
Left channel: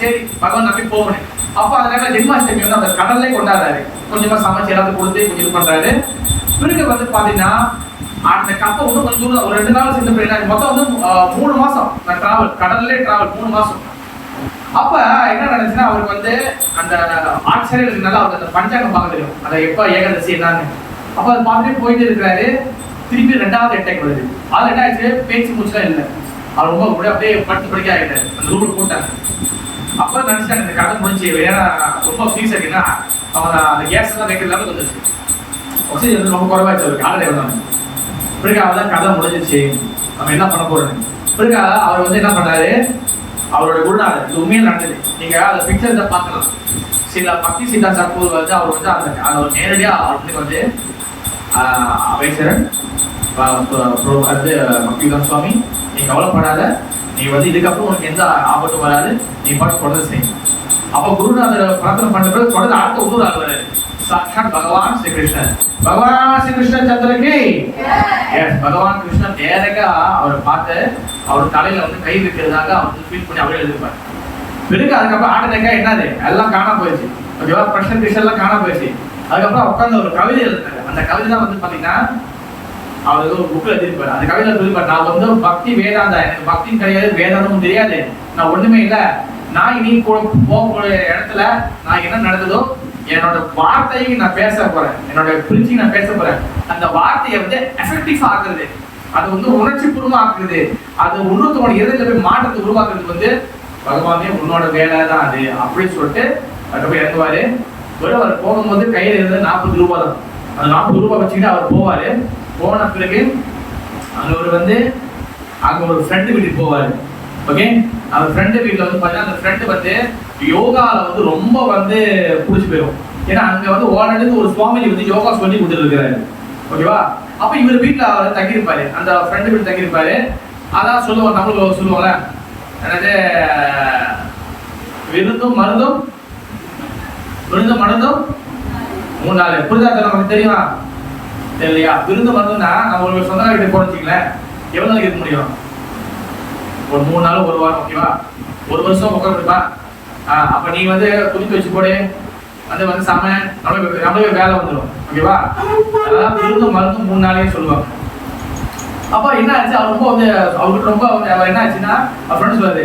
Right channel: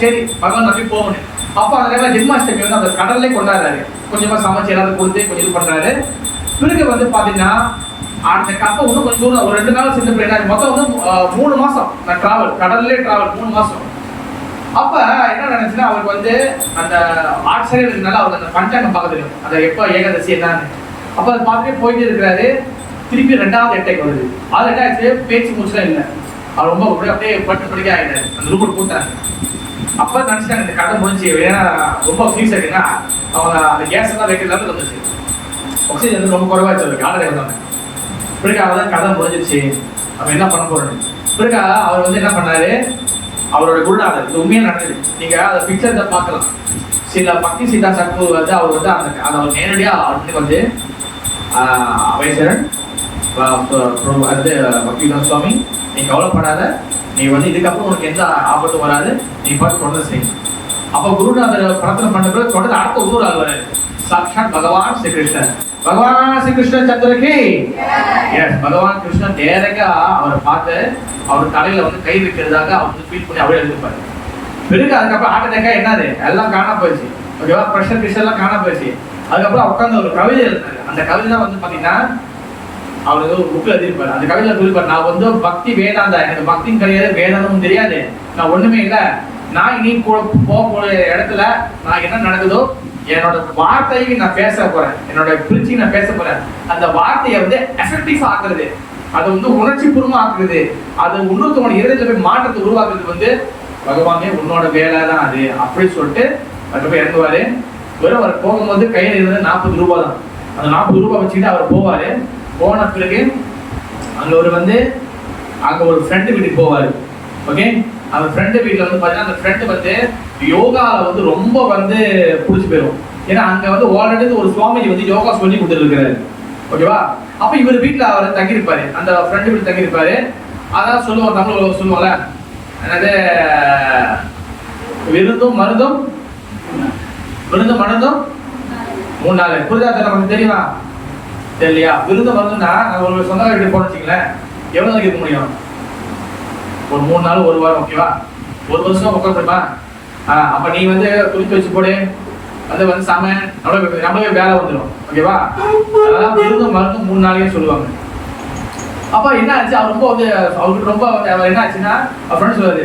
சரி பகவான் நம்பி போகணும். அப்ப அந்த டைம்ல ஜென்மாஷ்டமி வந்து அந்த கடல்லே கொண்டாடுறாரு, கொஞ்சமா சமைச்சு எல்லாத்தையும் கொடுத்து கொஞ்சம் இது பண்றாரு. பிறகு வந்து பாத்தீங்கன்னா அந்த கப்பல் வந்து கொஞ்சம் தூரம் ஒரு 2 நாள் சென்று போயிடாரு. மொத்தம் வந்து 3 மாசம் நான் டிராவல், கடல்லே டிராவல் 3 மாசம். அப்ப என்ன நடந்துச்சுன்னா, அவருக்கு வந்து அந்த ஆட்சியர் இருக்கனால அவருக்கு அந்த பஞ்சாங்கம் பார்க்க தெரியும், அந்த எப்ப ஏகாதசி என்னன்னு. அப்ப அதை பார்த்துட்டு போயிட்டு இருக்கிறாரு. திருப்பி 2வது அட்டாக் வருது. அது என்ன ஆச்சு, பேச்சு மூச்சுலாம் இல்லை, அவர் ரொம்ப அப்படியே படுத்து படிக்க ஆகிட்டாரு, அந்த ரூபல் போட்டாங்க. அப்ப நினைச்சாங்க இந்த கதை முடிஞ்சு, ஏன்னா ரொம்ப ஃபீஸ் ஆகினா அவங்க அந்த கேஸ் எல்லாம் வைக்கிற லெவலுக்கு வந்துச்சு, ஆக்சிஜன் வந்து ரொம்ப குறைவாச்சு அவருக்கு, ஆல்ரெடி வந்தாங்க. பிறகு அவதான் கதை முடிஞ்சிச்சு, நம்ம என்ன பண்ண போறோம். பிறகு அவர் வந்து என்ன பண்றாரு, அவரோட குருநாதர், இது உண்மையா நடந்தது, நீங்க அந்த பிக்சர்ல பார்க்கலாம். சில பக்தி சித்தா சத்குரு வந்து அவர் வந்து அந்த நேரடியா அவருக்கு வந்து அமைச்சரன் வந்து வக்கீலன் சுவாமி, நீ கவலைப்படாத, நீ வந்து இதுக்கப்புறம் உனக்கு எந்த ஆபத்தும் வராது, நீ பார்த்து தொடர்ந்து செய்யும். அப்போ குருநாதர் பிரார்த்தனை பண்ண பிறகு தொடர்ந்து அடுத்த ஊர் ஆள் வராது. சாட்சாத் பகவான் ஸ்ரீ கிருஷ்ணன், பகவான் ஸ்ரீ கிருஷ்ண சந்திரகி. எஸ், பகவான் கிருஷ்ணன் நேரா அவரை பார்த்து அவர் தலையில வந்து கை வைக்கிறதாக அவர் ஃபீல் பண்ணி அவரே எழுதிருப்பாரு. பிறகு அதுக்கப்புறம் ஹார்ட் அட்டாக்கா என்னது எல்லாம் காணா போயிடுச்சு. ஓகேவா, ப்ரெஷர் கிஷர் எல்லாம் காணா போயிடுச்சு. அதுக்கப்புறம் உட்காந்து ஒரு கவிதை எழுதினாரு. அந்த கவிதை தான் வந்து பாத்தீங்கன்னா அவர் ஏதோ ஒரு புக்கில் எழுதிருப்பாரு. அந்த கவிதை சொல்லிப்பாரு, நான் வந்து பக்தி வேதாந்தா, எனக்கு பக்தியும் கிடையாது, வேதாந்தமும் தெரியாது, நான் ஒண்ணுமே இல்லை. நான் இனி போகக்கூடிய இடத்துல நான் என்ன நடக்குதோ என்னோட வார்த்தையை நான் பேச போறேன், என்னோட பிரிச்சு நான் பேச போறேன். அந்த வார்த்தையை வந்து எஃபெக்டிவ் ஆக்குறது, அது வந்து உணர்ச்சி பூர்வமா ஆக்குறது, அது இன்னொருத்தவங்க இருதயத்துல போய் மாற்றத்தை உருவாக்குறது வந்து பகவானே உன்னோட வேலை தான் அது அப்படின்னு சொல்லிட்டு அதுக்கப்புறம் இறங்குவாரு. வெறும் அவர் போகும்போது கையில இருந்தது 40 ரூபாய் தான். அந்த 40 ரூபாய் வச்சுக்கிட்டு அவர் போவாரு. போன பிறகு அங்க ஒரு வந்து அங்க ஒரு ஃப்ரெண்டு வீட்டுக்கு போவாரு. ஓகே, அந்த ஃப்ரெண்டு வீட்டில் வந்து பார்த்தீங்கன்னா அந்த ஃப்ரெண்டு வந்து யோகாவில் வந்து ரொம்ப வந்து பிடிச்சி போயிடும். ஏன்னா அங்கே வந்து ஆல்ரெடி ஒரு சுவாமிஜி வந்து யோகா சொல்லி கொடுத்துருக்கிறாரு. ஓகேவா, அப்போ இவர் வீட்டில் அவர் தங்கியிருப்பாரு, அந்த ஃப்ரெண்டு வீட்டில் தங்கியிருப்பாரு. அதான் சொல்லுவாங்க, தமிழ் சொல்லுவாங்க, என்னது விருந்தும் மருந்தும் மருந்தும் 3 நாள். புரிதா நமக்கு தெரியுமா தெரியலையா? விருந்து மருந்துன்னா நம்ம ஒரு சொந்த வீட்டுக்கு போன வச்சுங்களேன், எவ்வளோ நாளைக்கு இருக்க முடியும்? ஒரு 3 நாள் 1 வாரம். ஓகேவா, 1 வருஷம் உட்கார முடியுமா? அப்ப நீ வந்து துணித்து வச்சு போடு, அது வந்து சம நம்மளே வேலை வந்துடும். ஓகேவா, அதெல்லாம் விருந்து மருந்து 3 நாளைக்கு சொல்லுவாங்க. அப்ப என்ன ஆச்சு, அவர் ரொம்ப வந்து அவருக்கு ரொம்ப அவர் என்ன ஆச்சுன்னா ஃப்ரெண்ட் சொல்லுது,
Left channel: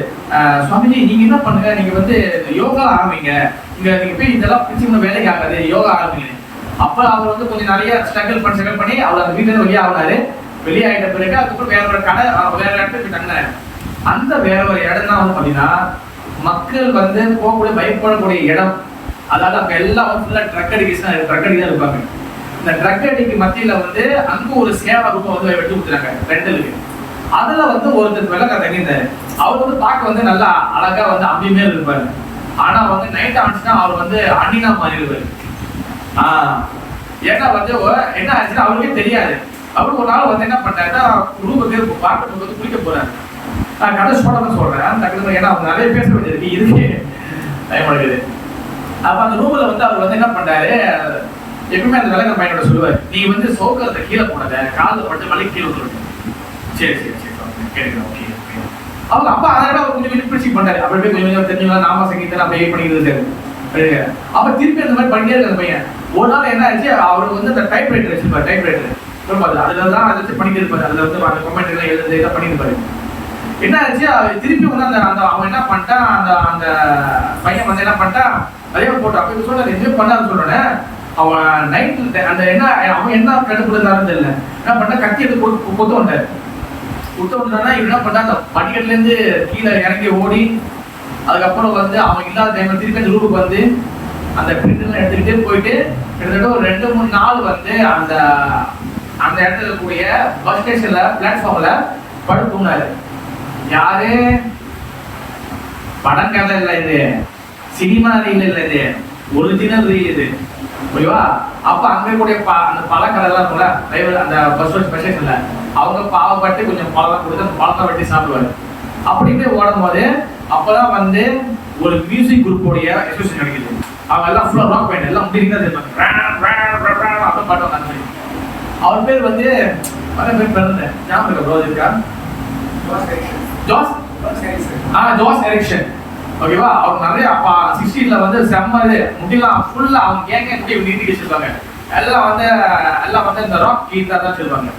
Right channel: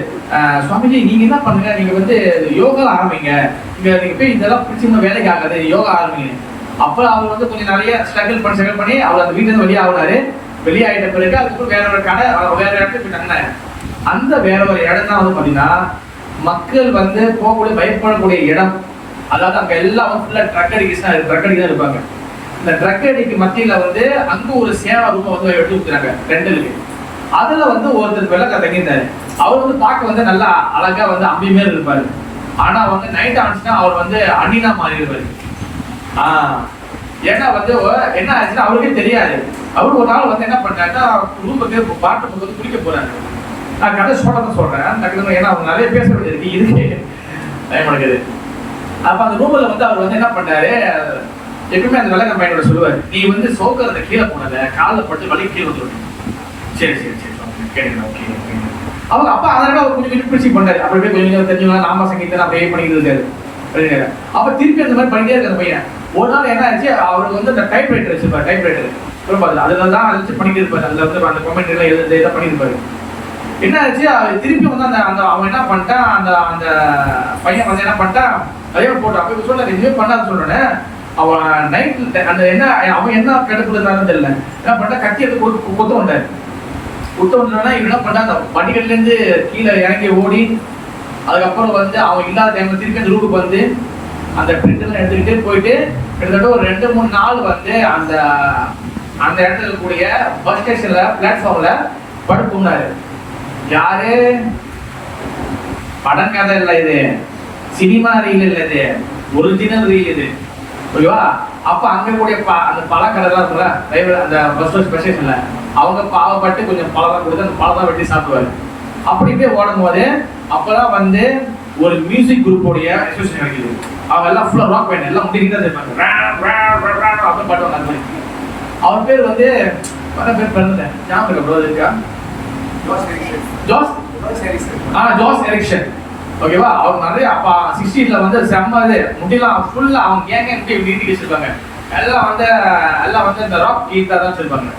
சுவாமிஜி நீங்க என்ன பண்ணுங்க, நீங்க வந்து யோகா ஆரம்பிங்க, இங்க நீங்க போய் இதெல்லாம் பிடிச்சி வேலைக்கு ஆகாது, யோகா ஆரம்பிங்க. அப்ப அவர் வந்து கொஞ்சம் நிறைய ஸ்ட்ரகிள் பண்ணி அவர் அந்த வீட்டுல இருந்து வெளியாகினாரு. வெளியாகிட்ட பிறகு அதுக்கப்புறம் வேற ஒரு கடை வேற இடத்துக்கு போய் தங்கினாரு. அந்த வேற ஒரு இடம் தான் வந்து பாத்தீங்கன்னா மக்கள் வந்து போகக்கூடிய பயப்படக்கூடிய இடம். அதாவது அங்க எல்லாம் ஃபுல்லா ட்ரக் அடிக்கு தான் இருப்பாங்க. இந்த ட்ரக் அடிக்கு மத்தியில வந்து அங்க ஒரு சேவா ரூபம் வந்து எடுத்து கொடுத்துறாங்க ரெண்டலுக்கு. அதுல வந்து ஒருத்தர் வெள்ளக்கா தங்கியிருந்தாரு. அவர் வந்து பார்க்க வந்து நல்லா அழகா வந்து அம்பியுமே இருப்பாரு. ஆனா வந்து நைட் ஆச்சுன்னா அவர் வந்து அண்ணினா மாறிடுவாரு. ஏன்னா வந்து என்ன ஆச்சுன்னா அவருக்கே தெரியாது. அவரு ஒரு நாள் வந்து என்ன பண்றாருன்னா ரூமுக்கு பாட்டு வந்து குளிக்க போறாரு. நான் கதை சொல்றேன் டக்குனு, ஏன்னா அவங்க நிறைய பேச வேண்டியது இருக்கு டைம் எடுக்குது. அப்ப அந்த ரூம்ல வந்து அவர் வந்து என்ன பண்றாரு, எப்பவுமே அந்த விளக்க பையனோட சொல்லுவார், நீ வந்து சோக்கரத்தை கீழே போனத காலில் பட்டு வலி கீழே வந்துருக்கேன். சரி கேட்குறேன், ஓகே. அவங்க அப்பா அதனால அவர் கொஞ்சம் பிடிச்சி பண்ணாரு. அப்படி போய் கொஞ்சம் தெரிஞ்சவங்க நாம சங்கீதம் அப்படியே பண்ணிக்கிட்டு இருக்காரு. அப்ப திருப்பி அந்த மாதிரி பண்ணிட்டே இருக்க பையன். ஒரு நாள் என்ன ஆச்சு, அவருக்கு வந்து அந்த டைப் ரைட்டர் வச்சிருப்பாரு. டைப் ரைட்டர் ரொம்ப அதுல தான் அதை வச்சு பண்ணிட்டு இருப்பாரு. அதுல வந்து அந்த கமெண்ட் எல்லாம் எழுதி இதை பண்ணியிருப்பாரு. என்ன ஆச்சு, திருப்பி வந்து அந்த அவன் என்ன பண்ணிட்டான், அந்த பையன் வந்து என்ன பண்ணிட்டான், அதே போட்டு அப்ப சொல்ல என்ஜாய் பண்ணான்னு சொல்றேன்னு அவன் நைட் அந்த என்ன அவன் என்ன கட்டுப்படுத்தாலும் தெரியல, என்ன பண்ணா கட்டி எடுத்து கொத்த வந்தாரு. கொத்த வந்தானா இவன் என்ன பண்ணா அந்த படிக்கட்டுல இருந்து கீழே இறங்கி ஓடி, அதுக்கப்புறம் வந்து அவன் இல்லாத டைம்ல திருப்பி அந்த ரூமுக்கு வந்து அந்த பிரிண்ட் எல்லாம் எடுத்துக்கிட்டே போயிட்டு கிட்டத்தட்ட ஒரு 2-3 நாள் வந்து அந்த இடத்துல இருக்கக்கூடிய பஸ் ஸ்டேஷன்ல பிளாட்ஃபார்ம்ல படுத்து தூங்கினாரு. யாரு படம் கதை இல்லை, இது சினிமா ரீல் இல்லை, இது ஒரிஜினல் ரீல் இது. ஓகேவா, அப்ப அங்க கூடிய அந்த பழக்கடை தான் இருக்கும்ல அந்த பஸ் ஸ்டேஷன்ல, அவங்க பாவப்பட்டு கொஞ்சம் பழம் கொடுத்து அந்த பழம் தான் வெட்டி சாப்பிடுவாரு. அப்படியே ஓடும் போது அப்பதான் வந்து ஒரு மியூசிக் குரூப்போடைய அசோசியேஷன் கிடைக்குது. அவங்க எல்லாம் ஃபுல்லா ராக் பேண்ட் எல்லாம் முடிக்கிறதா செய்வாங்க. அப்ப பாட்டு வந்தாங்க. அவர் பேர் வந்து பேர் பிறந்த ஞாபகம் இருக்கா? Jose Ericsson. ஓகேவா, அவங்க நிறைய அப்ப 60ல வந்து செம்ம இது முடியலாம் ஃபுல்லா அவங்க கேங்க நீட்டி வச்சிருப்பாங்க. எல்லாம் வந்து இந்த ராக் கீதா தான் வச்சிருப்பாங்க.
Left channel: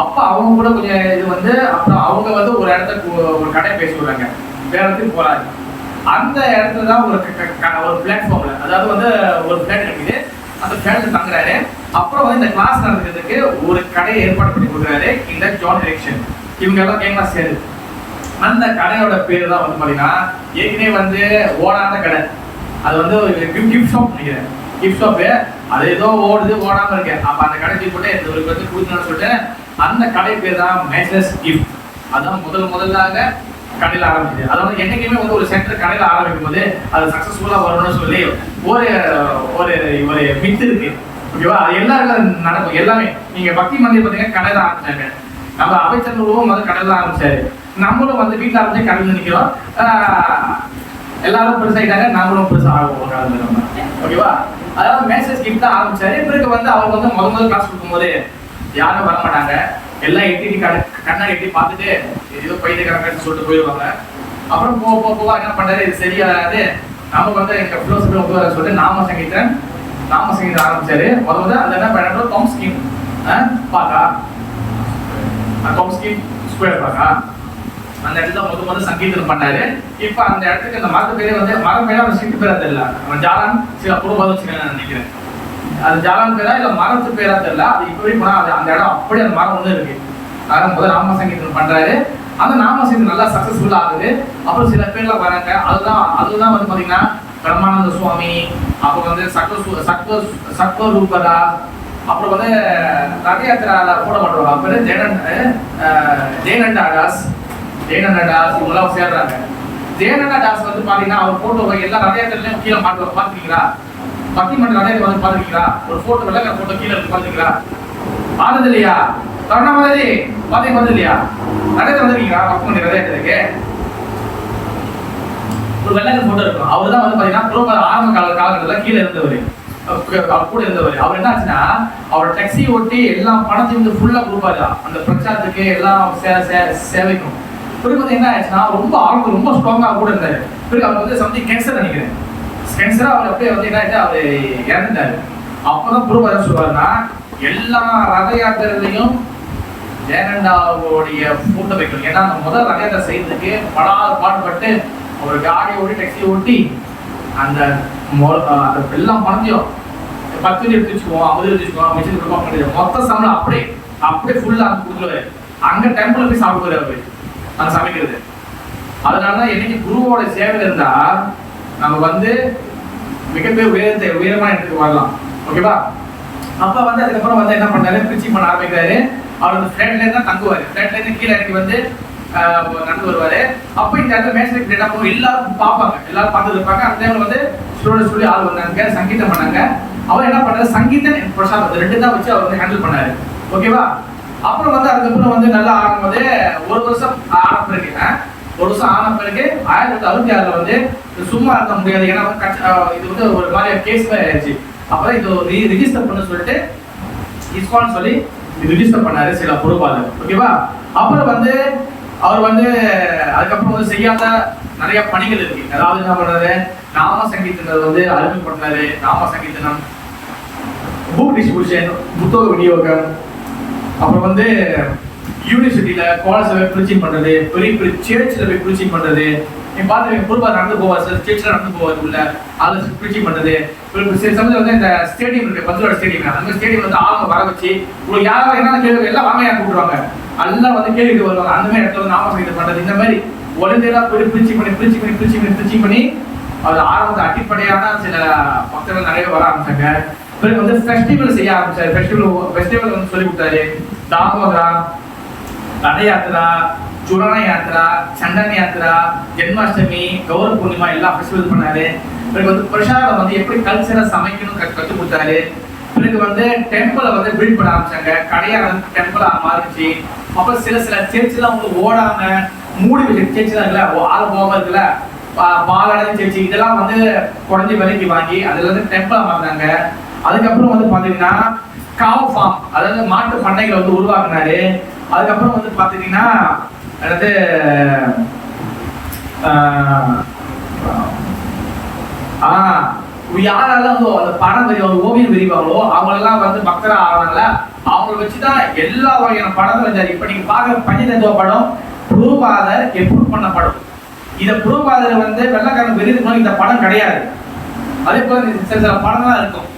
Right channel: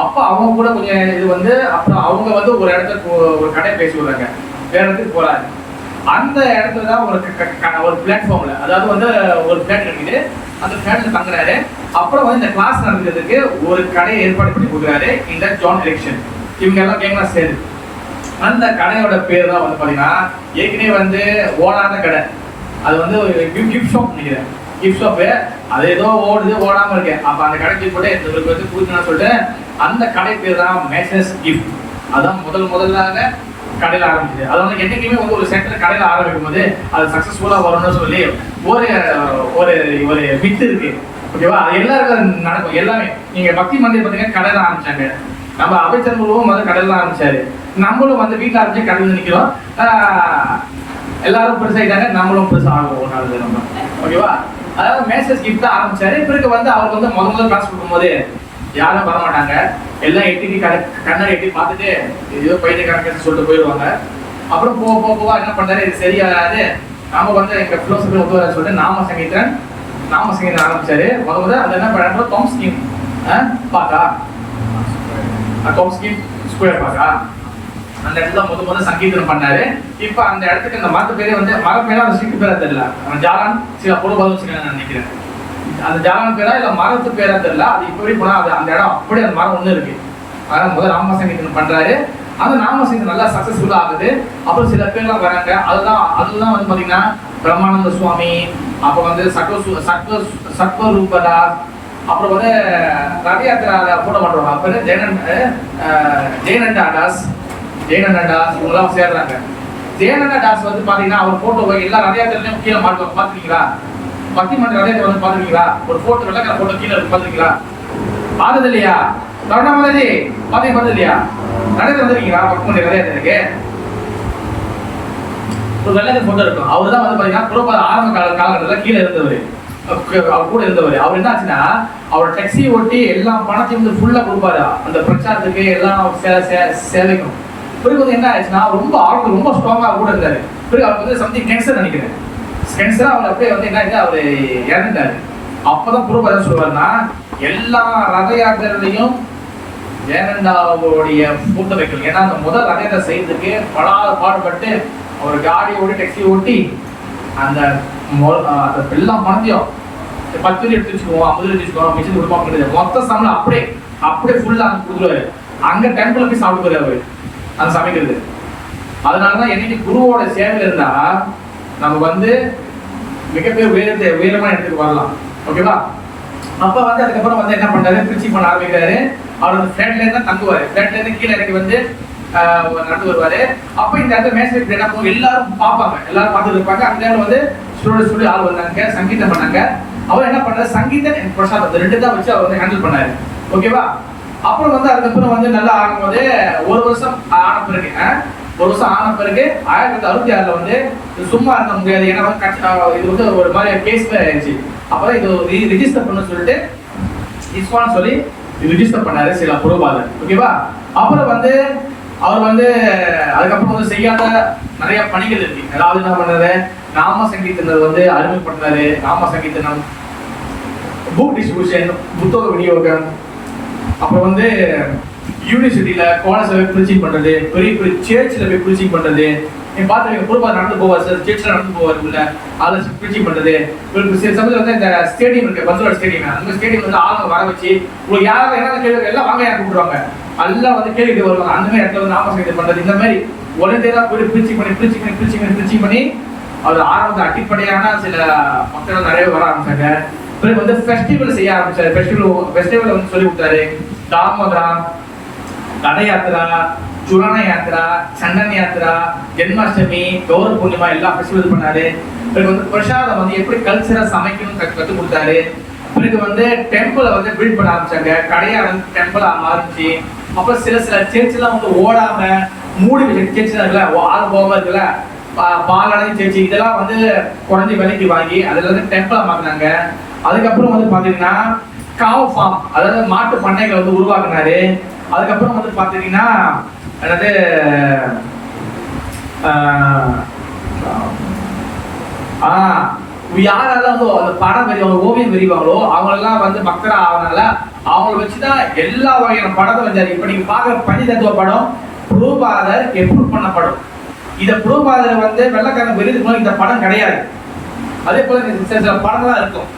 அப்ப அவங்க கூட கொஞ்சம் இது வந்து அப்புறம் அவங்க வந்து ஒரு இடத்துக்கு ஒரு கடை பேசி விடுறாங்க, வேற இடத்துக்கு போறாரு. அந்த இடத்துல தான் ஒரு பிளாட்ஃபார்ம்ல, அதாவது வந்து ஒரு பிளாட் கிடைக்குது, அந்த பிளாட்ல தங்குறாரு. அப்புறம் வந்து இந்த கிளாஸ் நடந்துக்கிறதுக்கு ஒரு கடையை ஏற்பாடு பண்ணி கொடுக்குறாரு இந்த ஜான் எரிக்சன். இவங்க எல்லாம் கேங்கலாம் சேரு. அந்த கடையோட பேர் தான் வந்து பாத்தீங்கன்னா ஏற்கனவே வந்து ஓடாத கடை, அது வந்து கிஃப்ட் ஷாப் நினைக்கிறேன். கிஃப்ட் ஷாப்பு அது ஏதோ ஓடாம இருக்கு. அப்ப அந்த கடை போட்டு ஒரு பேருக்கு கொடுக்கணும்னு சொல்லிட்டு அந்த கடை பேர் தான் மேசர்ஸ் கிஃப்ட். அதான் முதலாக கடையில் ஆரம்பிச்சது. அது வந்து என்னைக்குமே வந்து ஒரு சென்டர் கடையில் ஆரம்பிக்கும் போது அது சக்சஸ்ஃபுல்லா வரணும்னு சொல்லி ஒரு ஒரு ஒரு மித்து இருக்கு. ஓகேவா? அது எல்லாருக்கும் நடக்கும். எல்லாமே நீங்க பக்தி மந்திர் பார்த்தீங்கன்னா கடை தான் ஆரம்பிச்சாங்க. நம்ம அபைச்சர் குருவும் வந்து கடல் தான் ஆரம்பிச்சாரு. நம்மளும் வந்து வீட்டில் ஆரம்பிச்சு கடல் நிற்கிறோம். எல்லாரும் பெருசாயிட்டாங்க, நாமளும் பெருசாக ஆகும் ஒரு காலத்துல நம்ம. ஓகேவா? அதாவது மேசேஜ் கிஃப்ட் தான் ஆரம்பிச்சாரு. பிறகு வந்து அவங்க வந்து முதல் காசு கொடுக்கும்போது யாரும் வர மாட்டாங்க. எல்லாம் எட்டி கண்ணாடி எட்டி பார்த்துட்டு ஏதோ பைத்தியக்காரங்க சொல்லிட்டு போயிடுவாங்க. அப்புறம் போக என்ன பண்றாரு, இது சரியாகாது, நம்ம வந்து எங்க பிலோசபி ஒப்புவர சொல்லிட்டு நாம சங்கீதம் ஆரம்பிச்சாரு. முதல்ல அது என்ன பண்ண தொம்ஸ்கின் பாக்கா தொம்ஸ்கின் ஸ்கொயர் பாக்கா அந்த இடத்துல முதல்ல சங்கீதம் பண்ணாரு. இப்ப அந்த இடத்துக்கு அந்த மரத்து பேரே வந்து மரம் பேரே ஒரு சிட்டு பேரா தெரியல. ஜாலான் சில பொருள் வச்சுக்கணும்னு நினைக்கிறேன். அது ஜாலான் பேரா இல்ல மரத்து பேரா தெரியல. அது இப்பவே போனா அது அந்த இடம் அப்படியே அந்த மரம் ஒண்ணு இருக்கு. அதனால முதல்ல நாம சங்கீதம் பண்றாரு. அந்த நாம சங்கீதம் நல்லா சக்சஸ்ஃபுல்லா ஆகுது. அப்புறம் சில பேர்லாம் வராங்க. அதுதான் வந்து பாத்தீங்கன்னா பிரம்மானந்த சுவாமி, அப்புறம் வந்து சத்வரூபதா, அப்புறம் வந்து ரத யாத்திரால கூட மாட்டோம். அப்புறம் ஜெயனண்டா தாஸ் இவங்கெல்லாம் சேர்றாங்க. ஜெயனண்டா தாஸ் வந்து பாத்தீங்கன்னா அவர் போட்டோவை எல்லா ரத யாத்திரையிலும் கீழே மாட்டுவாங்க. பாத்துருக்கீங்களா? பக்தி மன்ற ரத யாத்திரை வந்து பாத்துருக்கீங்களா? ஒரு போட்டோ வெள்ளக்கார போட்டோ கீழே இருக்கு, பாத்துருக்கீங்களா? ஆனது இல்லையா? கருணாமதி பார்த்தது இல்லையா? நடந்து வந்திருக்கீங்களா? பக்தி மன்ற ரத யாத்திரைக்கு ஒரு வெள்ளக்கார போட்டோ இருக்கும். அவர் தான் வந்து பாத்தீங்கன்னா புறப்பாத ஆரம்ப காலகட்டத்தில் கீழே இருந்தவர், கூட இருந்தவர். அவர் என்ன ஆச்சுன்னா அவர் டாக்ஸி ஓட்டி எல்லா பணத்தையும் வந்து ஃபுல்லா கொடுப்பாரு அந்த பிரச்சாரத்துக்கு, எல்லாம் சேவைக்கும். பிறகு வந்து என்ன ஆயிடுச்சுன்னா அவருக்கு ரொம்ப ஸ்ட்ராங்கா கூட இருந்தாரு. பிறகு அவருக்கு வந்து சம்திங் கேன்சர் நினைக்கிறேன். கேன்சரா அவர் அப்படியே வந்து என்ன ஆயிடுச்சு, அவர் இறந்துட்டாரு. அப்பதான் புறப்பாத என்ன சொல்லுவாருன்னா, எல்லா ரத யாத்திரையிலையும் ஜெயனண்டாவுடைய போட்டோ வைக்கணும். ஏன்னா அந்த முதல் ரத யாத்திரை செய்யறதுக்கு பாடுபட்டு அவர் காடி ஓட்டி டாக்ஸி ஓட்டி அந்த எல்லாம் பணத்தையும் 10 எடுத்து வச்சுக்குவோம், 50 எடுத்து வச்சுக்குவோம், மிச்சம் கொடுப்போம். மொத்த சம்பளம் அப்படியே ஃபுல்லா கொடுத்துருவாரு. அங்க டெம்பிள் போய் சாப்பிடுவாரு அவரு அந்த சமைக்கிறது. அதனாலதான் என்னைக்கு குருவோட சேவை இருந்தா நம்ம வந்து மிகப்பெரிய உயரமான இடத்துக்கு வரலாம். ஓகேவா? அப்ப வந்து அதுக்கப்புறம் வந்து என்ன பண்றாரு, பிரிச்சிங் பண்ண ஆரம்பிக்கிறாரு. அவர் வந்து ஃபிளாட்ல இருந்தா தங்குவாரு. ஃபிளாட்ல இருந்து கீழே இறங்கி வந்து நடந்து வருவாரு. அப்ப இந்த இடத்துல மேசேஜ் என்ன பண்ணுவோம், எல்லாரும் பார்ப்பாங்க, எல்லாரும் பார்த்துட்டு இருப்பாங்க. அந்த டைம்ல வந்து சொல்லி ஆள் வந்தாங்க, சங்கீதம் பண்ணாங்க. அவர் என்ன பண்ணாரு, சங்கீதம் பிரசாத் ரெண்டு தான் வச்சு அவர் வந்து ஹேண்டில் பண்ணாரு. ஓகேவா? அப்புறம் வந்து அதுக்கப்புறம் வந்து நல்லா ஆகும்போது ஒரு வருஷம் ஆன பிறகு 1966 வந்து சும்மா இருக்க முடியாது. ஏன்னா இது வந்து ஒரு மாதிரி கேஸ் ஆயிடுச்சு. அப்பதான் இது ரிஜிஸ்டர் பண்ண சொல்லிட்டு இஸ்வான் சொல்லி ரிஜிஸ்டர் பண்ணாரு சில பொறுப்பாளர். ஓகேவா? அப்புறம் வந்து அவர் வந்து அதுக்கப்புறம் வந்து செய்யாத நிறைய பணிகள் இருக்கு. அதாவது என்ன பண்றாரு, நாம சங்கீதங்கள் வந்து அறிமுகப்படுத்துறாரு. நாம சங்கீதனம், புக் டிஸ்ட்ரிபியூஷன், புத்தக விநியோகம், அப்புறம் வந்து யூனிவர்சிட்டியில கோலசபை ப்ரீச்சிங் பண்றது, பெரிய சர்ச்சில் போய் ப்ரீச்சிங் பண்றது. நீங்க பாத்துருக்கீங்க, பொறுப்பா நடந்து போவார் சார், சர்ச்சில் நடந்து போவார் உள்ள அதில் ப்ரீச்சிங் பண்றது. சில சமயத்தில் வந்து இந்த ஸ்டேடியம் இருக்கு, பஞ்சோட ஸ்டேடியம், அந்த ஸ்டேடியம் வந்து ஆளுங்க வர வச்சு உங்களுக்கு யாராவது என்ன கேள்வி எல்லாம் வாங்க கூப்பிடுவாங்க, எல்லாம் வந்து கேள்விட்டு வருவாங்க. அந்த மாதிரி இடத்துல வந்து நாம சங்கீதம் பண்றது. இந்த மாதிரி ஒளிந்தேதான் போய் ப்ரீச்சிங் பண்ணி அது ஆரம்பத்தில் அடிப்படையான சில பக்தர்கள் நிறைய வர ஆரம்பிச்சாங்க. பிறகு வந்து ஃபெஸ்டிவல் செய்ய ஆரம்பிச்சாரு. ஃபெஸ்டிவல் வந்து சொல்லி கொடுத்தாரு. தாமோதரா, ரத யாத்திரா, சுரண யாத்திரா, சண்டன் யாத்திரா, ஜென்மாஷ்டமி, கௌர பூர்ணிமா எல்லாம் ஃபெஸ்டிவல் பண்ணாரு. பிறகு வந்து பிரசாதம் வந்து எப்படி கல்ச்சரா சமைக்கணும் கற்றுக் கொடுத்தாரு. பிறகு வந்து டெம்பிளை வந்து பில்ட் பண்ண ஆரம்பிச்சாங்க. கடையா வந்து டெம்பிளா ஆரம்பிச்சு, அப்புறம் சில சர்ச்செல்லாம் வந்து ஓடாம மூடி வச்ச சர்ச்செல்லாம் இருக்குல்ல, ஆள் போகாம இருக்குல்ல, பாலாடையும் சர்ச்சு, இதெல்லாம் வந்து குறைஞ்சி விலைக்கு வாங்கி அதுல வந்து டெம்பிளா மாறினாங்க. அதுக்கப்புறம் வந்து பாத்தீங்கன்னா காவ் ஃபார்ம், அதாவது மாட்டு பண்ணைகளை வந்து உருவாக்குனாரு. அதுக்கப்புறம் வந்து பாத்தீங்கன்னா அதாவது யாரெல்லாம் அந்த படம் வரைவாங்க, ஓவியம் வரைவாங்களோ அவங்களெல்லாம் வந்து பக்தரா ஆனால அவங்கள வச்சுதான் எல்லா வகையான படத்தை வச்சாரு. இப்ப நீங்க பாக்குற பஞ்சதத்துவ படம் புரூபாதர் எப்ரூவ் பண்ண படம். இத புரூபாதர் வந்து வெள்ளக்காரன் வெளியிட்டு இந்த படம் கிடையாது. அதே போல சில படம்லாம் இருக்கும்,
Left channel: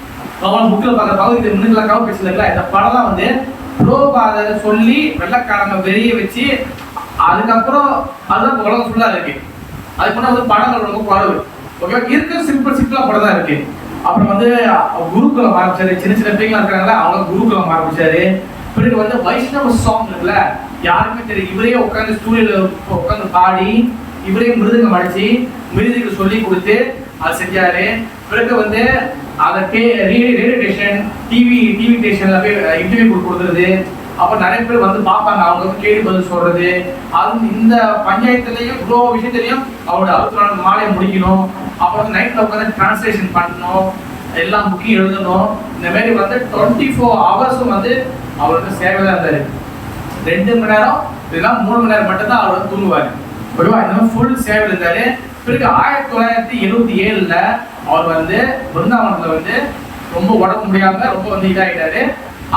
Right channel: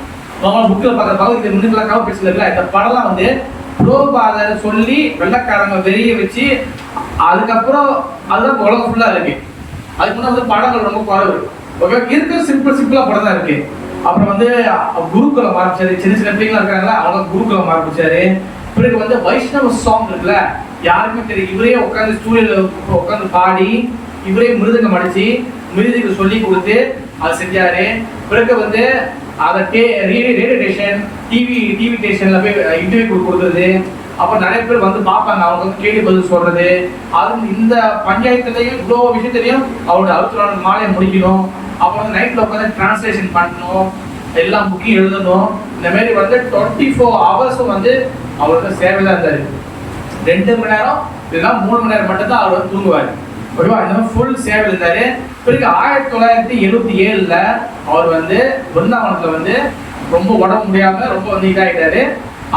அவங்க புக்கில் பார்க்குற பகுதி முன்னுக்கெல்லாம் கவ பேசல இருக்கல, இந்த படம்லாம் வந்து புரோபாதரை சொல்லி வெள்ளக்காரங்க வெளிய வச்சு அதுக்கப்புறம் அதுதான் உலகம் ஃபுல்லா இருக்கு. அதுக்கு முன்னாடி வந்து படங்கள் ரொம்ப குறைவு. ஓகே, இருக்கிறது சிம்பிளா படம் தான் இருக்கு. அப்புறம் வந்து குருகுலம் ஆரம்பிச்சாரு. சின்ன பிள்ளைங்களா இருக்காங்களா, அவங்க குருகுலம் ஆரம்பிச்சாரு. பிறகு வந்து வைஷ்ணவ சாங் இருக்குல்ல, யாருக்குமே தெரியும். இவரே உட்காந்து ஸ்டூடியோல உட்காந்து பாடி, இவரே மிருதங்கம் அடிச்சு மிருதங்க சொல்லி கொடுத்து அது செஞ்சாரு. பிறகு வந்து அதை ரேடியோ ஸ்டேஷன் டிவி ஸ்டேஷன்ல போய் இன்டர்வியூ கொடுக்குறது. அப்ப நிறைய பேர் வந்து பார்ப்பாங்க, அவங்க வந்து கேள்வி பதில் சொல்றது. அது இந்த பஞ்சாயத்துலயும் இவ்வளவு விஷயத்திலையும் அவரோட 64 மாலையை முடிக்கணும். அப்புறம் நைட்ல உட்காந்து டிரான்ஸ்லேஷன் பண்ணணும், எல்லாம் புக்கிங் எழுதணும். இந்த மாதிரி வந்து 24 ஹவர்ஸும் வந்து அவர் வந்து சேவை தான் இருந்தாரு. 2 மணி நேரம் இதெல்லாம் 3 மணி நேரம் மட்டும் தான் அவர் வந்து தூங்குவார். ஓகேவா? இந்த மாதிரி ஃபுல் சேவை இருந்தாரு. பிறகு 1977ல அவர் வந்து பிருந்தாவனத்துல வந்து ரொம்ப உடம்பு முடியாம ரொம்ப வந்து இதாயிட்டாரு.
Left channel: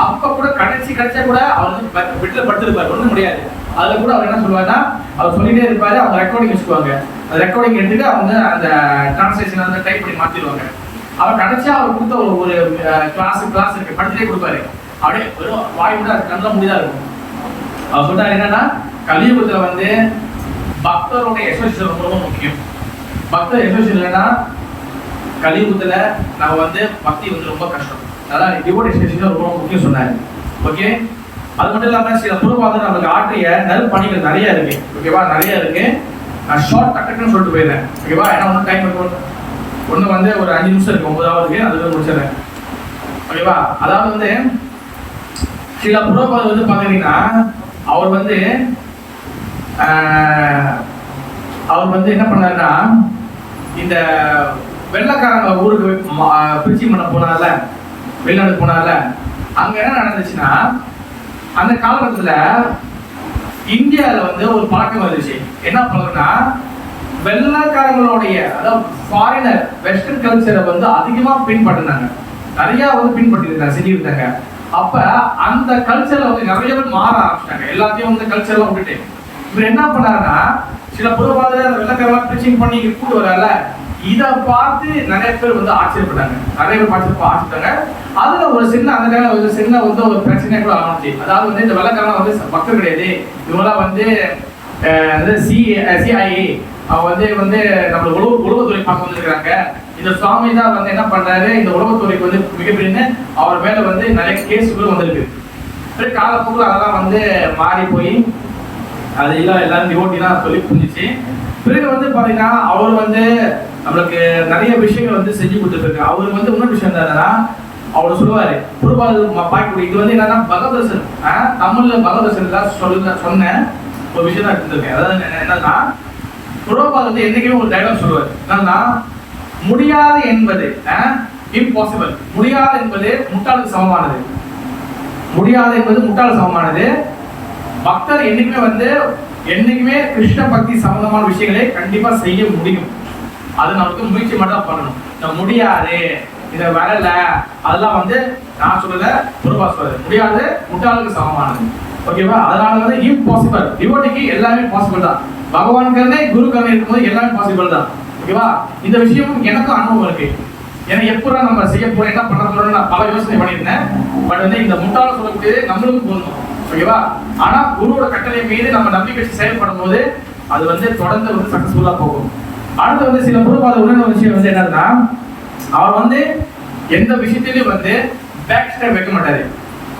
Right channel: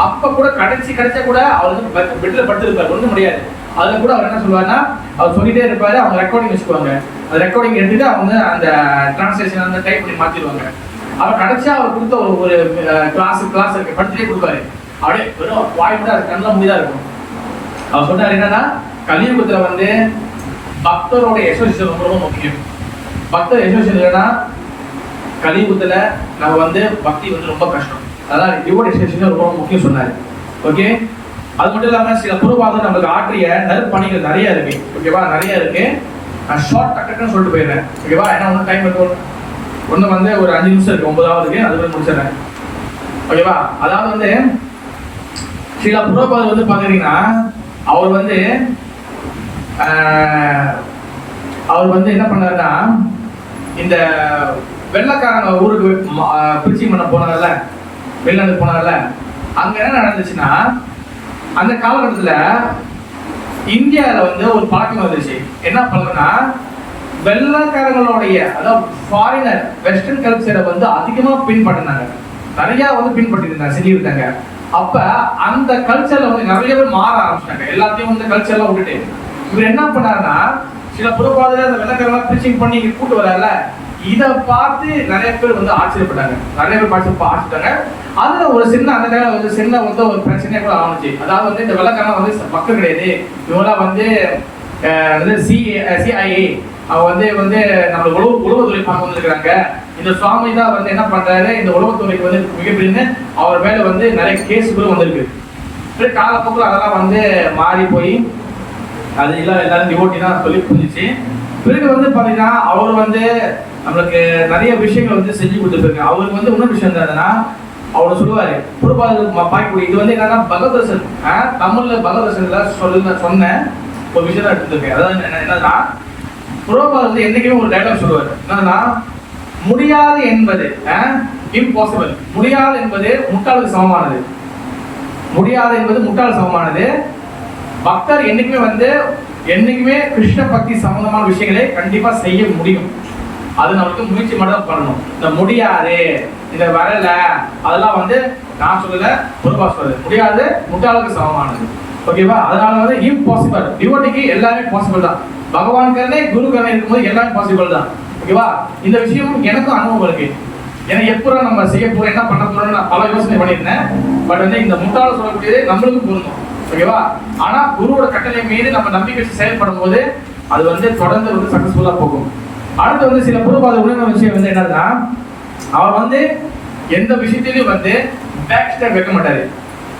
அப்ப கூட கிடைச்சா கூட அவர் வந்து பெட்ல படுத்திருப்பாரு, ஒண்ணும் முடியாது. அதுல கூட அவர் என்ன சொல்லுவாருன்னா, அவர் சொல்லிட்டே இருப்பாரு, அவங்க ரெக்கார்டிங் வச்சுக்குவாங்க. அந்த ரெக்கார்டிங் எடுத்துட்டு அவங்க அந்த டிரான்ஸ்லேஷன் வந்து டைப் பண்ணி மாத்திடுவாங்க. அவர் கிடைச்சா அவர் கொடுத்த ஒரு கிளாஸ் இருக்கு, படிச்சுட்டே கொடுப்பாரு. அப்படியே வெறும் வாய் விட அது கண்ணெல்லாம் முடிதான் இருக்கும். அவர் சொன்னார் என்னன்னா, கலியுகத்துல வந்து பக்தரோட அசோசியேஷன் ரொம்ப முக்கியம். பக்தர் அசோசியேஷன் இல்லைன்னா கலியுகத்துல நம்ம வந்து பக்தி வந்து ரொம்ப கஷ்டம். அதான் டிவோட் அசோசியேஷன் ரொம்ப முக்கியம் சொன்னாரு. ஓகே, அது மட்டும் இல்லாம சில பூர்வாதம் நம்மளுக்கு ஆற்றிய நற்பணிகள் நிறைய இருக்கு. ஓகேவா? நிறைய இருக்கு. ஷார்ட் டக்குன்னு சொல்லிட்டு போயிடுறேன். ஓகேவா? ஏன்னா ஒன்றும் டைம் இருக்கும். ஒன்று வந்து ஒரு 5 நிமிஷம் இருக்கு, 9வது அது வந்து முடிச்சிடறேன். ஓகேவா? அதாவது வந்து சில புரோபாதம் வந்து பாத்தீங்கன்னா அவர் வந்து என்ன பண்ணாருன்னா, இந்த வெள்ளக்காரங்க ஊருக்கு பிரிச்சி பண்ண போனால, வெளிநாடு போனால, அங்க என்ன நடந்துச்சுன்னா, அந்த காலகட்டத்துல இந்தியாவில வந்து ஒரு பழக்கம் வந்துச்சு. என்ன பழக்கம்னா, வெள்ளக்காரங்களுடைய அதாவது ஃபாரினர் வெஸ்டர்ன் கல்ச்சரை வந்து அதிகமா பின்பற்றினாங்க, நிறைய வந்து பின்பற்றிருந்தாங்க, செஞ்சிருந்தாங்க. அப்ப அந்த கல்ச்சர்ல வந்து நிறைய பேர் மாற ஆரம்பிச்சாங்க. எல்லாத்தையும் வந்து கல்ச்சர்லாம் விட்டுட்டு இவர் என்ன பண்ணாருன்னா, சில புறப்பாதையில அந்த வெள்ளக்காரங்க பிரிச்சிங் பண்ணி கூட்டு வரால, இதை பார்த்து நிறைய பேர் வந்து ஆச்சரியப்பட்டாங்க. நிறைய பேர் ஆச்சரிட்டாங்க. அதுல ஒரு சின்ன அந்த டைம்ல வந்து சின்ன வந்து ஒரு பிரச்சனை கூட ஆரம்பிச்சு. அதாவது வந்து இந்த வெள்ளக்காரங்க வந்து மக்கள் கிடையாது, இவங்களாம் வந்து CIA அவங்க வந்து நம்ம உளவுத்துறை பார்க்க வந்துருக்காங்க. இந்த சுவாமி தான் வந்து என்ன பண்றாரு, இந்த உளவுத்துறைக்கு வந்து மிகப்பெரிய அவர் மேல வந்து நிறைய கேஸுகளும் வந்திருக்கு. காலப்போக்கில் அதெல்லாம் வந்து மாறி போய் அது எல்லாரும் டிவோட்டி தான் சொல்லி புரிஞ்சிச்சு. பிறகு வந்து பாத்தீங்கன்னா அவர் வந்து நம்மளுக்கு நிறைய விஷயங்கள் வந்து செஞ்சு கொடுத்துருக்காரு. அவருக்கு வந்து இன்னொரு விஷயம் என்னன்னா, அவர் சொல்லுவாரு பார்க்கக்கூடிய இது வந்து என்னன்னா, பகவதர்சன் தமிழ்ல பகவதர்சன்ல சொன்ன ஒரு விஷயம் தான் எடுத்துருக்கேன். அதாவது என்னன்னா, புரோபால் வந்து என்னைக்குமே ஒரு டைலாக் சொல்லுவார். என்னன்னா, முடியாது என்பது இம்பாசிபிள், முடியாது என்பது முட்டாளுக்கு சமமானது, முடியாது என்பது முட்டாள் சமமானது. பக்தர் என்னைக்குமே கிருஷ்ண பக்தி சம்பந்தமான விஷயங்களை கண்டிப்பா செய்ய முடியும். அது நமக்கு முயற்சி மட்டும் தான் பண்ணணும். இந்த முடியாது, இந்த வரல, அதெல்லாம் வந்து நான் சொல்லல, பொதுவா சொல்றது, முடியாது முட்டாளுக்கு சமமானது. ஓகேவா? அதனால வந்து இம்பாசிபிள், டிவோட்டிக்கு எல்லாமே பாசிபிள் தான். பகவான் கருணை குரு கருணை இருக்கும்போது எல்லாமே பாசிபிள் தான். ஓகேவா? இந்த விஷயம் எனக்கும் அனுபவம் இருக்கு. ஏன்னா எப்போ நம்ம செய்ய போறோம், என்ன பண்ண போறோம், நான் பல யோசனை பண்ணியிருந்தேன். பட் வந்து இந்த முட்டாள சொல்றது நம்மளுக்கும் போகணும். ஓகேவா? ஆனா குருவோட கட்டளை மீது நம்ம நம்பிக்கை வச்சு செயல்படும் போது அது வந்து தொடர்ந்து வந்து சக்சஸ்ஃபுல்லா போகும். அடுத்து வந்து சில பூர்வபாத உணர்வு விஷயம் வந்து என்னன்னா, அவர் வந்து எந்த விஷயத்திலையும் வந்து பேக் ஸ்டெப் வைக்க மாட்டாரு.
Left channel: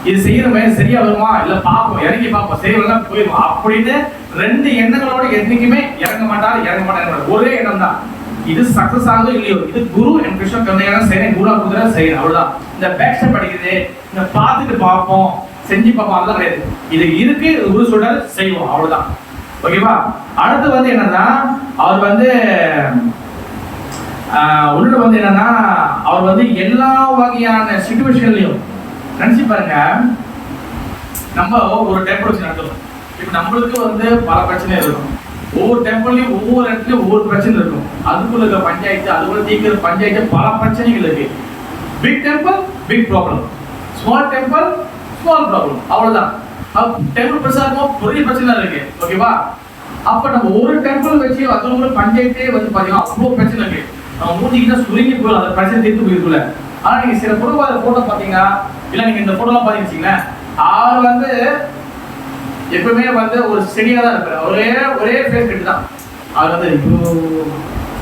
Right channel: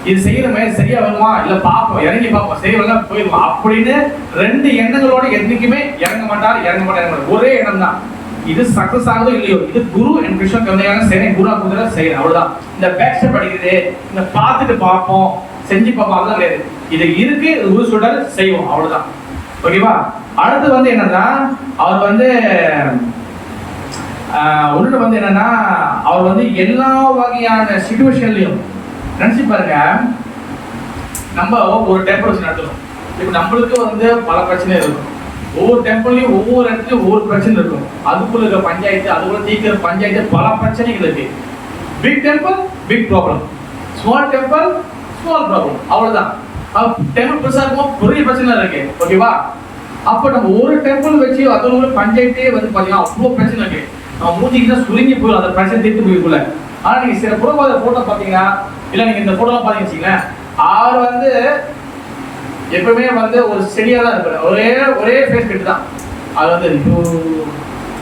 இது செய்யற மாதிரி சரியா வருமா, இல்ல பாப்போம், இறங்கி பாப்போம், செய்யலாம் போயிடும் அப்படின்னு 2 எண்ணங்களோட என்னைக்குமே இறங்க மாட்டாரு. ஒரே எண்ணம் தான், இது சக்சஸ் ஆகுதோ இல்லையோ, இது குரு என் கிருஷ்ண கருணையான செய்யறேன், குரு குதிரை செய்யறேன், அவ்வளவுதான். இந்த பேக் ஸ்டெப் அடிக்கிறது, இந்த பார்த்துட்டு பார்ப்போம், செஞ்சு பார்ப்போம், அதெல்லாம் கிடையாது. இது இருக்கு, குரு சொல்றாரு, செய்வோம், அவ்வளவுதான். ஓகேவா? அடுத்து வந்து என்னன்னா, அவர் வந்து உள்ள வந்து என்னன்னா, அவர் வந்து எல்லா வகையான சிச்சுவேஷன்லயும் நினைச்சு பாருங்க. நம்ம ஒரு டெம்பிள் வச்சு நடத்துறோம். இப்ப நம்மளுக்கு வந்து பல பிரச்சனை இருக்கும். ஒவ்வொரு டெம்பிள்லயும் ஒவ்வொரு இடத்துலயும் ஒவ்வொரு பிரச்சனை இருக்கும். அதுக்குள்ள இருக்க பஞ்சாயத்து, அதுக்குள்ள தீர்க்கிற பஞ்சாயத்து, பல பிரச்சனைகள் இருக்கு. Big temple big problem, small temple small problem, அவ்வளவுதான். டெம்பிள் பெருசா இருக்கும், பெரிய பிரச்சனை இருக்கு. ஓகேவா? அப்ப நம்ம ஒரு டெம்பிள் வச்சு அதோட பஞ்சாயத்தே வந்து பாத்தீங்கன்னா அவ்வளவு பிரச்சனை இருக்கு. நம்ம மூஞ்சிக்கிட்ட சுருங்கி போயிடும், அந்த பிரச்சனை தீர்த்து போயிருக்குள்ள. ஆனா நீங்க சில குடும்ப போட்டோ பாத்தீங்கன்னா, இல்ல நீங்க இந்த போட்டோலாம் பாத்தீங்கன்னா, அவர் வந்து எப்பவுமே வந்து ஒரு செடியா தான் இருப்பாரு. ஒரே ஃபேஸ் கட்டு தான். அவர் வந்து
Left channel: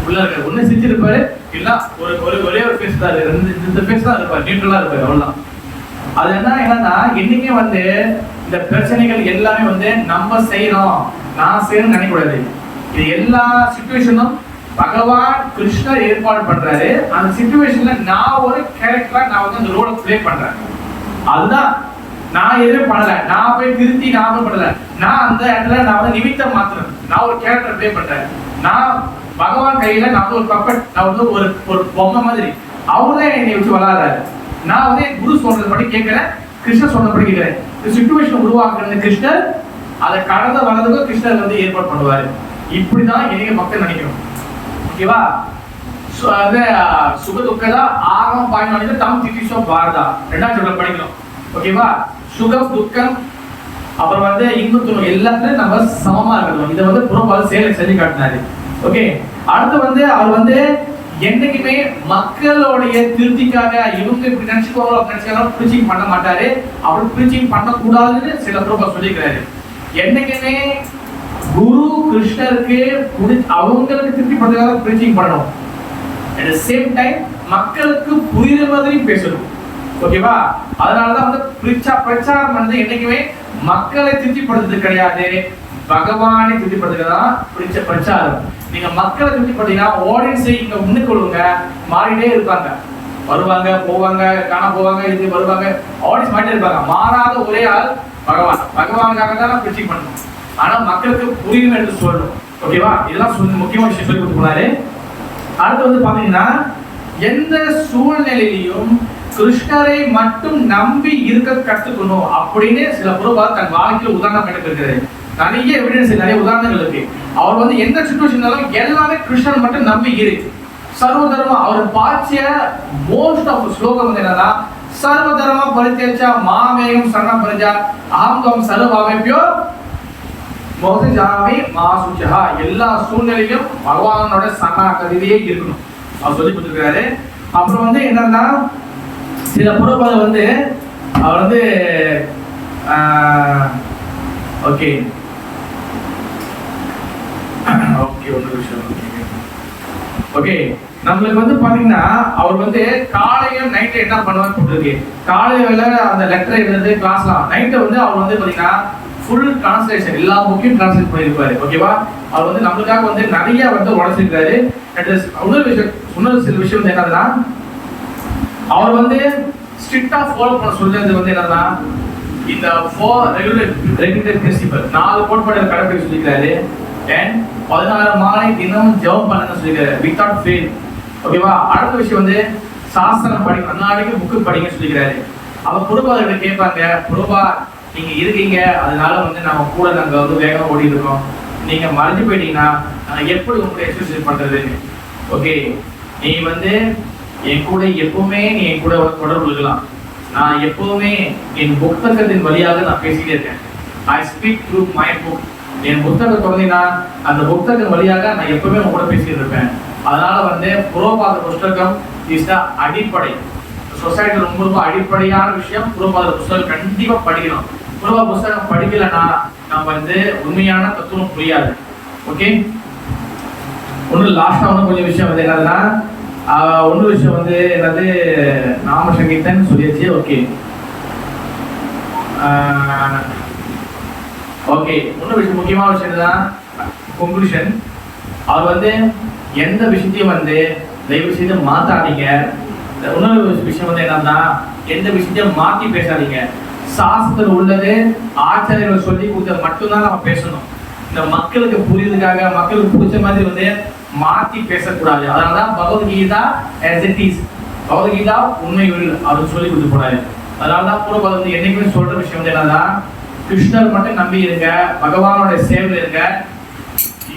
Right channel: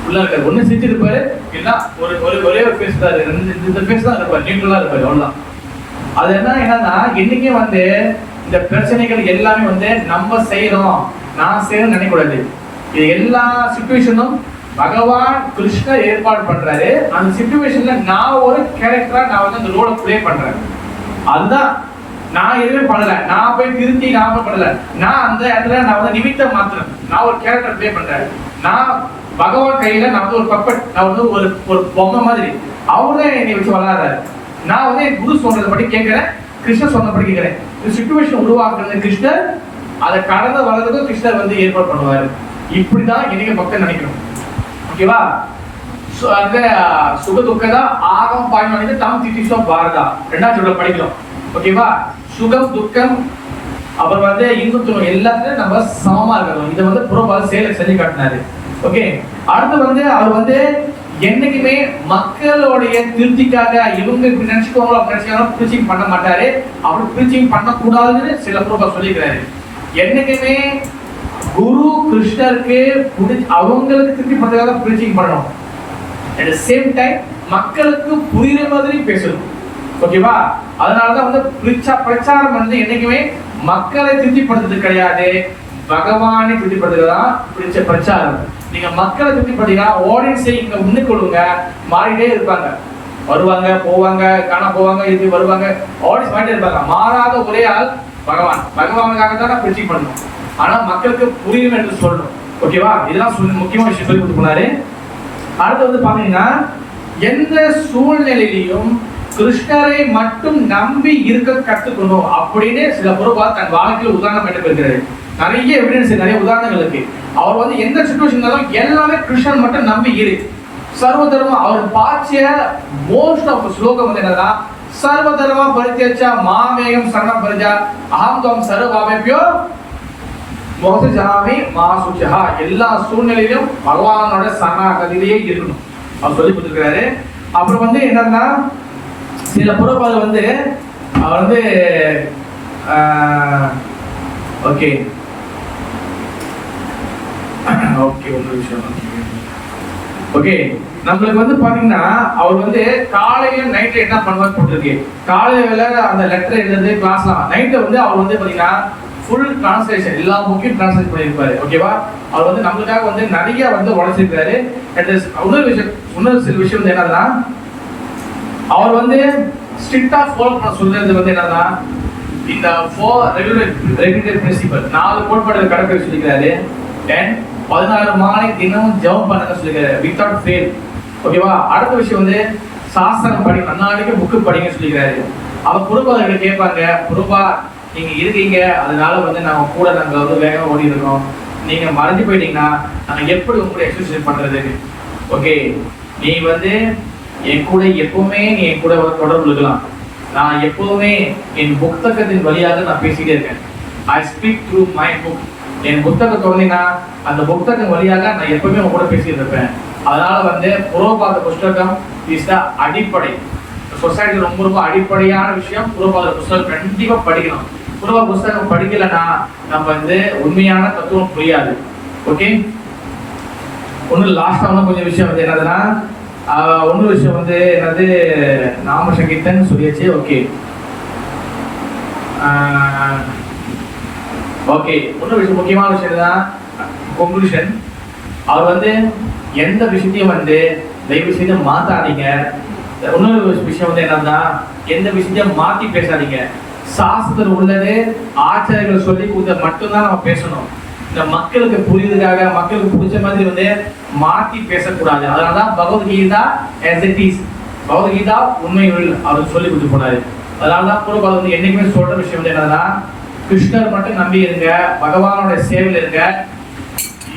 உள்ள இருக்காரு, ஒண்ணு சிரிச்சு இருப்பாரு, இல்ல ஒரே ஒரு ஃபேஸ் தான், இந்த ஃபேஸ் தான் இருப்பாரு, நியூட்ரலா இருப்பாரு, அவ்வளவுதான். அது என்னன்னா என்னைக்கே வந்து இந்த பிரச்சனைகள் எல்லாமே வந்து நம்ம செய்யறோம், நான் செய்யணும்னு நினைக்கக்கூடாது. இது எல்லா சிச்சுவேஷனும் பகவான் கிருஷ்ணர் ஏற்பாடு பண்றாரு. அந்த சிச்சுவேஷன்ல நான் ஒரு கேரக்டரா நான் வந்து அந்த ரோலை ப்ளே பண்றேன். அதுதான் நான் எதுவும் பண்ணல, நான் போய் திருத்தி நான் பண்ணல, நான் அந்த இடத்துல நான் வந்து நிமித்தம் மாத்திரம், நான் ஒரு கேரக்டர் ப்ளே பண்றேன். நான் பகவான் கையில நான் வந்து ஒரு பப்பட், நான் வந்து ஒரு பொம்மை மாதிரி. அவர் தான் என்னை வச்சு வளராரு. நான் வந்து என் குரு சொல்றது படி கேட்கிறேன், கிருஷ்ணர் சொன்னபடி கேட்கிறேன். சிச்சுவேஷன் உருவாக்குறது கிருஷ்ணர், அதை கடந்த வளர்றதுக்கும் கிருஷ்ணர் வந்து ஏற்பாடு பண்ணுவாரு. இப்படிதான் என்னைக்கு பக்தன் நினைக்கணும். ஓகேவா? அந்த சுக துக்கதா ஆகம் பாய்மானித தம் திதிஷோ பாரதா 2ஆம் சொல்ல படிக்கிறோம். ஓகேவா? சுகம் துக்கம் அப்புறம் வந்து இன்பு துன்பம் எல்லாத்துலயும் நம்ம சமமா இருக்கணும். இதை வந்து புறப்பால செயலை செஞ்சு காட்டினாரு. ஓகே, அடுத்து வந்து அவர் வந்து என்னைக்குமே மக்களுடைய திருப்திக்காக இவங்க இப்படி நினைச்சுக்கோங்களோ அப்படி நினைச்சாலும் பிரீச்சிங் பண்ண மாட்டாரு. அவர் பிரீச்சிங் பண்ணக்கூடாதுன்னு சில புறப்பா சொல்லிக்கிறாரு. என்னைக்குமே குரு கிருஷ்ணருக்கு அவங்களுக்கு திருப்தி பண்றதுக்காக பிரீச்சிங் பண்ணணும். at the same time மக்களுக்கு புரியுற மாதிரி பேசணும். ஓகேவா? அதனாலதான் வந்து பிரச்சாரம் வந்து என்னைக்குமே மக்களை திருப்திப்படுத்துறது கிடையாது, பகவானை திருப்திப்படுத்துறது தான் பிரச்சாரம். நீங்க மக்களை திருப்திப்படுத்தீங்கன்னா ஆடியன்ஸை இங்க முன்னுக்கு கொள்ளுங்க, மாறிட்டே இருப்பாங்க, வருவாங்க போவாங்க, காண போவாங்க, இது வருவாங்க, ஆடியன்ஸ் மாறிட்டே இருப்பாங்க. மாறாத ஒரே ஆள் பகவானுக்காக தான் பிரீச்சிங் பண்ணணும். ஆனா மக்களுக்கு புரியும் என்று சொல்லணும். ஓகேவா? இதெல்லாம் முக்கியமான விஷயம் சொல்லி கொடுத்துருக்காரு. அடுத்து வந்து பாத்தீங்கன்னா எந்த சூழ்நிலையிலையும் கிருஷ்ணரை மட்டும் நம்பி இருக்க கத்துக்கணும் அப்படின்னு சில பொருளா தன் வாழ்க்கையில் உதாரணம் எடுக்கிறாரு. நிறைய எவிடன்ஸ், நிறைய உதாரணங்கள் இருக்கு. அவர் வந்து எந்த சிச்சுவேஷனாலும் எல்லாமே கிருஷ்ணன் மட்டும் நம்பி இரு. சர்வதர்மா அவர் பாச்சிய மோஸ்ட் ஆஃப் ஸ்லோகம் வந்து என்னன்னா சர்வதர்மா பரித்யஜ மாமேகம் சரணம் பரிஜா அஹம் தம் சர்வாவேப்யோ மோதி ஜாமி மாசுச்சா. எல்லா சூழ்நிலையிலும் பகவானோட சரணாகதியிலேயே இருக்கணும் அவர் சொல்லி கொடுத்துருக்காரு. அப்புறம் வந்து என்னன்னா சில புறப்பாடு வந்து அவர் வந்து ஓகே ஓகே ஒரு விஷயம் ஓகே நம்மளுக்கு வந்து பாத்தீங்கன்னா அவர் வந்து காலையில நைட்ல என்ன பண்ணுவான்னு போட்டுருக்கு. காலையில வேலை அந்த லெட்டர் எழுதுறது கிளாஸ்லாம், நைட்ல வந்து அவர் வந்து பாத்தீங்கன்னா ஃபுல் டிரான்ஸ்லேஷன் எல்லா புக்கையும் டிரான்ஸ்லேட் பண்ணியிருப்பாரு. ஓகேவா? அவர் வந்து நம்மளுக்காக வந்து நிறைய வந்து உழைச்சிருக்காரு. இன்னொரு சில விஷயம் வந்து என்னன்னா அவர் வந்து ஸ்ட்ரிக்டா ஃபாலோ பண்ண சொல்றது வந்து என்னன்னா இந்த 4 ரெகுலேட்டரி பிரின்சிபல் 4 கோட்பாடுகள் கடைபிடிக்க சொல்லிக்கிறாரு. 16 மாலை தினமும் ஜெபம் பண்ண சொல்லிக்கிறாரு வித்வுட் ஃபெயில். ஓகேவா? அடுத்த விஷயம் வந்து சாஸ்திரம் படிக்க, நாளைக்கு புக்கு படிக்க சொல்லிக்கிறாரு. அவர் குருபாதர்கிட்ட கேட்பாங்க, குருபா நீங்க இருக்கீங்க, அதனால வந்து நாங்க கூட நாங்க வந்து வேகமா ஓடி இருக்கோம், நீங்க மறைஞ்சு போயிட்டீங்கன்னா நாங்க எப்படி உங்களுக்கு எக்ஸசைஸ் பண்றதுன்னு. ஓகே, நீ வந்து என் கூட எப்பவுமே நீ என் கூட தொடர்பு இருக்கலாம். நான் எப்பவுமே என் புத்தகத்தின் வழியாக நான் பேசிட்டே இருக்கேன். I speak through my book. என் புத்தகம் தொடர்ந்தீங்கன்னா அந்த புத்தகம் வழியாக நான் எப்பவுமே உங்க கூட பேசிட்டு இருப்பேன். அதனால வந்து புரோபாத புஸ்தகம் இஸ் த அடிப்படை. சொசைட்டி ரொம்ப ரொம்ப அடிப்படையான விஷயம். புரோபாத புஸ்தகம் கண்டிப்பா படிக்கணும். புரோபாத புஸ்தகம் படிக்கலன்னா நம்ம வந்து உண்மையான தத்துவம் புரியாது. ஓகே, ஒண்ணு லாஸ்டா கொஞ்சம் விஷயம் வந்து என்னதுன்னா ஒன்று விஷயம் வந்து என்னது நாம சங்கீதன் சொல்லியாச்சு. ஓகே ஓகே இன்னொரு விஷயம் முக்கியமான விஷயம் தான் கன்க்ளூஷன். அவர் வந்து எந்த விஷயத்தையும் வந்து தயவு செய்து மாத்தாதீங்க. இன்னொரு விஷயம் வந்து என்னன்னா எந்த விஷயத்தையும் மாத்தி பேசாதீங்க. சாஸ்திரம் உள்ளது ஆச்சாரியர்கள் சொல்லி கொடுத்த மட்டும்தான் நம்ம பேசணும். இந்த மக்களுக்கு புரியுறதுக்காக மக்களுக்கு பிடிச்ச மாதிரி வந்து மாத்தி பேசக்கூடாது. அதனாலதான் Bhagavad Gita as it is, Bhagavad Gita உண்மைகள் அவர் சொல்லி கொடுத்து போனாரு. அதனாலதான் புரோபாதம் வந்து என்னைக்குமே சொல்ற விஷயம் வந்து என்னன்னா கிருஷ்ணர் மட்டும் நம்பி இருங்க, பகவானோட சேவையில் இருங்க.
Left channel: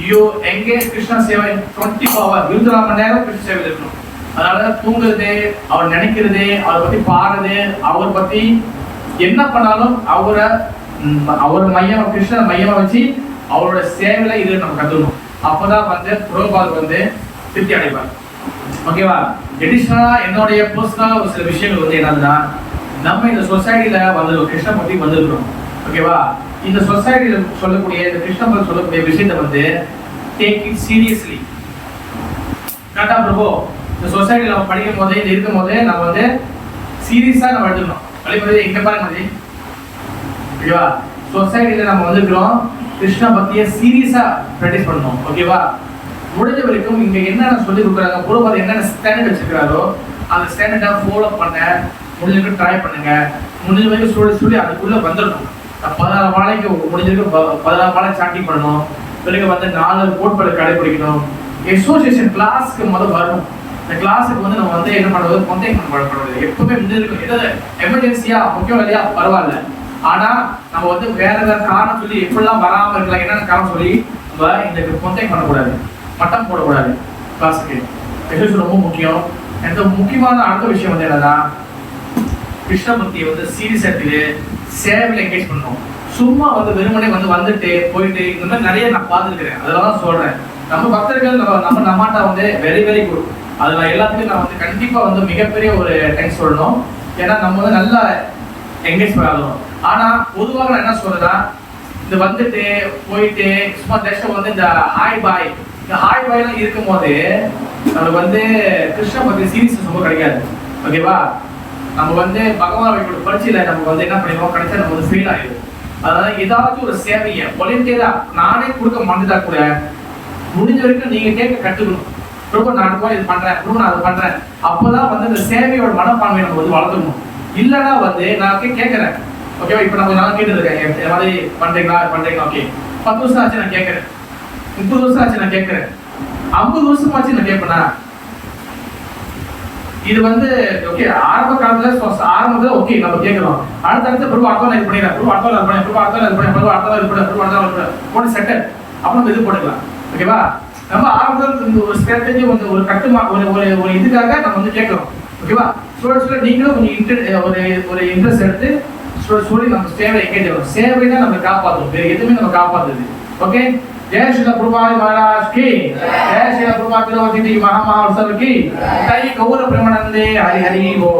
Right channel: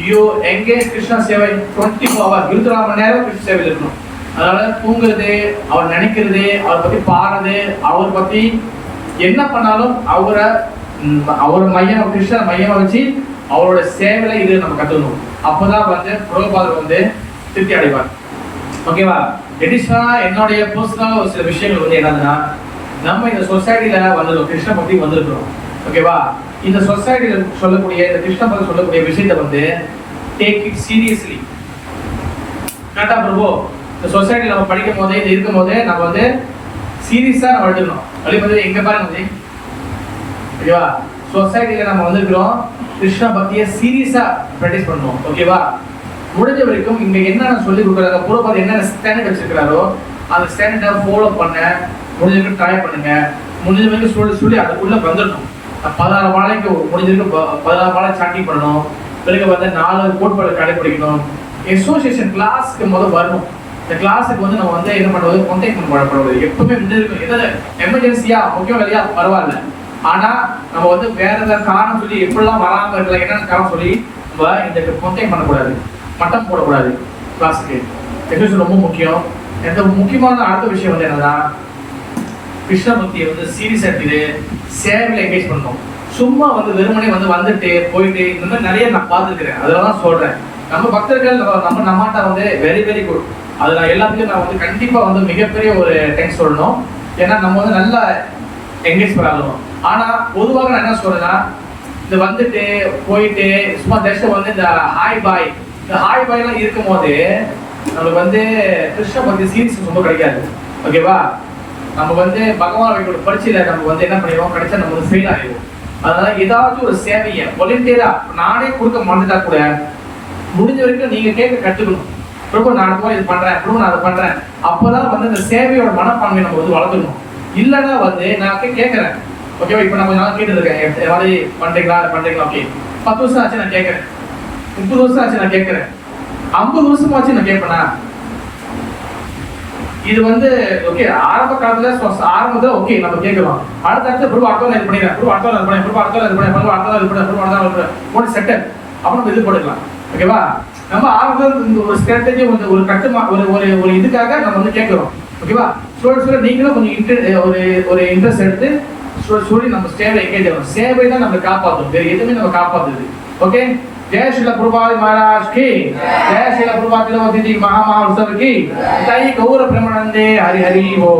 யூ எங்கேஜ் கிருஷ்ண சேவை 24 hours 24 மணி நேரம் கிருஷ்ண சேவையில் இருக்கணும். அதனால தூங்குறது, அவர் நினைக்கிறது, அவரை பத்தி பாடுறது, அவரை பத்தி என்ன பண்ணாலும் அவரை மையம் கிருஷ்ணர் மையமா வச்சு அவரோட சேவையில இது நம்ம கத்துக்கணும். அப்பதான் வந்து புரோபாதர் வந்து திருப்தி அடைவார். ஓகேவா? எடிஷனலா என்னுடைய பர்சனல் ஒரு சில விஷயங்கள் வந்து என்னதுன்னா நம்ம இந்த சொசைட்டில வந்து கிருஷ்ண பக்தி வந்திருக்கிறோம். ஓகேவா? இந்த சொசைட்டில சொல்லக்கூடிய இந்த கிருஷ்ண பக்தி சொல்லக்கூடிய விஷயத்தை வந்து டேக் இட் சீரியஸ்லி. கரெக்டா பிரபு? இந்த சொசைட்டில நம்ம படிக்கும் போதே இது இருக்கும் போதே நம்ம வந்து சீரியஸா நம்ம எடுத்துக்கணும். வழிபதி எங்க பாருங்க, ஓகேவா? சொசைட்டில நம்ம வந்திருக்கிறோம், கிருஷ்ண பக்தியை சீரியஸா பிராக்டிஸ் பண்ணணும். ஓகேவா? முடிஞ்ச வரைக்கும் இங்க என்னென்ன சொல்லி கொடுக்குறாங்க, குருபாத் என்னென்ன ஸ்டாண்டர்ட் வச்சிருக்காரோ அந்த ஸ்டாண்டர்டை ஃபாலோ பண்ண முடிஞ்ச வரைக்கும் ட்ரை பண்ணுங்க. முடிஞ்ச வரைக்கும் சொல்லி அதுக்குள்ள வந்துடணும். 16 மாலைக்கு முடிஞ்ச வரைக்கும் 16 மாலை சாண்டிங் பண்ணணும். பிறகு வந்து 4 கோட்பாடு கடைபிடிக்கணும். அசோசியேஷன் கிளாஸ்க்கு முதல் வரணும். இந்த கிளாஸுக்கு வந்து நம்ம வந்து என்ன பண்ணுறது, கான்டாக்ட் பண்ணக்கூடாது. எப்பவுமே முடிஞ்சிருக்கும். எதாவது எமர்ஜென்சியா முக்கியம் இல்லையா பரவாயில்ல, ஆனா நம்ம வந்து வேற ஏதாவது காரணம் சொல்லி எப்படிலாம் வராம இருக்கலாம், என்னென்ன காரணம் சொல்லி நம்ம இந்த கான்டாக்ட் பண்ணக்கூடாது, மட்டம் போடக்கூடாது. கிளாஸுக்கு எசோசியேஷன் ரொம்ப முக்கியம். எந்த முக்கியமான அடுத்த விஷயம் வந்து என்னன்னா, கிருஷ்ணபக்தியை வந்து சீரியஸ் எடுத்துட்டு சேவையில் என்கேஜ் பண்ணணும். சும்மா வந்து வெறுமனே வந்துட்டு போயிட்டு இந்த மாதிரி நிறைய நான் பார்த்துருக்கிறேன். அதெல்லாம் தான் சொல்றேன். நம்ம பக்தர்கள் நம்ம நம்மாட்டா வந்து வெரி வெரி குட். அது நான் எல்லாத்துக்கும் நான் வந்து கண்டிப்பா வந்து மிகப்பெரிய ஒரு தேங்க்ஸ் சொல்லணும். ஏன்னா நம்ம வந்து நல்லா என்கேஜ் பண்ணணும். ஆனா பொதுவாக நான் என்ன சொல்றேன்னா, இந்த வந்துட்டு போயிட்டு சும்மா தேசம் வந்து இந்த ஹாய் பாய் எல்லாம் இருக்கும் போது நம்மளுக்கு வந்து கிருஷ்ண பக்தி சீரியஸ் ரொம்ப கிடைக்காது. ஓகேவா? நம்ம வந்து பகவான் வைக்கிற பரிச்சையில நம்ம வந்து என்ன பண்ணிடுவோம், கிடைச்சா நம்ம வந்து ஃபெயில் ஆகிடுவோம். அதனால ஏதாவது ஒரு சேவையை வாலண்டியரா நானே கொடுக்க மறந்துட்டா கூட முடிஞ்ச வரைக்கும் நீங்க கேட்க கற்றுக்கணும். ரொம்ப நான் அது இது பண்றேன், ரொம்ப நான் அதை பண்றேன். அப்போதான் வந்து இந்த சேவையோட மனப்பான்மை நம்ம வந்து வளர்த்துக்கணும். இல்லைன்னா வந்து நான் கேட்கறேன், ஓகேவா? இப்போ நான் கொஞ்ச நாள் கேட்டுருக்கேன், மாதிரி பண்றீங்களா ஓகே. 10 வருஷம் ஆச்சு நான் கேட்கறேன், 30 வருஷம் ஆச்சு நான் கேட்கறேன், 50 வருஷம் ஆச்சு நான் கேட்பேனா? இது வந்து ஓகே ஆரம்ப காலத்துல ஓகே நம்ம கேட்கிறோம். அடுத்த பிரபு அடுத்த இது பண்ணிடுறேன், பிரபு அடுத்த இது பண்ணேன், பிரபு அடுத்த இது பண்ணேன், பிரபு அடுத்த இது பண்ணேன், பிரபு அடுத்த போட்டு செட்டப் அப்புறம் நம்ம இது பண்ணிடலாம். ஓகேவா? நம்ம ஆரம்பத்தில் ஒரு ஸ்ட்ராட்டஜி ஒரு கட்டுமா ஒரு இதுக்காக நம்ம வந்து கேட்கிறோம். ஓகேவா? சொல்ல நீங்களும் கொஞ்சம் ஒரு இன்ட்ரெஸ்ட் எடுத்து சொல்லி நம்ம சேவை எங்கேஜ் ஆகும். சேவை தான் நம்ம காப்பாற்றும், வேற எதுவுமே நம்ம காப்பாத்துது. ஓகே? जय श्री प्रभुपाद महाराज की जय श्री प्रभुपाद महामहा उत्सव की गौर प्रेमानंदे हरि हरि हो।